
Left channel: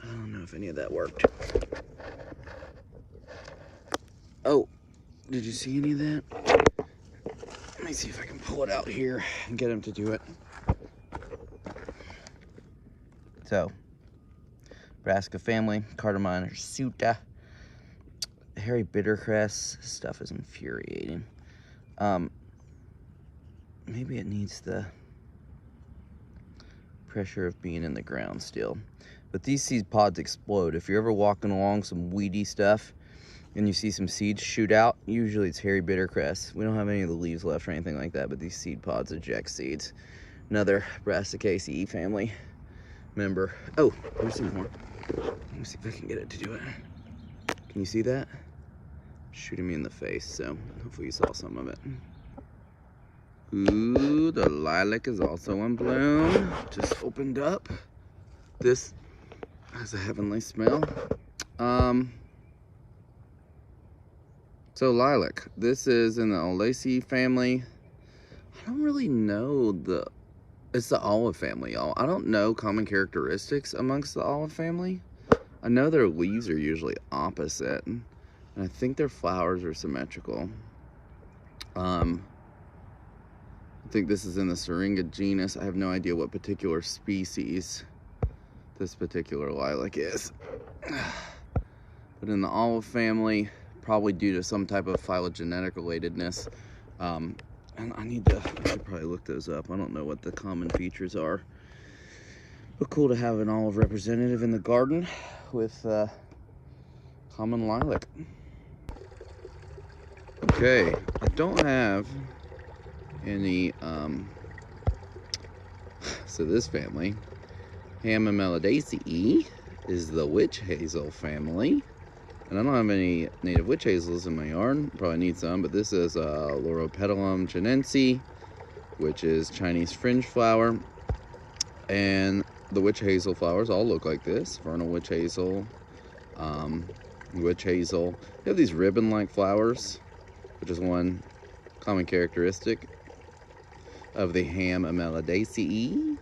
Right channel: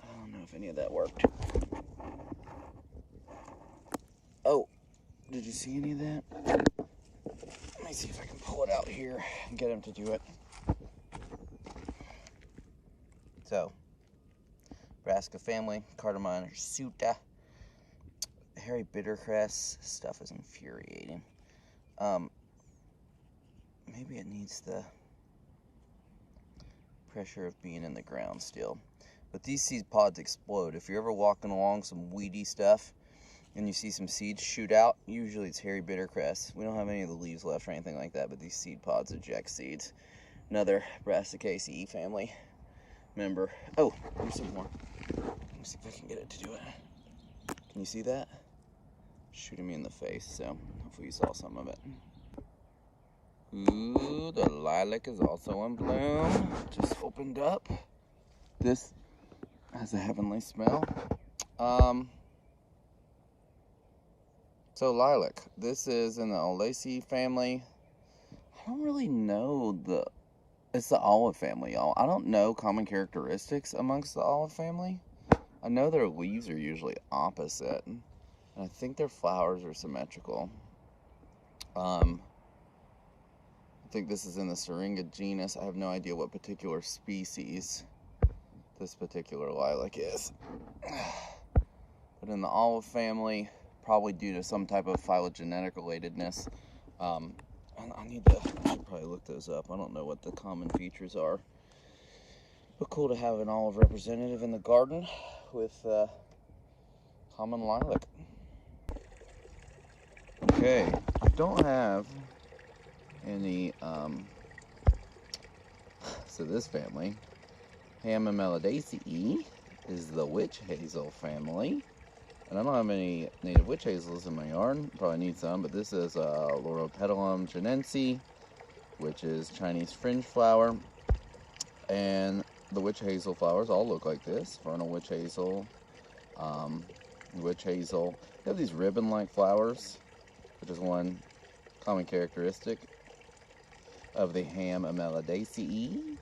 I don't know if any of that worked. Oh, did you see any of that? Let me see if I can pull it out here and get him to do it. So, brassica family, cardamom hirsuta, hairy bittergrass stuff is infuriating. Maybe it needs the pressure of being in the ground still. But these seed pods explode. If you're ever walking along some weedy stuff and you see some seeds shoot out, usually it's hairy bittergrass. We don't have any of the leaves left or anything like that, but these seed pods eject seeds. Another Brassicaceae family member. Oh, there's some more. Let me see if I can get it to do it. Can you see that? Shooting me in the face, so hopefully you saw some of it. Ooh, the lilac is also in bloom. Just opened up. This has a heavenly smell. So lilac, this is in the Azaleas family. I don't really know it's the olive family, y'all. I don't know common characteristics amongst the olive family. I know their leaves are usually opposite, and I think their flowers are symmetrical. I think this is in the Syringa genus. I have no idea what particular species this particular lilac is. But in the olive family, probably due to some type of phylogenetic relatedness. And I should probably look those up. I don't know what the common features are. But cool to have an olive representative in the garden with common lilac. Okay, I don't have any, so this family, Hamamelidaceae, is the witch hazel family. And I don't have any native witch hazels in my yard. Probably need some, but this is Lauropetalum chinense, which is Chinese fringe flower. And the witch hazel flowers all look like this. Vernal witch hazel, witch hazel. They have these ribbon-like flowers. which is one common characteristic of the ham Ameladaceae.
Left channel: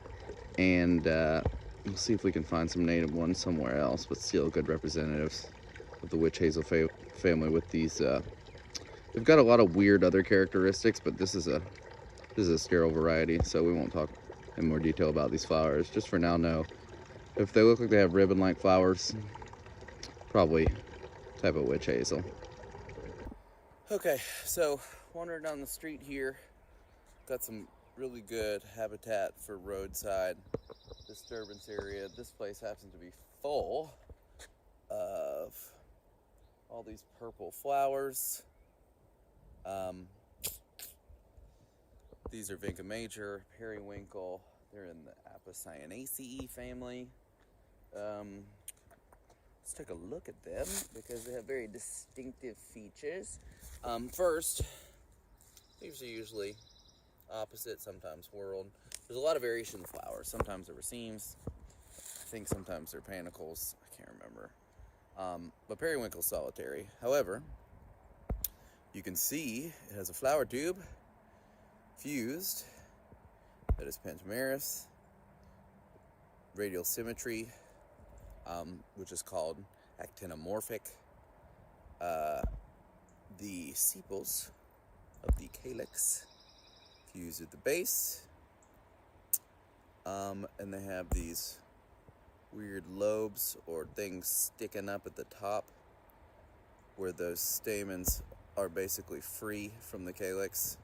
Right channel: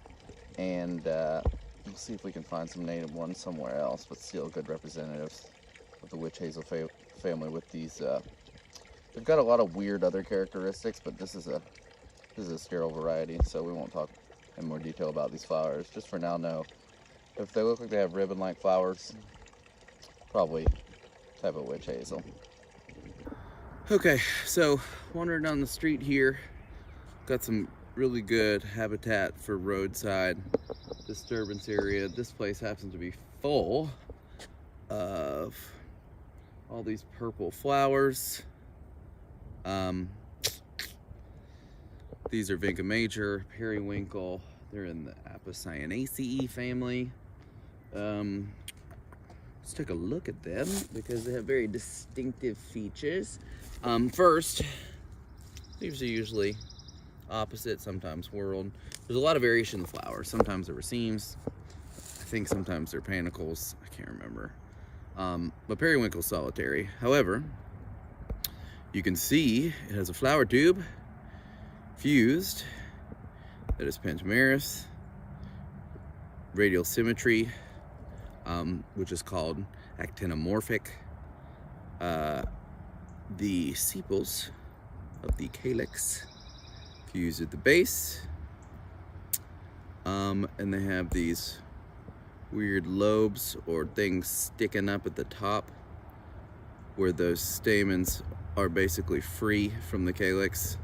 And we'll see if we can find some native ones somewhere else, but still good representatives of the witch hazel family with these. They've got a lot of weird other characteristics, but this is a sterile variety, so we won't talk in more detail about these flowers. Just for now, know if they look like they have ribbon-like flowers, probably type of witch hazel. Okay, so wandering down the street here, got some really good habitat for roadside disturbance area. This place happens to be full of all these purple flowers. These are Vinca major, periwinkle. They're in the Apocyanaceae family. Let's take a look at them because they have very distinctive features. First, leaves are usually opposite, sometimes whorled. There's a lot of variation in the flowers. Sometimes they're racemes. I think sometimes they're panicles. I can't remember. But periwinkle's solitary. However, you can see it has a flower tube fused. That is pentamerous. Radial symmetry, which is called actinomorphic. The sepals of the calyx fused at the base. And they have these weird lobes or things sticking up at the top where those stamens are basically free from the calyx.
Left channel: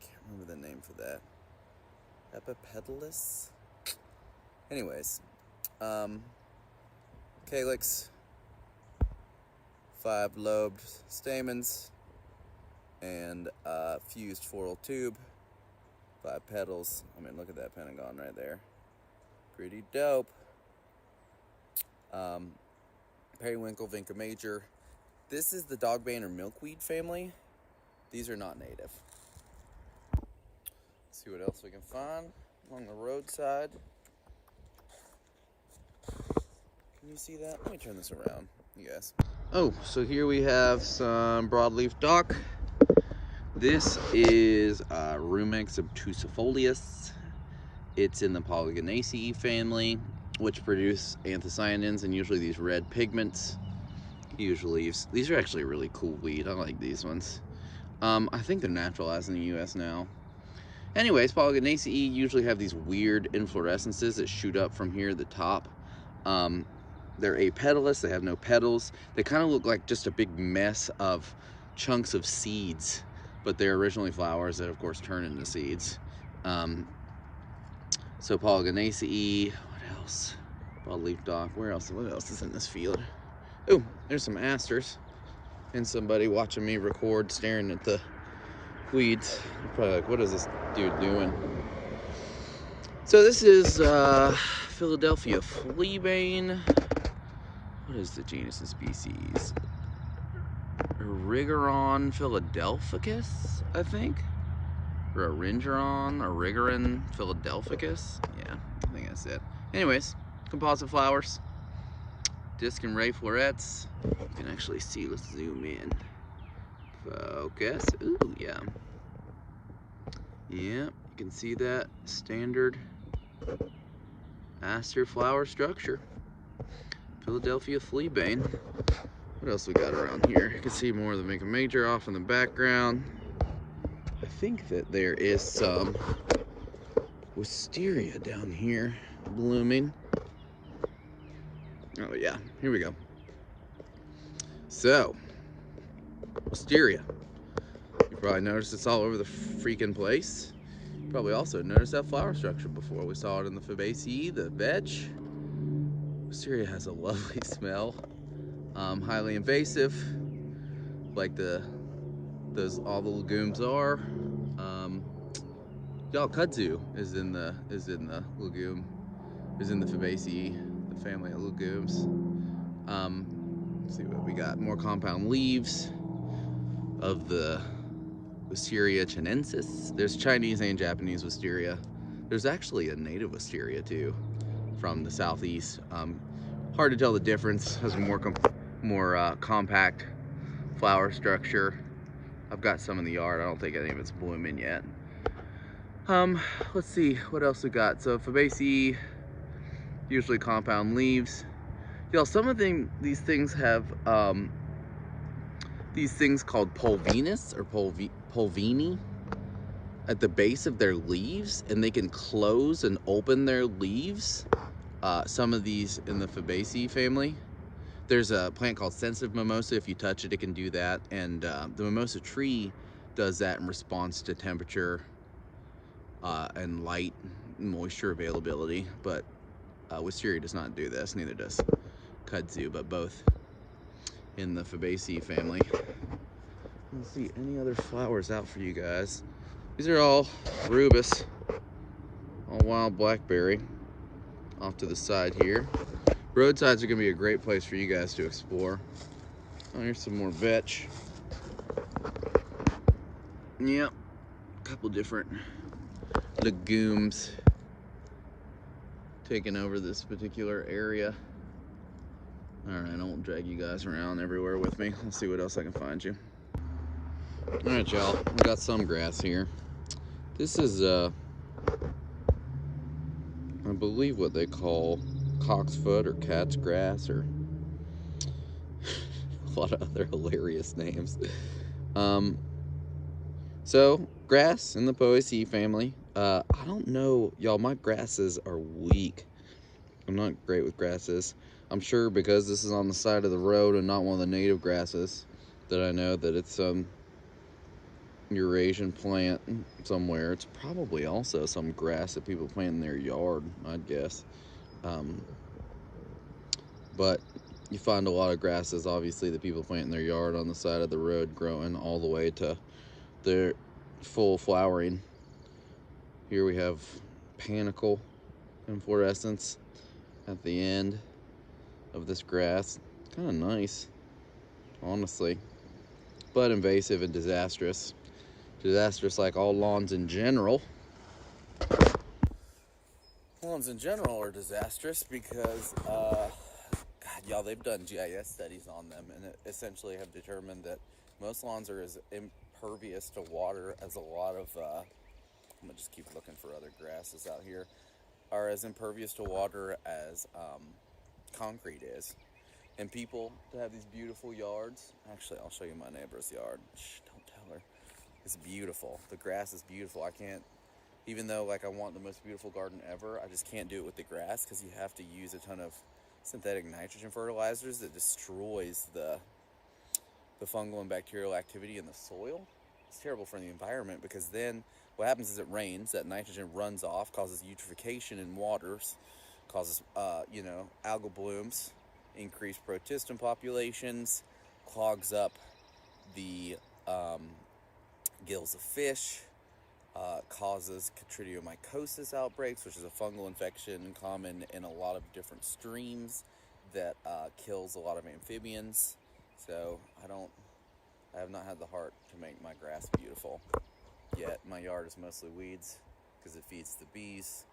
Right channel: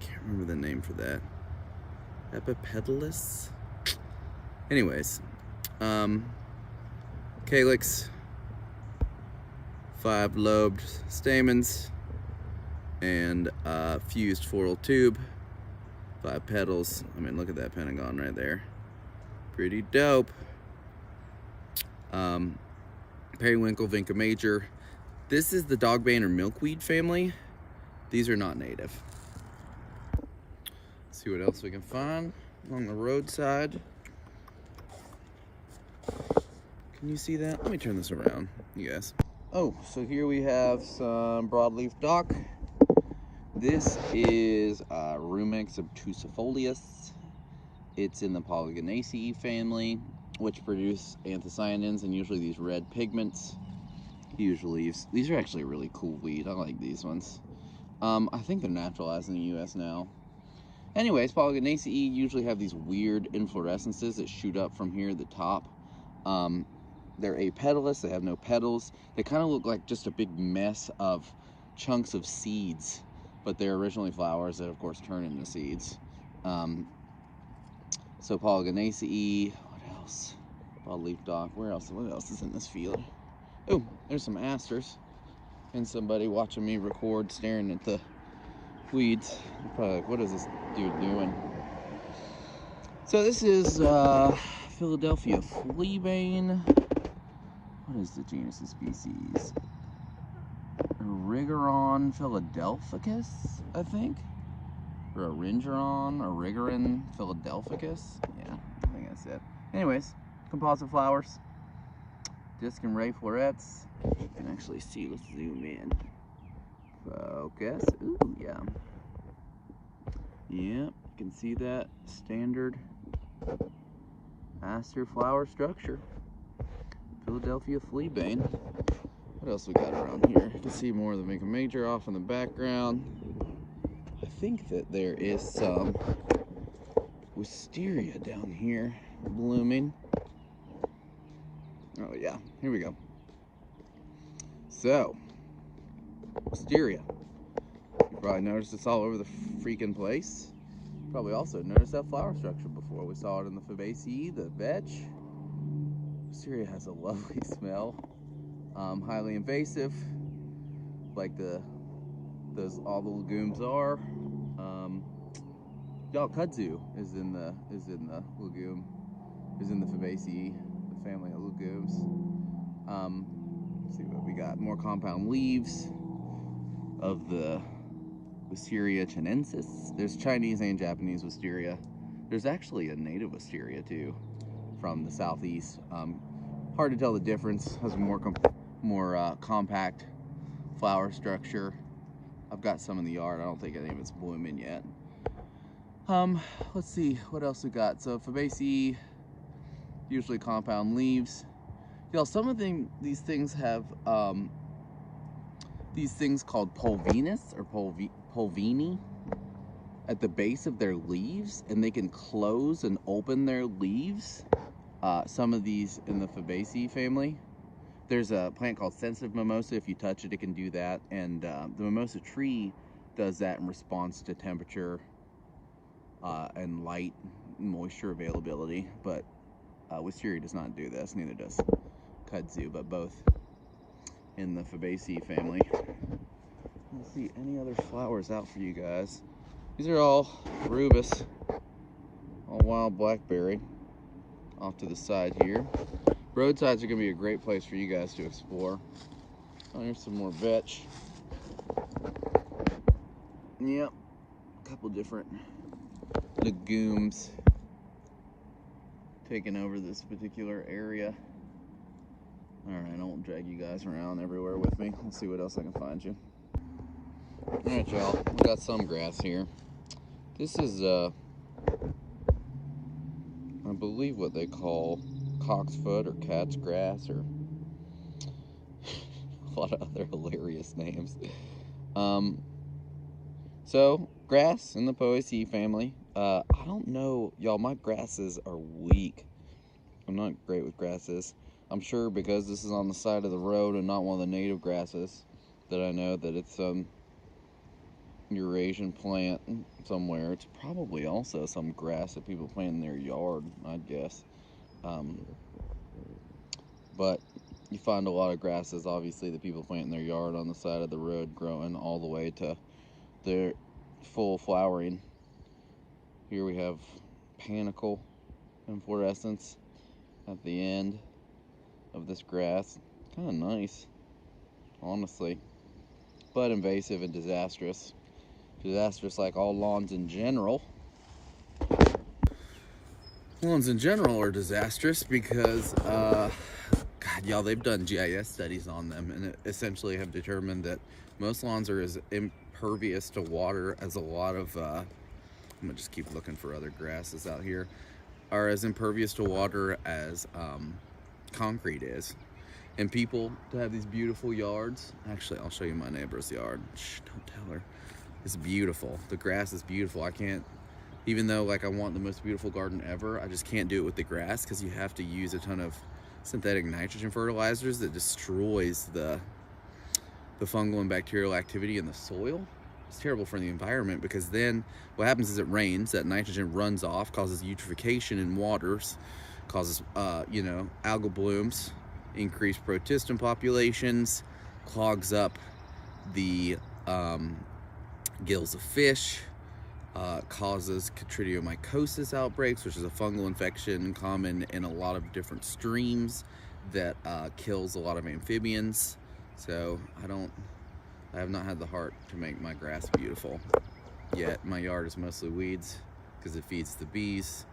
Can't remember the name for that. Epipetalus? Anyways, calyx, 5-lobed stamens, and fused floral tube, 5 petals. I mean, look at that pentagon right there. Pretty dope. Periwinkle, Vinca major. This is the dogbane or milkweed family. These are not native. Let's see what else we can find along the roadside. Can you see that? Let me turn this around, you guys. Oh, so here we have some broadleaf dock. This is Rumex obtusifolius. It's in the Polygonaceae family, which produce anthocyanins and usually these red pigments. These are actually a really cool weed. I like these ones. I think they're naturalized in the US now. Anyways, Polygonaceae usually have these weird inflorescences that shoot up from here at the top. They're apetalous, they have no petals. They kind of look like just a big mess of chunks of seeds, but they're originally flowers that of course turn into seeds. So Polygonaceae, what else? Broadleaf dock, what else is in this field? Oh, there's some asters and somebody watching me record staring at the weeds. Probably like, what is this dude doing? So this is Philadelphia fleabane. What is the genus and species? Origeron philadelphicus, I think? Or Origeron philadelphicus? Yeah, I think that's it. Anyways, composite flowers. Disc and ray florets. You can actually see, let's zoom in. Focus, ooh, yeah. Yeah, you can see that standard aster flower structure. Philadelphia fleabane. What else we got around here? You can see more of the Vinca major off in the background. I think that there is some wisteria down here blooming. Oh yeah, here we go. So, wisteria. You probably noticed it's all over the freaking place. You probably also noticed that flower structure before. We saw it in the Fabaceae, the vetch. Wisteria has a lovely smell. Highly invasive, like all the legumes are. Kudzu is in the legume, is in the Fabaceae, the family of legumes. Let's see what we got. More compound leaves of the Wisteria chinensis. There's Chinese and Japanese wisteria. There's actually a native wisteria too, from the southeast. Hard to tell the difference. Has a more compact flower structure. I've got some in the yard. I don't think any of it's blooming yet. Let's see what else we got. So Fabaceae, usually compound leaves. Y'all, some of these things have these things called pulvinus or pulvini at the base of their leaves, and they can close and open their leaves. Some of these in the Fabaceae family. There's a plant called sensitive mimosa. If you touch it, it can do that. And the mimosa tree does that in response to temperature and light and moisture availability. But wisteria does not do this, neither does kudzu, but both in the Fabaceae family. Let's see, any other flowers out for you guys? These are all rubus, all wild blackberry off to the side here. Roadsides are going to be a great place for you guys to explore. Oh, here's some more vetch. Yep, a couple different legumes taking over this particular area. Alright, I won't drag you guys around everywhere with me. I'll see what else I can find you. Alright, y'all, we got some grass here. This is, I believe what they call cocksfoot or cat's grass, or a lot of other hilarious names. So, grass in the Poaceae family. I don't know, y'all, my grasses are weak. I'm not great with grasses. I'm sure because this is on the side of the road and not one of the native grasses that I know that it's some Eurasian plant somewhere. It's probably also some grass that people plant in their yard, I'd guess. But you find a lot of grasses, obviously, that people plant in their yard on the side of the road, growing all the way to their full flowering. Here we have panicle inflorescence at the end of this grass. Kind of nice, honestly, but invasive and disastrous. Disastrous like all lawns in general. Lawns in general are disastrous because, God, y'all, they've done GIS studies on them and essentially have determined that most lawns are as impervious to water as a lot of, I'm gonna just keep looking for other grasses out here, are as impervious to water as concrete is. And people to have these beautiful yards, actually I'll show you my neighbor's yard. Shh, don't tell her. It's beautiful. The grass is beautiful. I can't, even though like I want the most beautiful garden ever, I just can't do it with the grass because you have to use a ton of synthetic nitrogen fertilizers that destroys the fungal and bacterial activity in the soil. It's terrible for the environment because then what happens is it rains, that nitrogen runs off, causes eutrophication in waters, causes algal blooms, increased protistum populations, clogs up the gills of fish, causes chytridiomycosis outbreaks, which is a fungal infection common in a lot of different streams that kills a lot of amphibians. So I have not had the heart to make my grass beautiful yet. My yard is mostly weeds because it feeds the bees,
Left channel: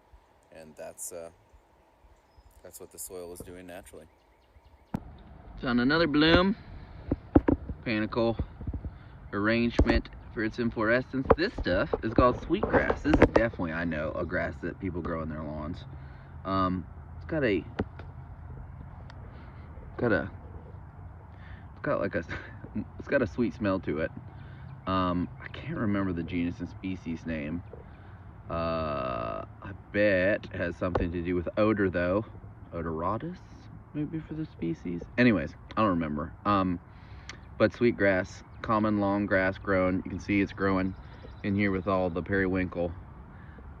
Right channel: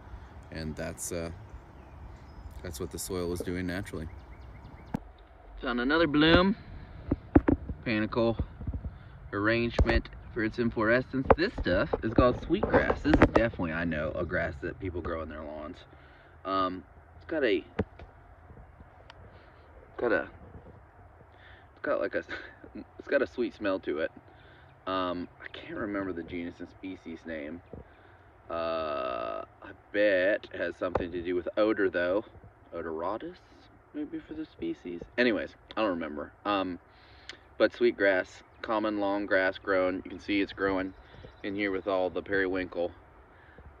and that's what the soil is doing naturally. Found another bloom. Panicle arrangement for its inflorescence. This stuff is called sweetgrass. This is definitely, I know, a grass that people grow in their lawns. It's got a sweet smell to it. I can't remember the genus and species name. I bet it has something to do with odor though. Odoratus, maybe, for the species. Anyways, I don't remember. But sweetgrass, common long grass grown. You can see it's growing in here with all the periwinkle.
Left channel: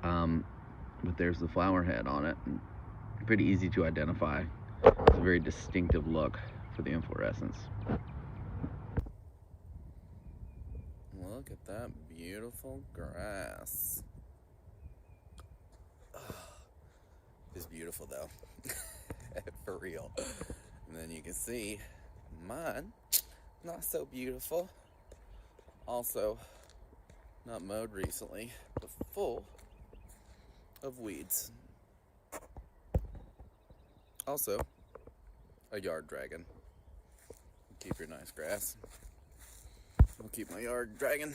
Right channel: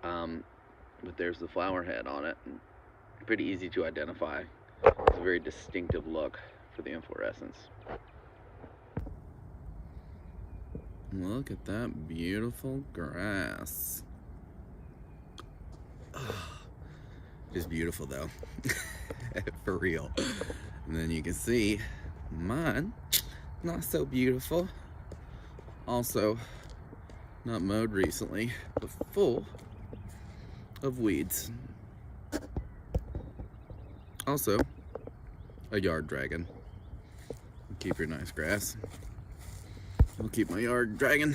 But there's the flower head on it. Pretty easy to identify. It's a very distinctive look for the inflorescence. Look at that beautiful grass. It's beautiful though. For real. And then you can see mine, not so beautiful. Also not mowed recently, but full of weeds. Also a yard dragon. Keep your nice grass. I'll keep my yard dragging.